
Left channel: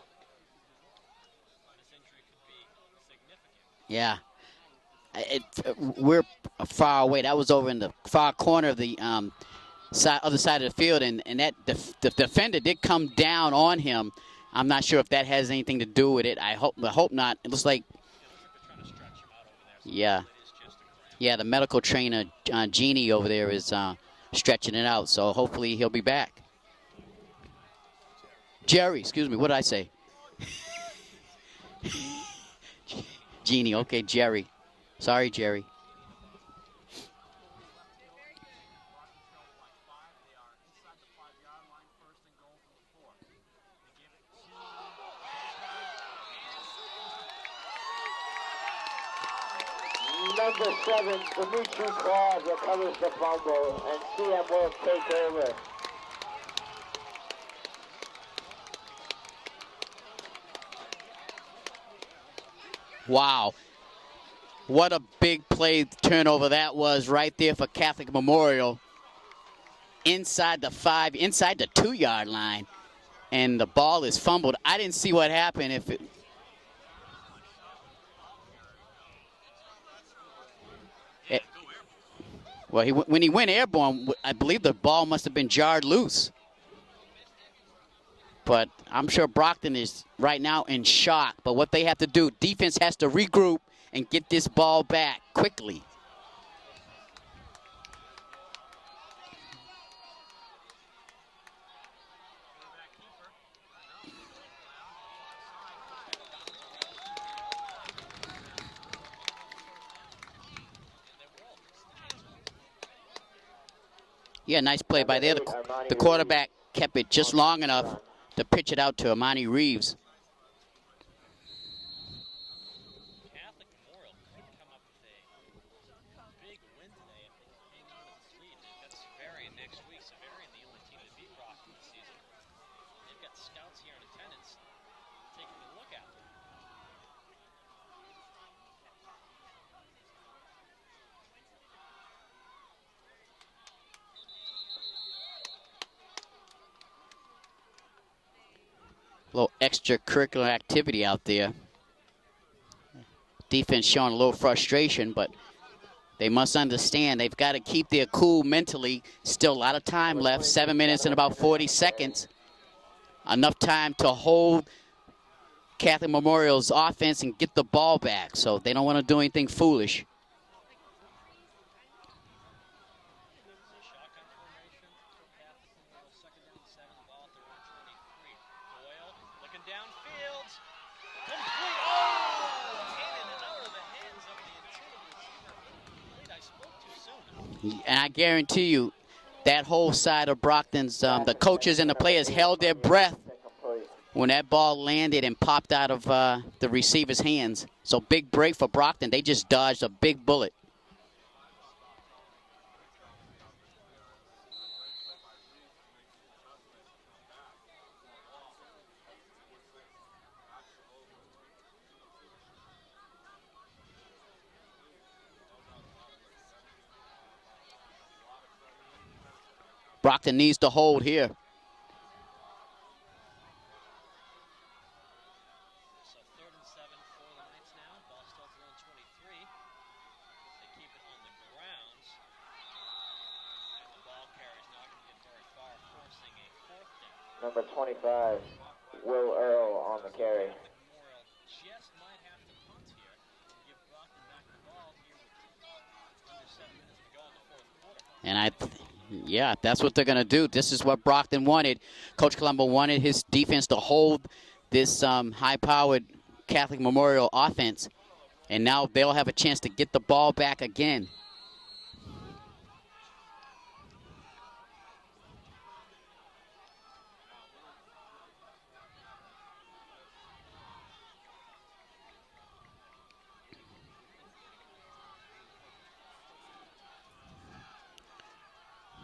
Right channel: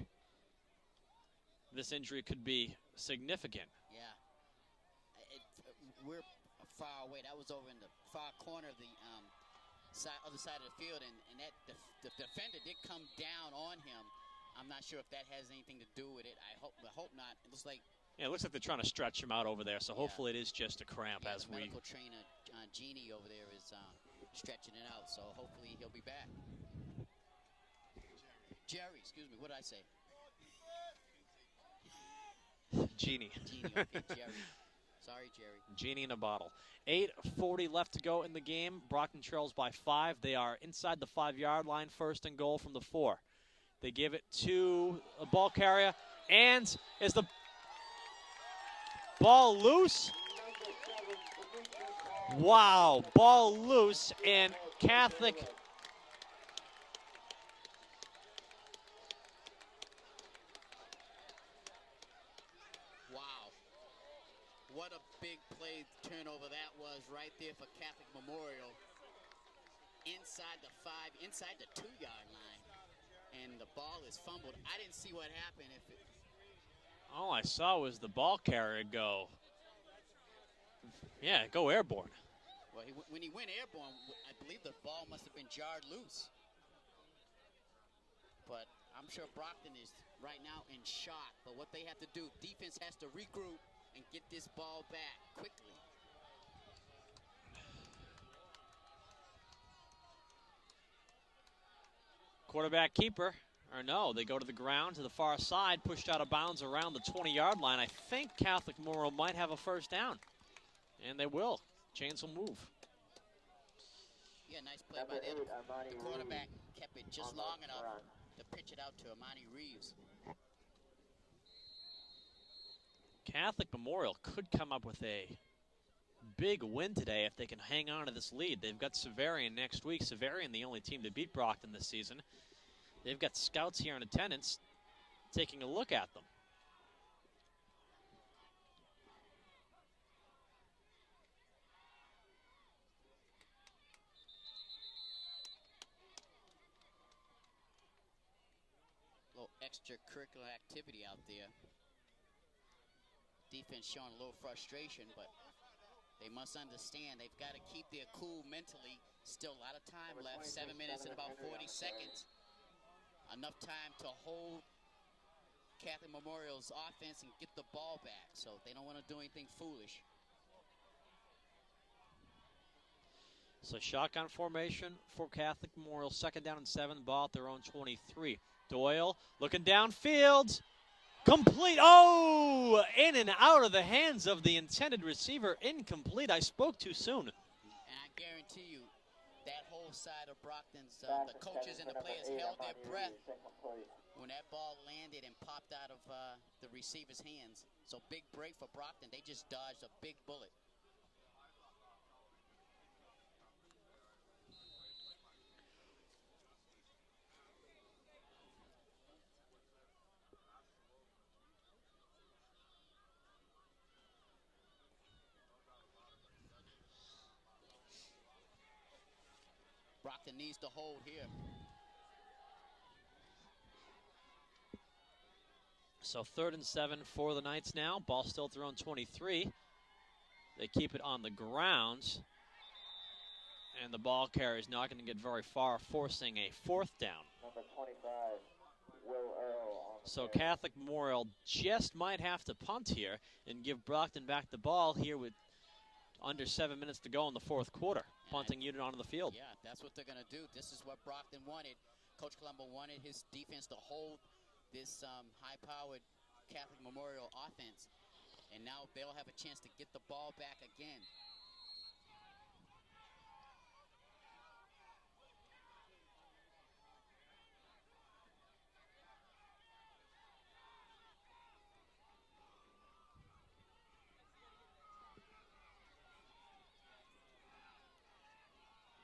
this injury could be significant. Yeah. We're far away. That was over in the far corner of the other side of the field, and that the defender did come down on him. I'm not sure if that has anything to do with it. I hope not. It looks like. Yeah, it looks like they're trying to stretch him out over there. So yeah. Hopefully it is just a cramp. Yeah, the medical trainer Jeannie over there is stretching it out. So hopefully he'll be back. Jerry, excuse me. What did I say? Jeannie. Okay, Jerry. Sorry, Jerry. Genie in a bottle. 8:40 left to go in the game. Brockton trails by 5. They are inside the 5-yard line, 1st and goal from the 4. They give it to a ball carrier, and is the ball loose? Number 7, Dimitri Claus. Wow, ball loose, and Catholic. Wow. What a big play turnover that was right there for Catholic Memorial. Inside the 5, inside the 2-yard line. And the ball is fumbled. I didn't see what happened. All I saw was the ball carrier go. Yeah, go airborne. Well, when he went airborne, I believe the ball must have been jarred loose. But I'm sure Brockton is right now in shock. But what they have to do, defense has to regroup and get this ball back quickly. Quarterback keeper, or no, they go to the ground to the far side, pushed out of bounds around the 20-yard line. I think Catholic Memorial might have a first down, and they will. Chains will move. Yeah, nice play by there. The quarterback kept it just long enough to pitch it out to Amani Reeves. Catholic Memorial could come up with a big win today if they can hang on to this lead. They've got Severian next week. Severian, the only team to beat Brockton this season. They've got scouts here in attendance taking a look at them. A little extracurricular activity out there. Defense showing a little frustration, but they must understand they've got to keep their cool mentally. Still a lot of time left, 7 minutes and about 40 seconds. Enough time to hold Catholic Memorial's offense and get the ball back, so they don't want to do anything foolish. So shotgun formation for Catholic Memorial, 2nd down and 7, ball at their own 23. Doyle looking downfield. Complete. Oh, in and out of the hands of the intended receiver. Incomplete. I spoke too soon. And I guarantee you, that whole side of Brockton's, the coaches and the players held their breath when that ball landed and popped out of the receiver's hands. So big break for Brockton. They just dodged a big bullet. Brockton needs to hold here. So 3rd and 7 for the Knights now. Ball still at their own 23. They keep it on the ground. And the ball carrier is not going to get very far, forcing a 4th down. Number 25, Will Earl on the carry. So Catholic Memorial just might have to punt here and give Brockton back the ball here with under 7 minutes to go in the 4th quarter. And onto the field. Yeah, that's what they're going to do. This is what Brockton wanted. Coach Colombo wanted his defense to hold this high-powered Catholic Memorial offense. And now they'll have a chance to get the ball back again.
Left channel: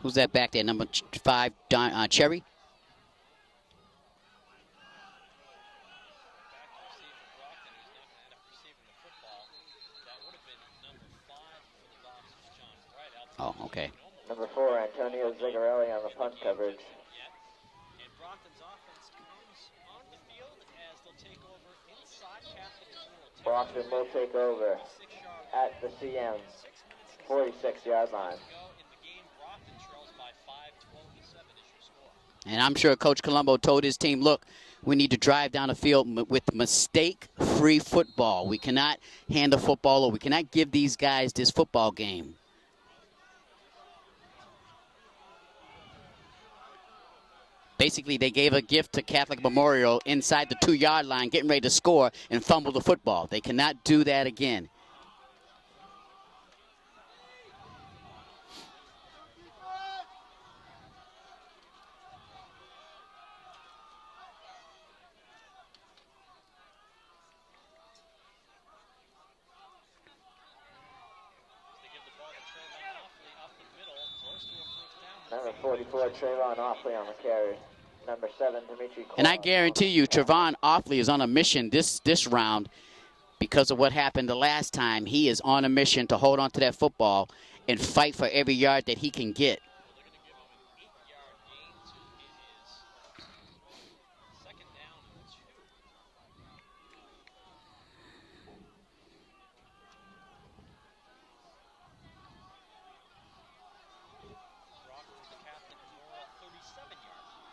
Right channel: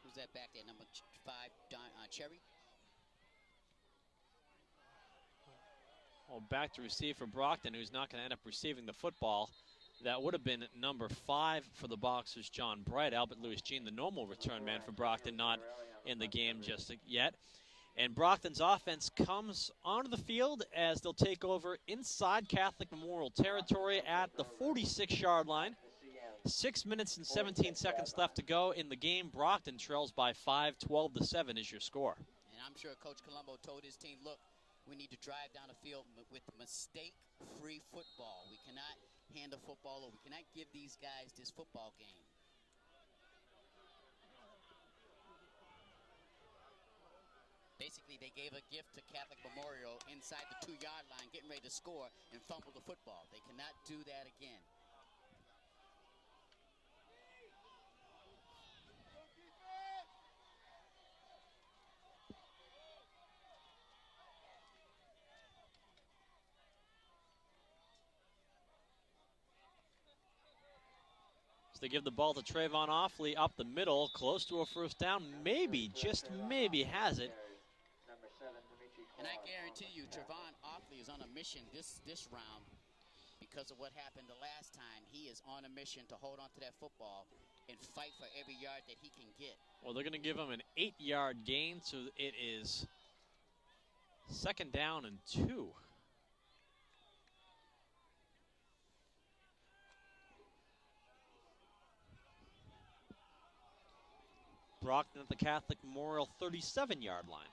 Who's that back there? Number 5, Cherry? Well, back to receive for Brockton, who's not going to end up receiving the football. That would have been number 5 for the Boxers, John Bright. Albert Lewis Jean, a normal return man for Brockton, not in the game just yet. And Brockton's offense comes onto the field as they'll take over inside Catholic Memorial territory at the 46-yard line. 6 minutes and 17 seconds left to go in the game. Brockton trails by 5, 12-7 is your score. And I'm sure Coach Colombo told his team, look, we need to drive down the field with mistake-free football. We cannot hand the football, or we cannot give these guys this football game. Basically, they gave a gift to Catholic Memorial inside the 2-yard line, getting ready to score, and fumble the football. They cannot do that again. They give the ball to Trayvon Offley up the middle, close to a first down. Maybe, just maybe has it. Number 7, Dimitri. And I guarantee you, Trayvon Offley is on a mission this round because of what happened the last time. He is on a mission to hold on to that football and fight for every yard that he can get. Well, they're going to give him an 8-yard gain, so it is 2nd down and 2. Brockton at the Catholic Memorial 37-yard line.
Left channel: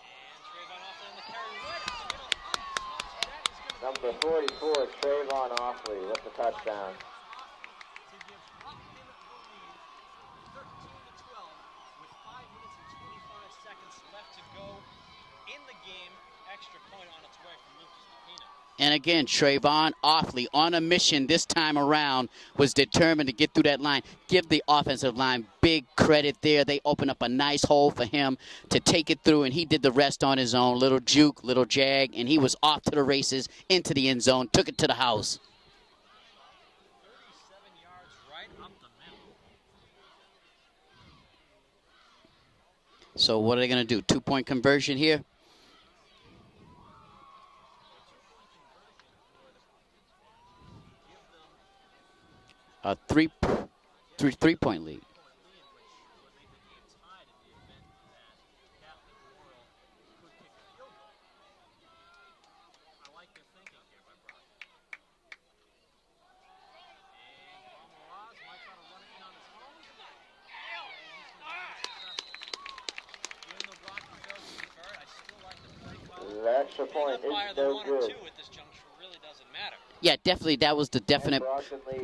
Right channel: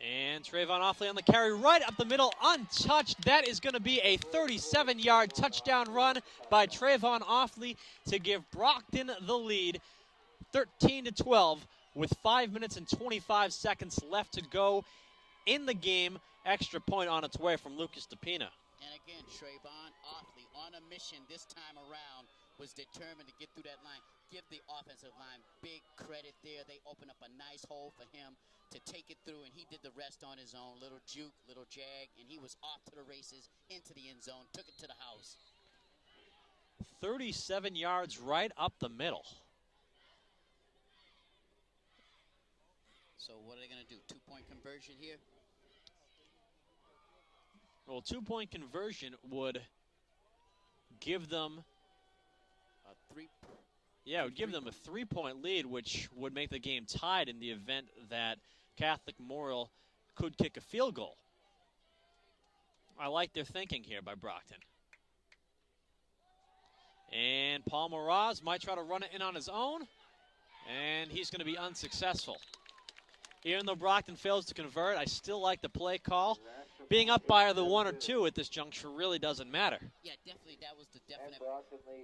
And Trayvon Offley on the carry right up the middle, untouched. That is going to be a 37-yard touchdown run by Trayvon Offley to give Brockton the lead, 13-12, with 5 minutes and 25 seconds left to go in the game. Extra point on its way from Lucas DePina. And again, Trayvon Offley on a mission this time around, was determined to get through that line. Give the offensive line big credit there. They opened up a nice hole for him to take it through, and he did the rest on his own. Little juke, little jag, and he was off to the races, into the end zone, took it to the house. 37 yards right up the middle. So what are they going to do? 2-point conversion here? Well, 2-point conversion would give them a three-point lead. 3-point lead, which would make the game tied in the event that Catholic Memorial could kick a field goal. I like their thinking here by Brockton. And Paul Moraz might try to run it in on his own, and he's going to be unsuccessful. Even though Brockton fails to convert, I still like the play call. Being up by the 1 or 2 at this juncture really doesn't matter. Yeah, definitely that was the definite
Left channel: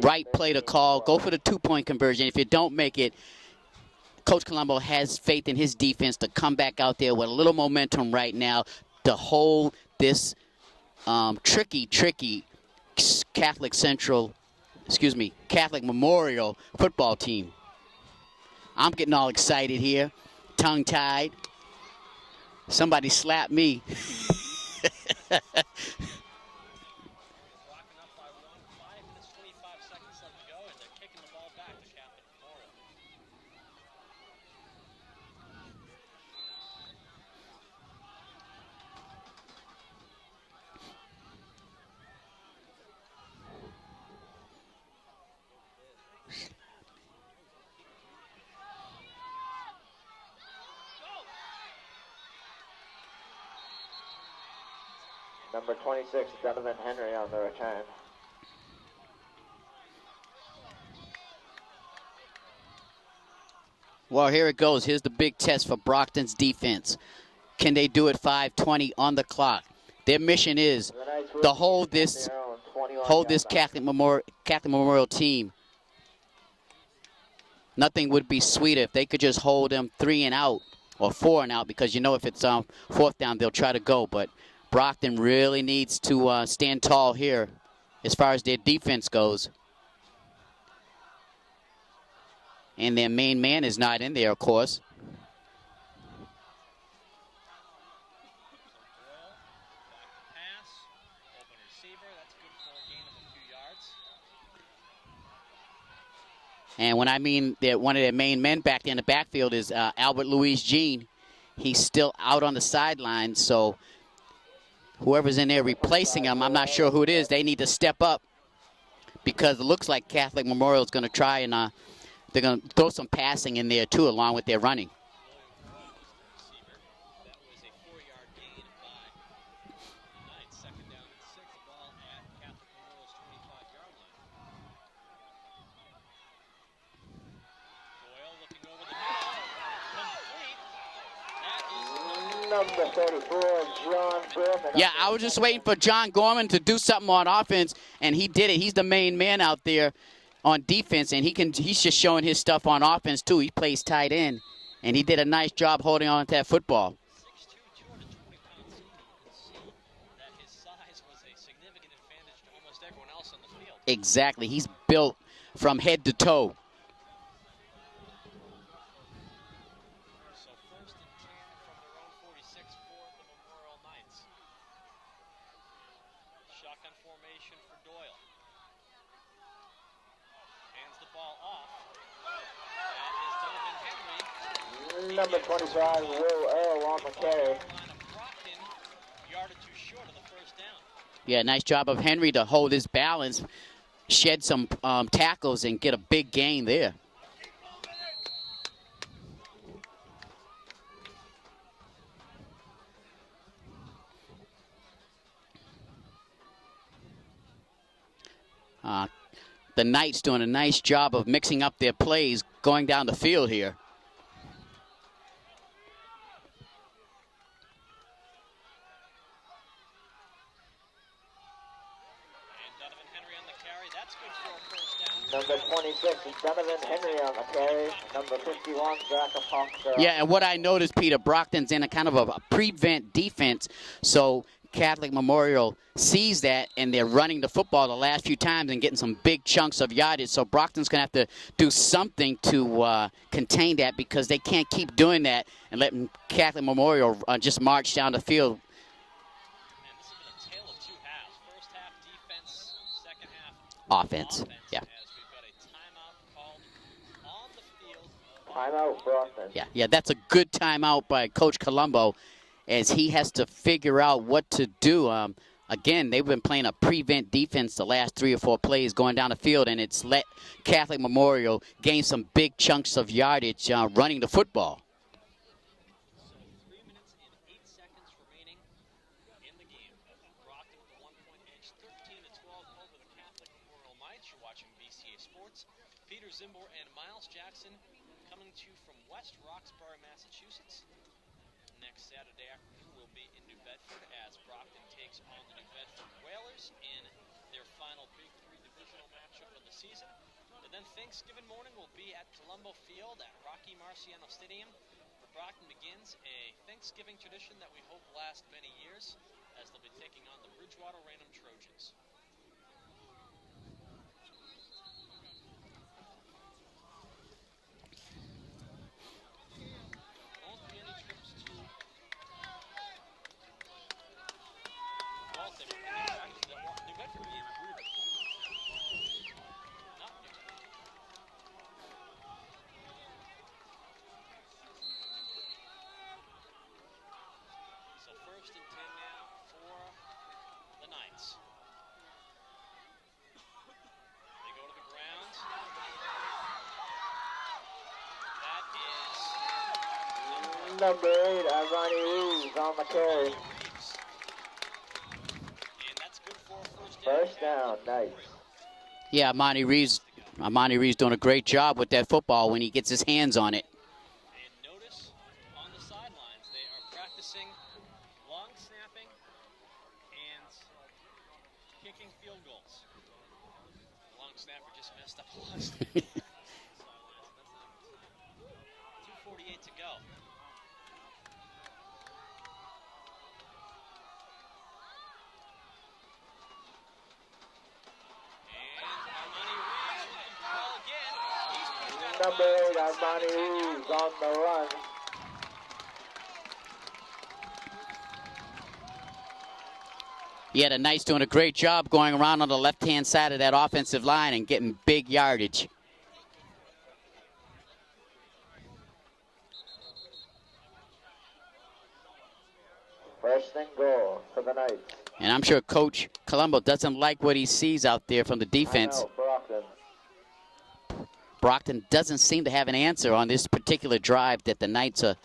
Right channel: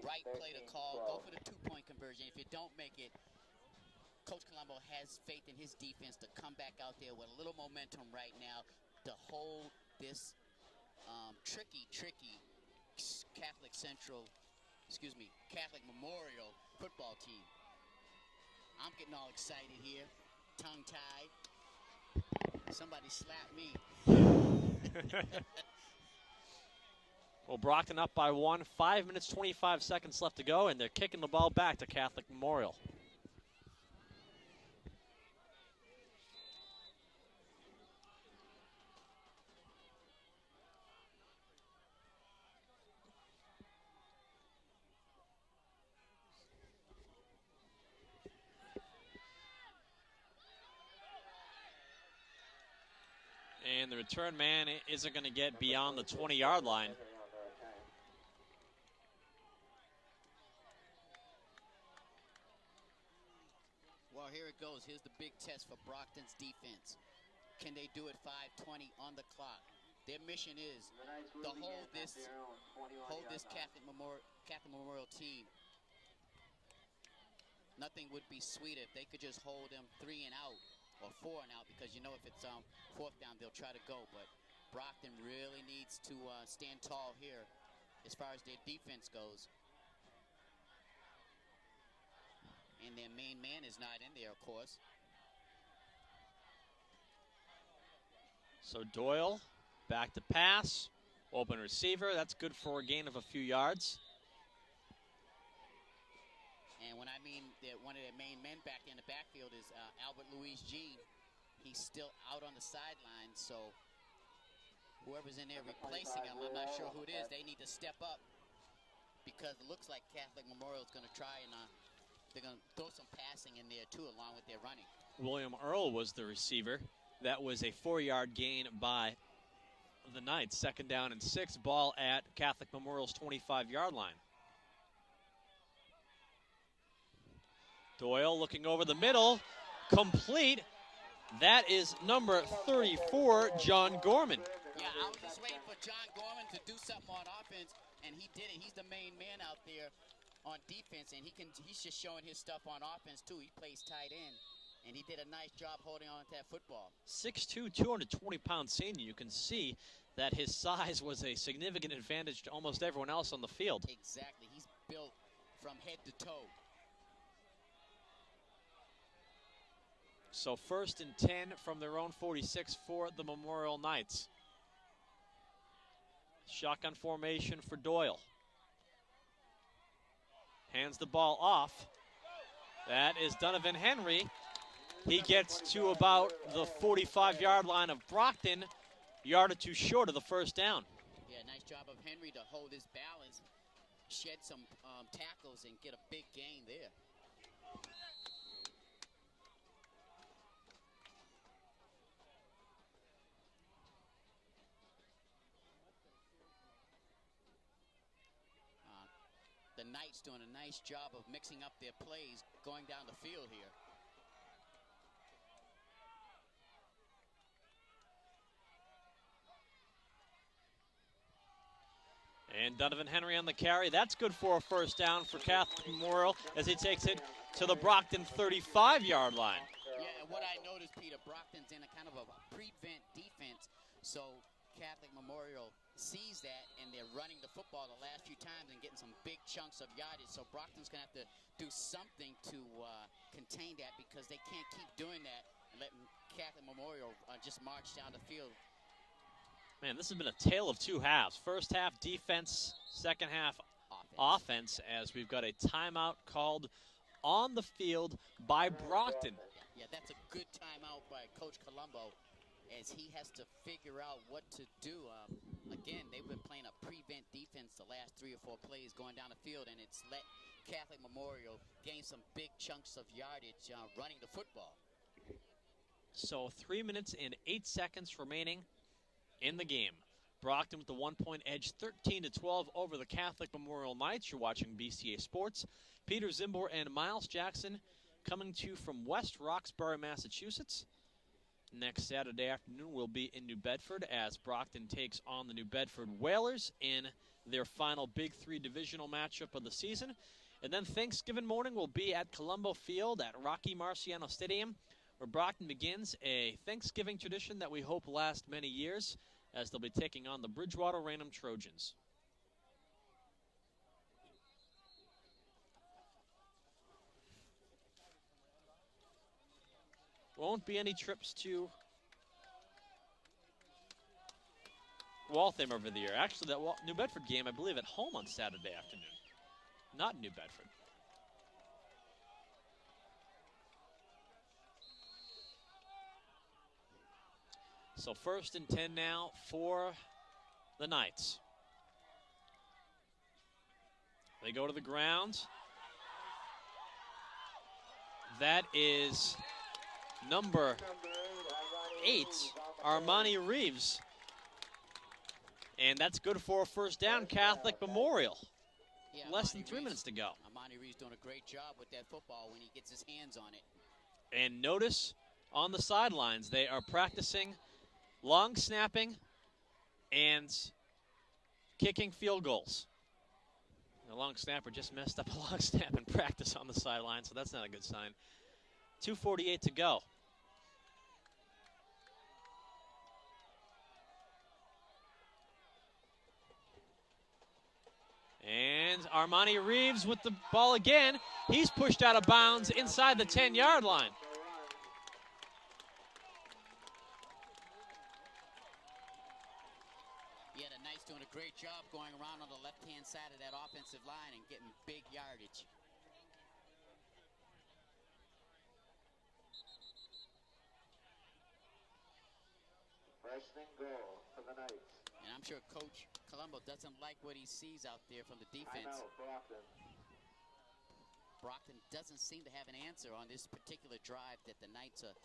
right play to call. Go for the 2-point conversion. If you don't make it, Coach Colombo has faith in his defense to come back out there with a little momentum right now to hold this tricky Catholic Memorial football team. I'm getting all excited here. Tongue-tied. Somebody slapped me. Well, Brockton up by 1. 5 minutes, 25 seconds left to go, and they're kicking the ball back to Catholic Memorial. And the return man isn't going to get beyond the 20-yard line. Henry on the return. Well, here it goes. Here's the big test for Brockton's defense. Can they do it 5:20 on the clock? Their mission is to hold this Catholic Memorial team Nothing would be sweeter if they could just hold them 3 and out or 4 and out, because you know if it's 4th down, they'll try to go. But Brockton really needs to stand tall here as far as their defense goes. And their main man is not in there, of course. So Doyle, back to pass, open receiver. That's good for a gain of a few yards. And when I mean that one of their main men back there in the backfield is Albert Louis Jean. He's still out on the sideline, so whoever's in there replacing him, I'm not sure who it is, they need to step up, because it looks like Catholic Memorial is going to try and they're going to throw some passing in there too, along with their running. William Earl was the receiver. That was a 4-yard gain by the Knights. 2nd down and 6, ball at Catholic Memorial's 25-yard line. Doyle looking over the middle, complete. That is number 34, John Gorman. Yeah, I was just waiting for John Gorman to do something on offense, and he did it. He's the main man out there on defense, and he's just showing his stuff on offense too. He plays tight end, and he did a nice job holding on to that football. 6'2", 220-pound senior. You can see that his size was a significant advantage to almost everyone else on the field. Exactly. He's built from head to toe. So 1st and 10 from their own 46 for the Memorial Knights. Shotgun formation for Doyle. Hands the ball off. That is Donovan Henry. He gets to about the 45-yard line of Brockton, yard or two short of the 1st down. Yeah, nice job of Henry to hold his balance, shed some tackles, and get a big gain there. The Knights doing a nice job of mixing up their plays going down the field here. And Donovan Henry on the carry. That's good for a 1st down for Catholic Memorial as he takes it to the Brockton 35-yard line. Yeah, and what I noticed, Peter, Brockton's in a kind of a prevent defense, so Catholic Memorial sees that, and they're running the football the last few times and getting some big chunks of yardage. So Brockton's going to have to do something to contain that, because they can't keep doing that and letting Catholic Memorial just march down the field. Man, this has been a tale of 2 halves. 1st half defense, 2nd half Offense. Yeah. As we've got a timeout called on the field by Brockton. Yeah, that's a good timeout by Coach Colombo, as he has to figure out what to do. Again, they've been playing a prevent defense the last 3 or 4 plays going down the field, and it's let Catholic Memorial gain some big chunks of yardage running the football. So 3 minutes and 8 seconds remaining in the game. Brockton with the 1-point edge, 13-12 over the Catholic Memorial Knights. You're watching BCA Sports. Peter Zimbor and Miles Jackson coming to you from West Roxbury, Massachusetts. Next Saturday afternoon we'll be in New Bedford as Brockton takes on the New Bedford Whalers in their final Big 3 divisional matchup of the season. And then Thanksgiving morning we'll be at Colombo Field at Rocky Marciano Stadium, where Brockton begins a Thanksgiving tradition that we hope lasts many years, as they'll be taking on the Bridgewater Raynham Trojans. Won't be any trips to Waltham over the year. Actually, that New Bedford game, I believe, at home on Saturday afternoon. Not New Bedford. So 1st and 10 now for the Knights. They go to the ground. That is number 8, Armani Reeves. And that's good for a 1st down, Catholic Memorial. Yeah, Armani Reeves doing a great job with that football when he gets his hands on it. And notice on the sidelines, they are practicing long snapping and kicking field goals. The long snapper just messed up a long snap in practice on the sideline, so that's not a good sign. 2:48 to go. And Armani Reeves with the ball again. He's pushed out of bounds inside the 10-yard line. Yeah, the Knights doing a great job going around on the left-hand side of that offensive line and getting big yardage. First and goal for the Knights. And I'm sure Coach Colombo doesn't like what he sees out there from the defense. Brockton doesn't seem to have an answer on this particular drive that the Knights are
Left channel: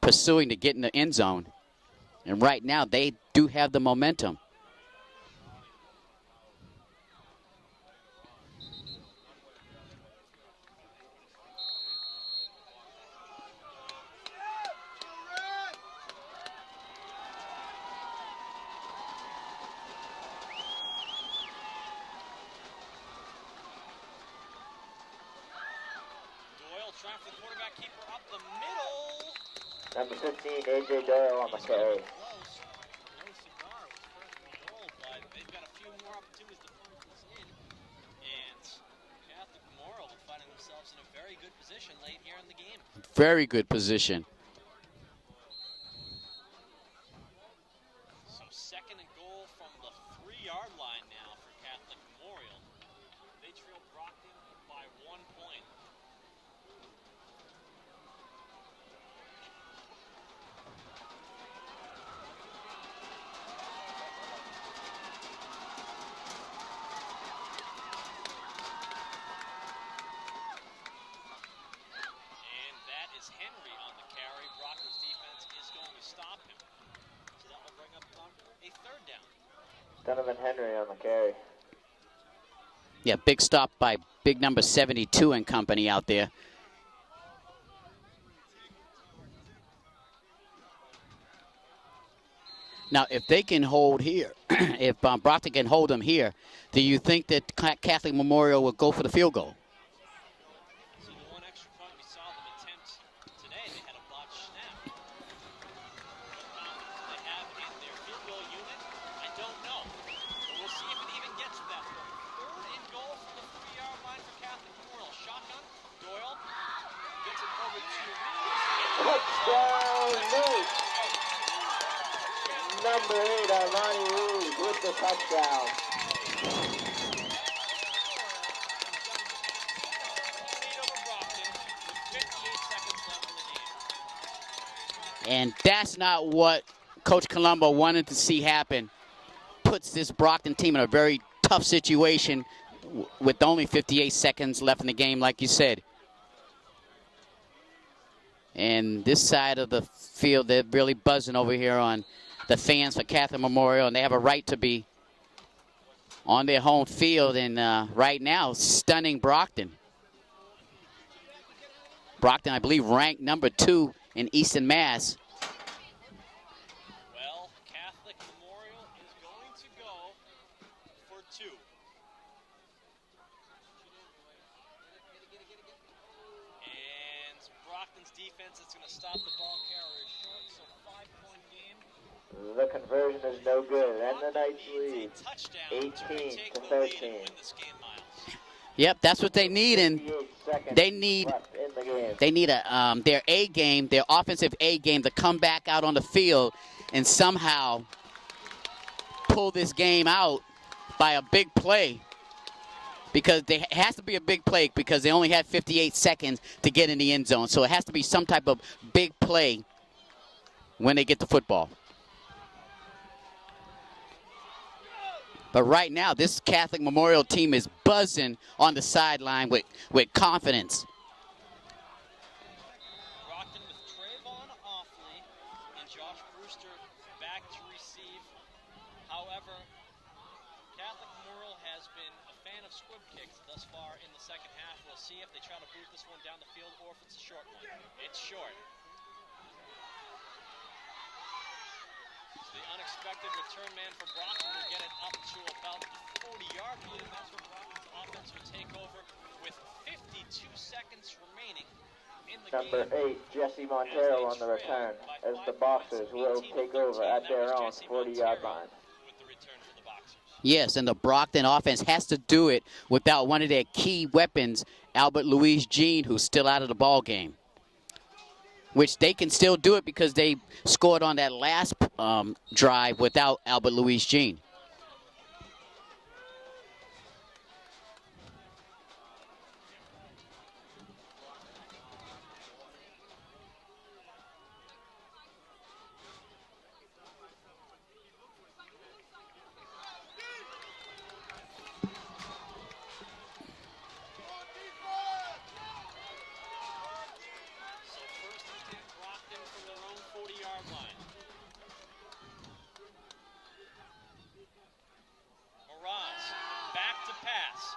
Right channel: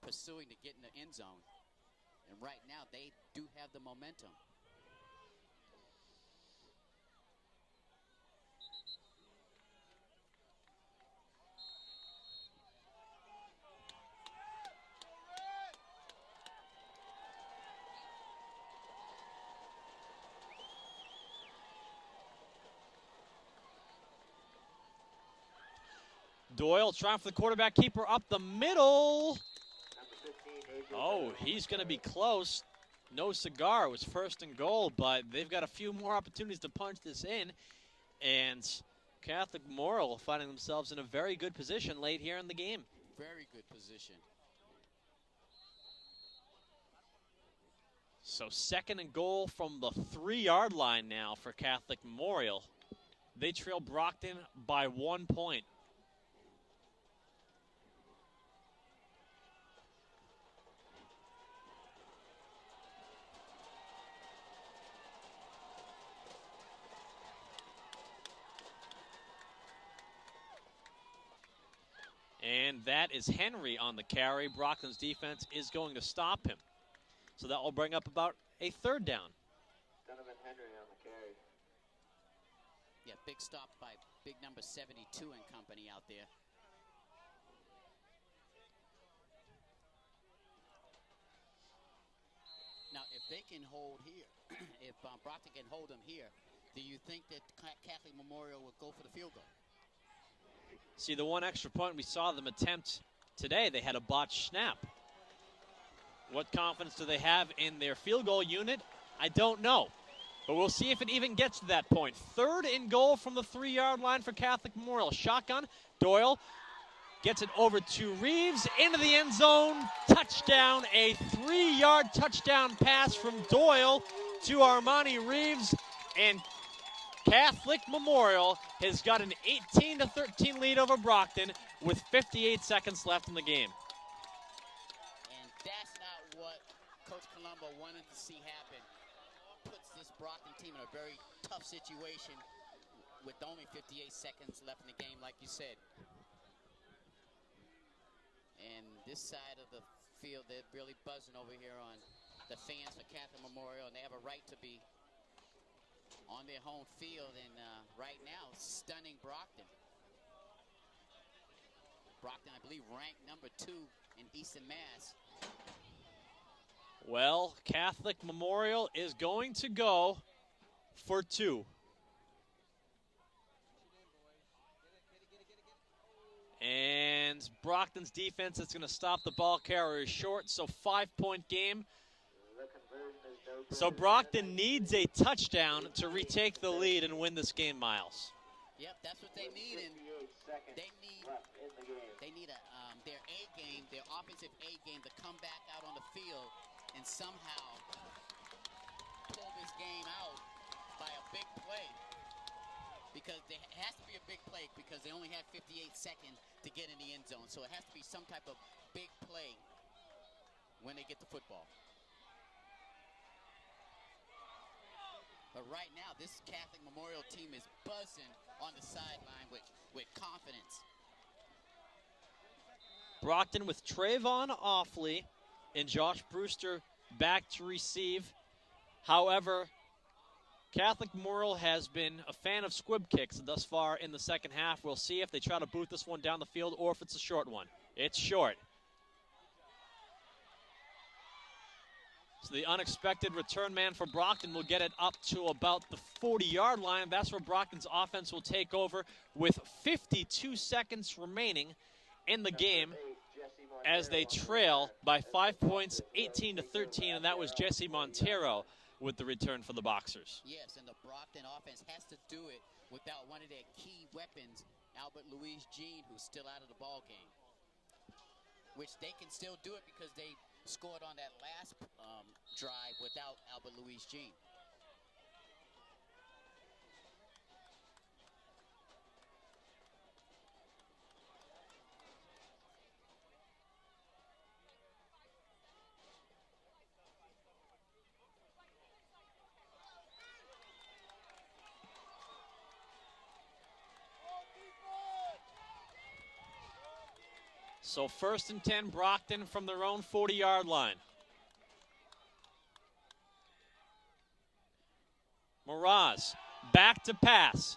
pursuing to get in the end zone. And right now, they do have the momentum. Doyle trying for the quarterback keeper up the middle. Number 15, A.J. Doyle on He's the going to carry. be close. No cigar. It was first and goal, but they've got a few more opportunities to punch this in. And Catholic Memorial finding themselves in a very good position late here in the game. Very good position. So second and goal from the 3-yard line now for Catholic Memorial. They trail Brockton by 1 point. And that is Henry on the carry. Brockton's defense is going to stop him. So that will bring up about a 3rd down. Donovan Henry on the carry. Yeah, big stop by big number 72 and company out there. Now, if they can hold here, if Brockton can hold them here, do you think that Catholic Memorial will go for the field goal? See, the one extra point we saw them attempt today, they had a botched snap. What confidence do they have in their field goal unit? I don't know. But we'll see if it even gets to that point. 3rd and goal from the 3-yard line for Catholic Memorial. Shotgun. Doyle gets it over to Reeves into the end zone. Touchdown. A 3-yard touchdown pass from Doyle to Armani Reeves. And Catholic Memorial has got an 18-13 lead over Brockton with 58 seconds left in the game. And that's not what Coach Colombo wanted to see happen. Puts this Brockton team in a very tough situation with only 58 seconds left in the game, like you said. And this side of the field, they're really buzzing over here on the fans for Catholic Memorial, and they have a right to be on their home field, and right now, stunning Brockton. Brockton, I believe, ranked number 2 in Eastern Mass. Well, Catholic Memorial is going to go for 2. And Brockton's defense is going to stop the ball carriers short, so 5-point game. The conversion is no good. So Brockton needs a touchdown to retake the lead and win this game, Miles. Yep, that's what they need, and they need their A game, their offensive A game, to come back out on the field and somehow pull this game out by a big play, because it has to be a big play because they only had 58 seconds to get in the end zone. So it has to be some type of big play when they get the football. But right now, this Catholic Memorial team is buzzing on the sideline with confidence. Brockton with Trayvon Offley and Josh Brewster back to receive. However, Catholic Memorial has been a fan of squib kicks thus far in the second half. We'll see if they try to boot this one down the field or if it's a short one. It's short. So the unexpected return man for Brockton will get it up to about the 40-yard line. That's where Brockton's offense will take over with 52 seconds remaining in the game as they trail by 5 points, 18 to 13, and that was Jesse Montero with the return for the Boxers. Yes, and the Brockton offense has to do it without one of their key weapons, Albert Louise Jean, who's still out of the ball game. Which they can still do it because they scored on that last drive without Albert Louise Jean. So 1st and 10, Brockton from their own 40-yard line. Mraz back to pass.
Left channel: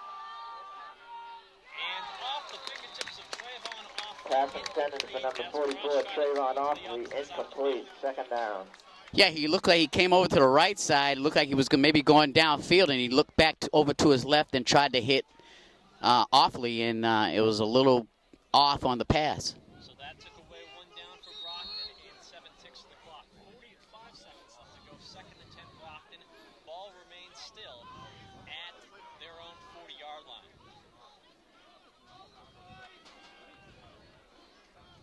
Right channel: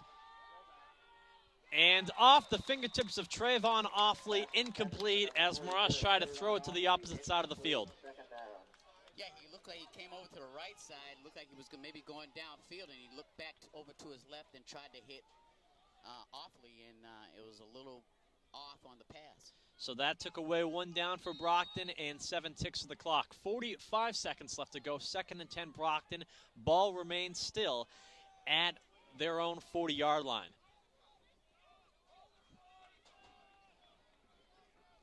And off the fingertips of Trayvon Offley, incomplete as Mraz tried to throw it to the opposite side of the field. Second down. Yeah, he looked like he came over to the right side, looked like he was maybe going downfield, and he looked back over to his left and tried to hit Offley, and it was a little off on the pass. So that took away 1 down for Brockton and 7 ticks of the clock. 45 seconds left to go. 2nd and 10, Brockton. Ball remains still at their own 40-yard line.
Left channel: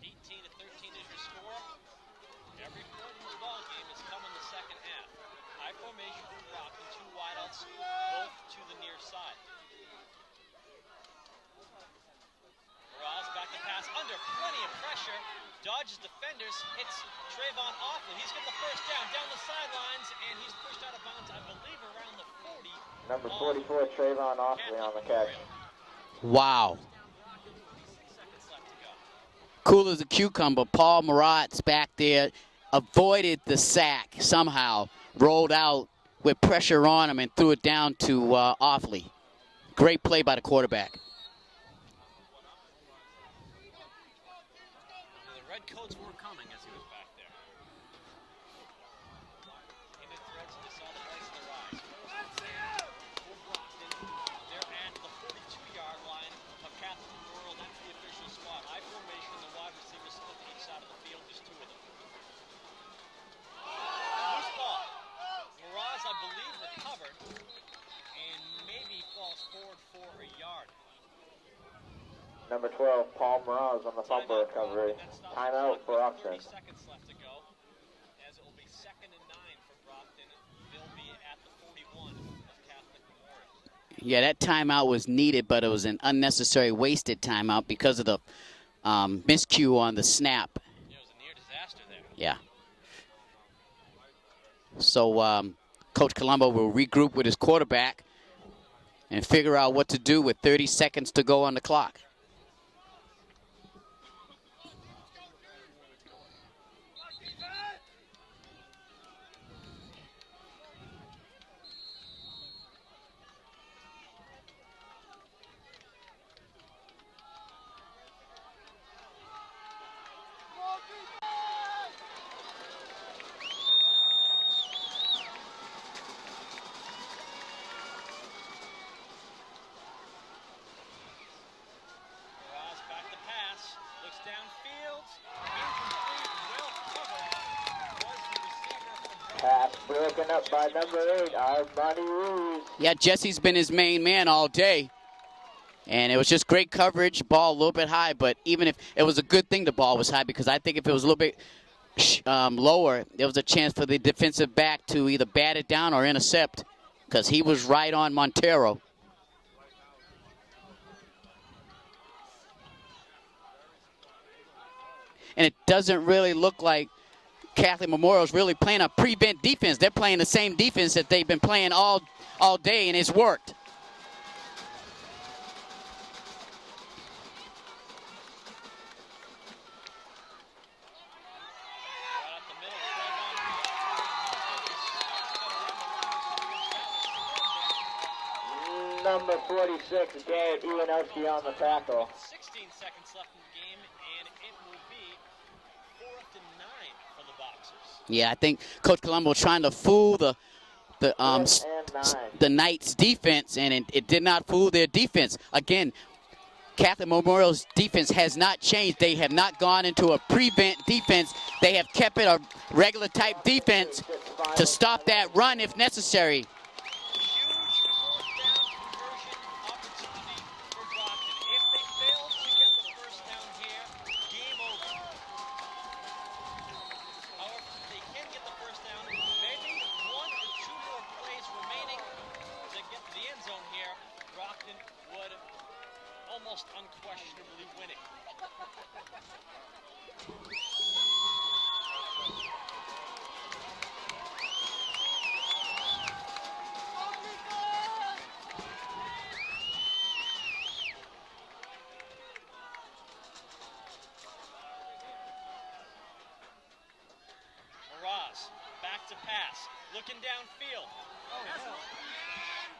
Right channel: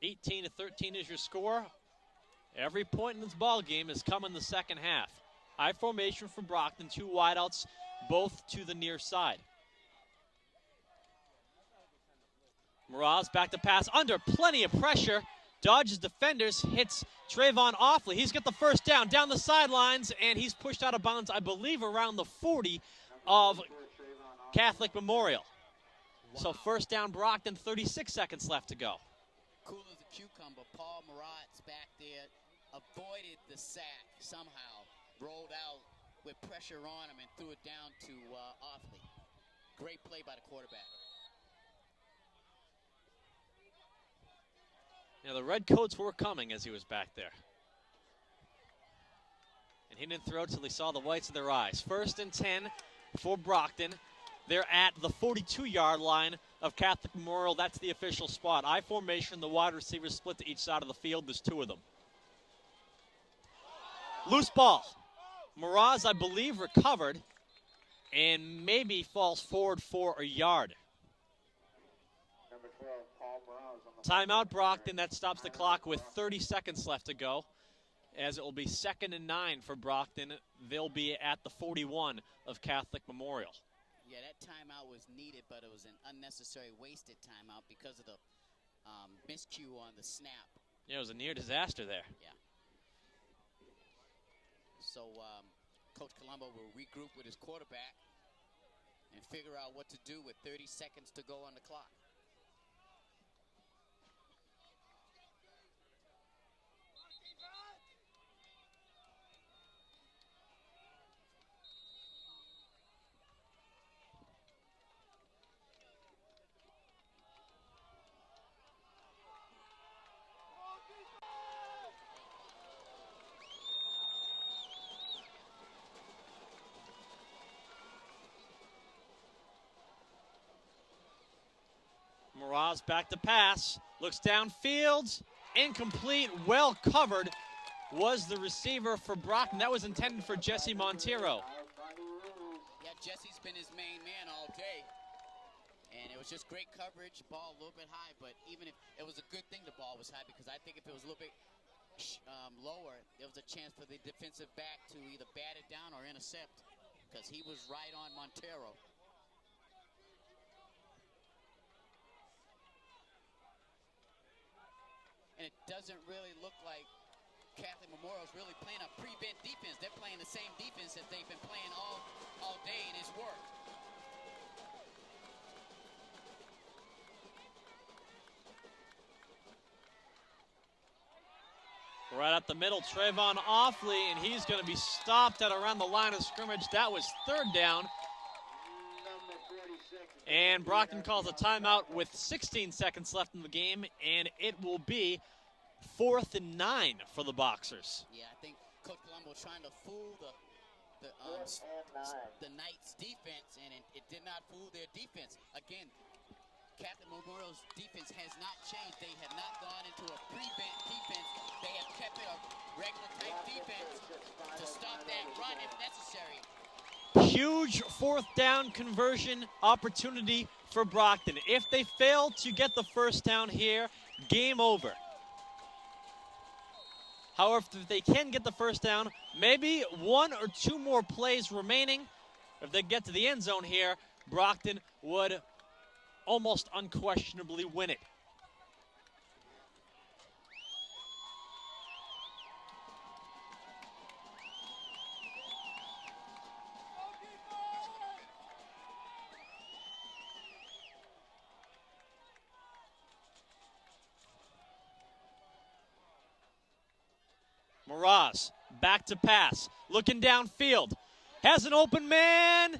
18 to 13 is your score. Every point in this ball game has come in the second half. I formation for Brockton, 2 wideouts, both to the near side. Mraz back to pass under plenty of pressure. Dodges defenders, hits Trayvon Offley. He's got the first down the sidelines, and he's pushed out of bounds, I believe, around the 40 of Catholic Memorial. Wow. So first down, Brockton, 36 seconds left to go. Cool as a cucumber. Paul Marat's back there, avoided the sack somehow, rolled out with pressure on him and threw it down to Offley. Great play by the quarterback. The Redcoats were coming as he was back there. And he didn't throw till he saw the whites of their eyes. 1st and 10 for Brockton. They're at the 42-yard line of Catholic Memorial. That's the official spot. I formation, the wide receivers split to each side of the field. There's 2 of them. Loose ball. Mraz, I believe, recovered and maybe falls forward for a yard. Number 12, Paul Mraz on the Timeout, Brockton. That stops the clock with 30 seconds left to go, as it will be 2nd and 9 for Brockton. They'll be at the 41 of Catholic Memorial. Yeah, that timeout was needed, but it was an unnecessary wasted timeout because of the miscue on the snap. Yeah, it was a near disaster there. Yeah. So Coach Colombo will regroup with his quarterback and figure out what to do with 30 seconds to go on the clock. Back to pass, looks downfield, incomplete, well covered was the receiver for Brockton. That was intended for Jesse Montero. Yeah, Jesse's been his main man all day. And it was just great coverage, ball a little bit high, but even if it was a good thing the ball was high, because I think if it was a little bit lower, there was a chance for the defensive back to either bat it down or intercept, because he was right on Montero. And it doesn't really look like Catholic Memorial is really playing a prevent defense. They're playing the same defense that they've been playing all day, and it's worked. Right up the middle, Trayvon Offley, and he's going to be stopped at around the line of scrimmage. That was 3rd down. Number 46. And Brockton calls a timeout with 16 seconds left in the game, and it will be 4th and 9 for the Boxers. Yeah, I think Coach Colombo trying to fool the Knights defense, and it did not fool their defense. Again, Catholic Memorial's defense has not changed. They have not gone into a prevent defense. They have kept it a regular type defense to stop that run if necessary. Huge 4th down conversion opportunity for Brockton. If they fail to get the first down here, game over. However, if they can get the first down, maybe 1 or 2 more plays remaining. If they get to the end zone here, Brockton would almost unquestionably win it. Miraz, back to pass, looking downfield, has an open man.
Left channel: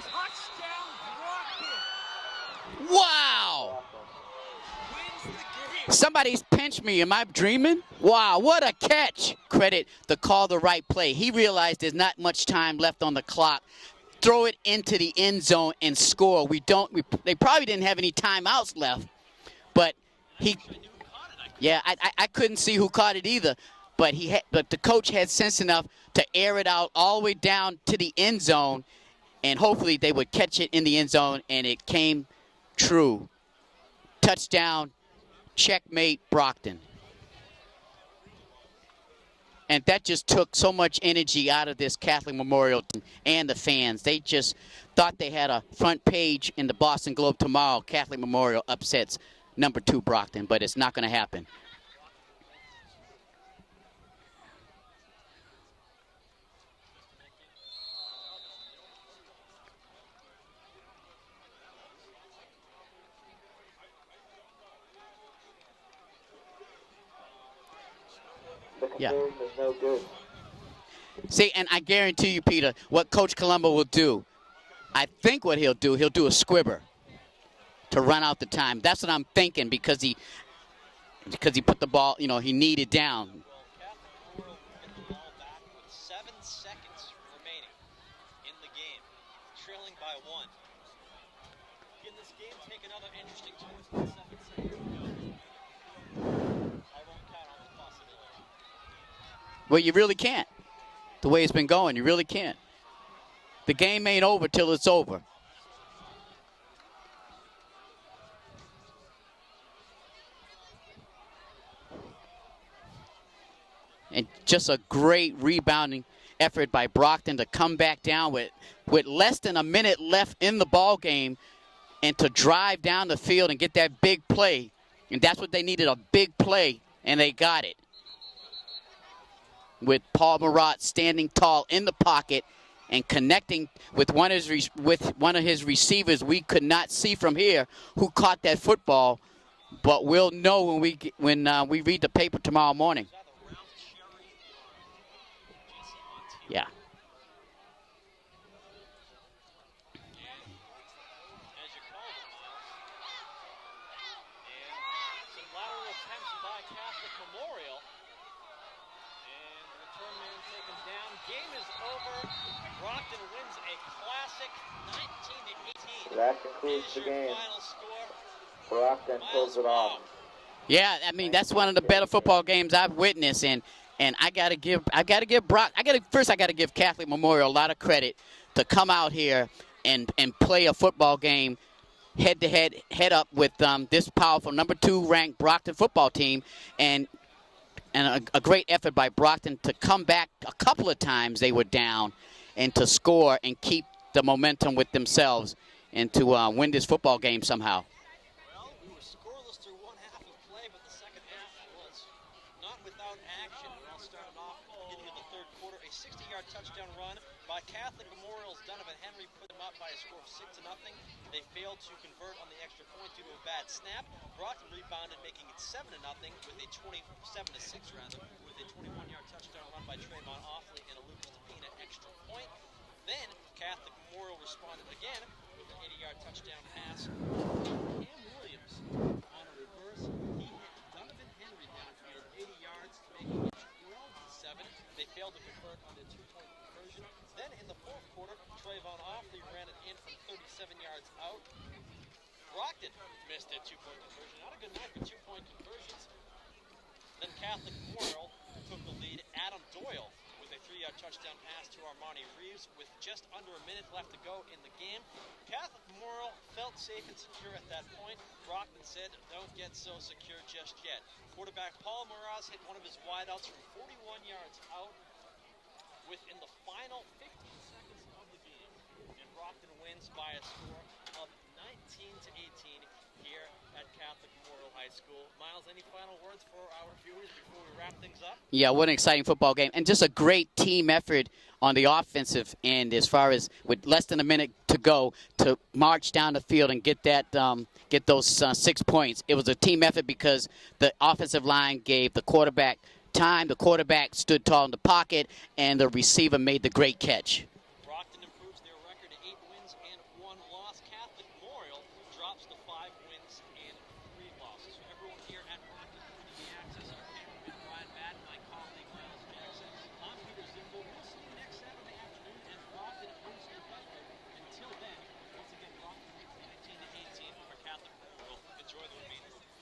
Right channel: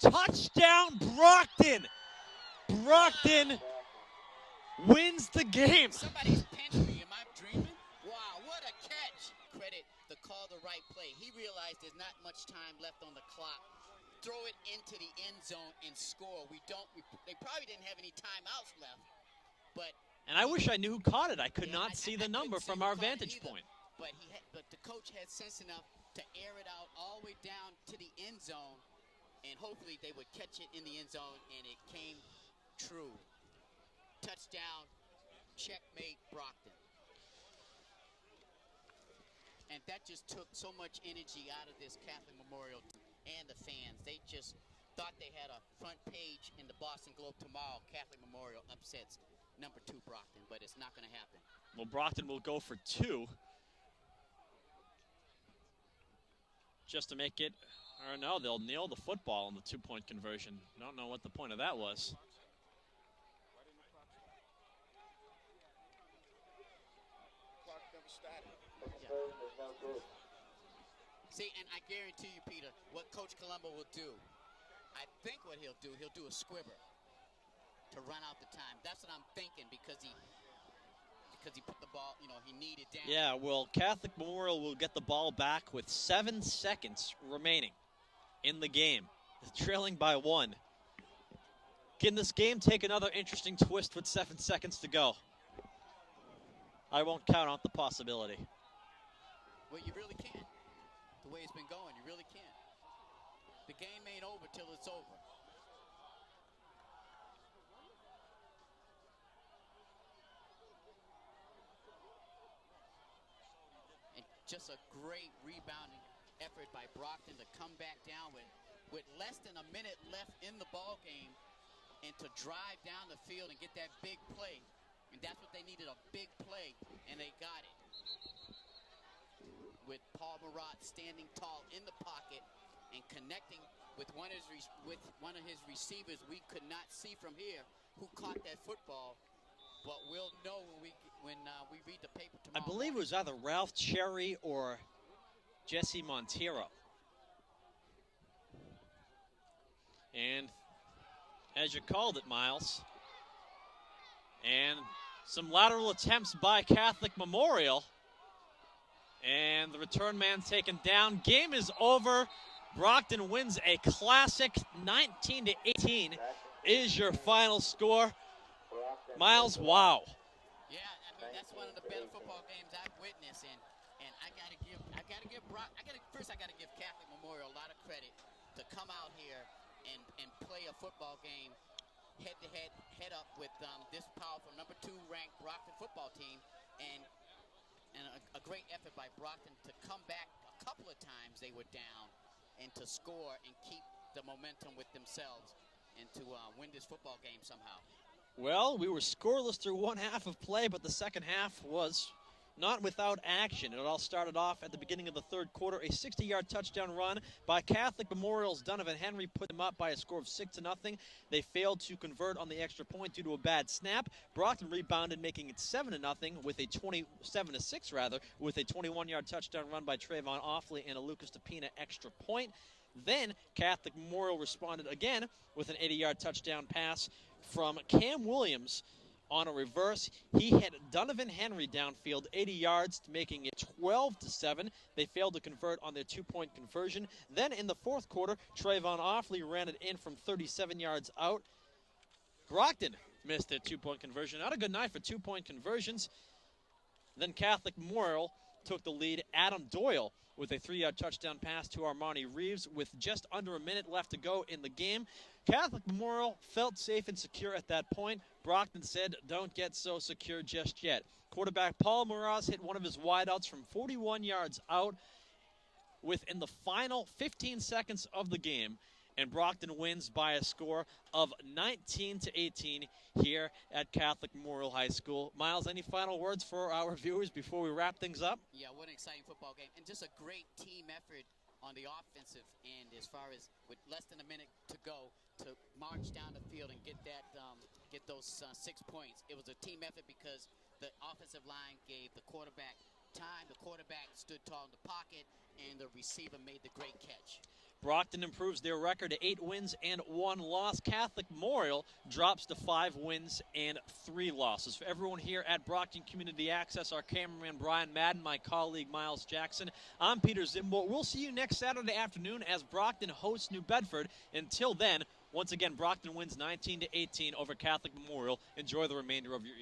Touchdown, Brockton! Brockton wins the game. Somebody's pinched me. Am I dreaming? Wow, what a catch. Credit the call the right play. He realized there's not much time left on the clock. Throw it into the end zone and score. They probably didn't have any timeouts left, but and I wish I knew who caught it. I couldn't see who caught it either. But but the coach had sense enough to air it out all the way down to the end zone, and hopefully they would catch it in the end zone, and it came true. Touchdown, checkmate, Brockton. And that just took so much energy out of this Catholic Memorial team and the fans. They just thought they had a front page in the Boston Globe tomorrow. Catholic Memorial upsets number 2 Brockton, but it's not going to happen. Well, Brockton will go for 2. Just to make it, or no, they'll nail the football in the 2-point conversion. I don't know what the point of that was. Yeah. See, and I guarantee you, Peter, what Coach Colombo will do, I think what he'll do a squibber to run out the time. That's what I'm thinking, because he put the ball, he needed down. Yeah, well, Catholic Memorial will get the ball back with 7 seconds remaining in the game, trailing by 1. Can this game take another interesting twist with 7 seconds to go? I won't count out the possibility. Well, you really can't. The way it's been going, you really can't. The game ain't over till it's over. And just a great rebounding effort by Brockton to come back down with less than a minute left in the ball game and to drive down the field and get that big play. And that's what they needed, a big play, and they got it. With Paul Marat standing tall in the pocket and connecting with one of his receivers we could not see from here, who caught that football. But we'll know when we read the paper tomorrow morning. It was either Ralph Cherry or Jesse Montero. Yeah. And as you called it, Miles, and some lateral attempts by Catholic Memorial, and the return man taken down. Game is over. Brockton wins a classic 19-18 is your final score. Miles, wow. Yeah, I mean, that's one of the better football games I've witnessed, and I gotta give Catholic Memorial a lot of credit to come out here and play a football game head up with this powerful number 2 ranked Brockton football team, and a great effort by Brockton to come back a couple of times they were down and to score and keep the momentum with themselves and to win this football game somehow. Well, we were scoreless through 1 half of play, but the second half was not without action. It all started off at the beginning of the 3rd quarter. A 60-yard touchdown run by Catholic Memorial's Donovan Henry put them up by a score of 6-0. They failed to convert on the extra point due to a bad snap. Brockton rebounded, making it 7-0 with a 27-6 rather, with a 21-yard touchdown run by Trayvon Offley and a Lucas DePina extra point. Then Catholic Memorial responded again with an 80-yard touchdown pass from Cam Williams on a reverse. He hit Donovan Henry downfield 80 yards, making it 12-7. They failed to convert on their two-point conversion. Then in the fourth quarter, Trayvon Offley ran it in from 37 yards out. Brockton missed their two-point conversion. Not a good night for two-point conversions. Then Catholic Memorial took the lead. Adam Doyle with a 3-yard touchdown pass to Armani Reeves with just under a minute left to go in the game. Catholic Memorial felt safe and secure at that point. Brockton said, don't get so secure just yet. Quarterback Paul Mraz hit one of his wideouts from 41 yards out within the final 15 seconds of the game, and Brockton wins by a score of 19-18 here at Catholic Memorial High School. Miles, any final words for our viewers before we wrap things up? Yeah, what an exciting football game, and just a great team effort on the offensive end as far as with less than a minute to go to march down the field and get that get those 6 points. It was a team effort because the offensive line gave the quarterback time, the quarterback stood tall in the pocket, and the receiver made the great catch. Brockton improves their record to 8 wins and 1 loss. Catholic Memorial drops to 5 wins and 3 losses. For everyone here at Brockton Community Access, our cameraman Brian Madden, my colleague Miles Jackson, I'm Peter Zimbo. We'll see you next Saturday afternoon as Brockton hosts New Bedford. Until then, once again, Brockton wins 19-18 over Catholic Memorial. Enjoy the remainder of your evening.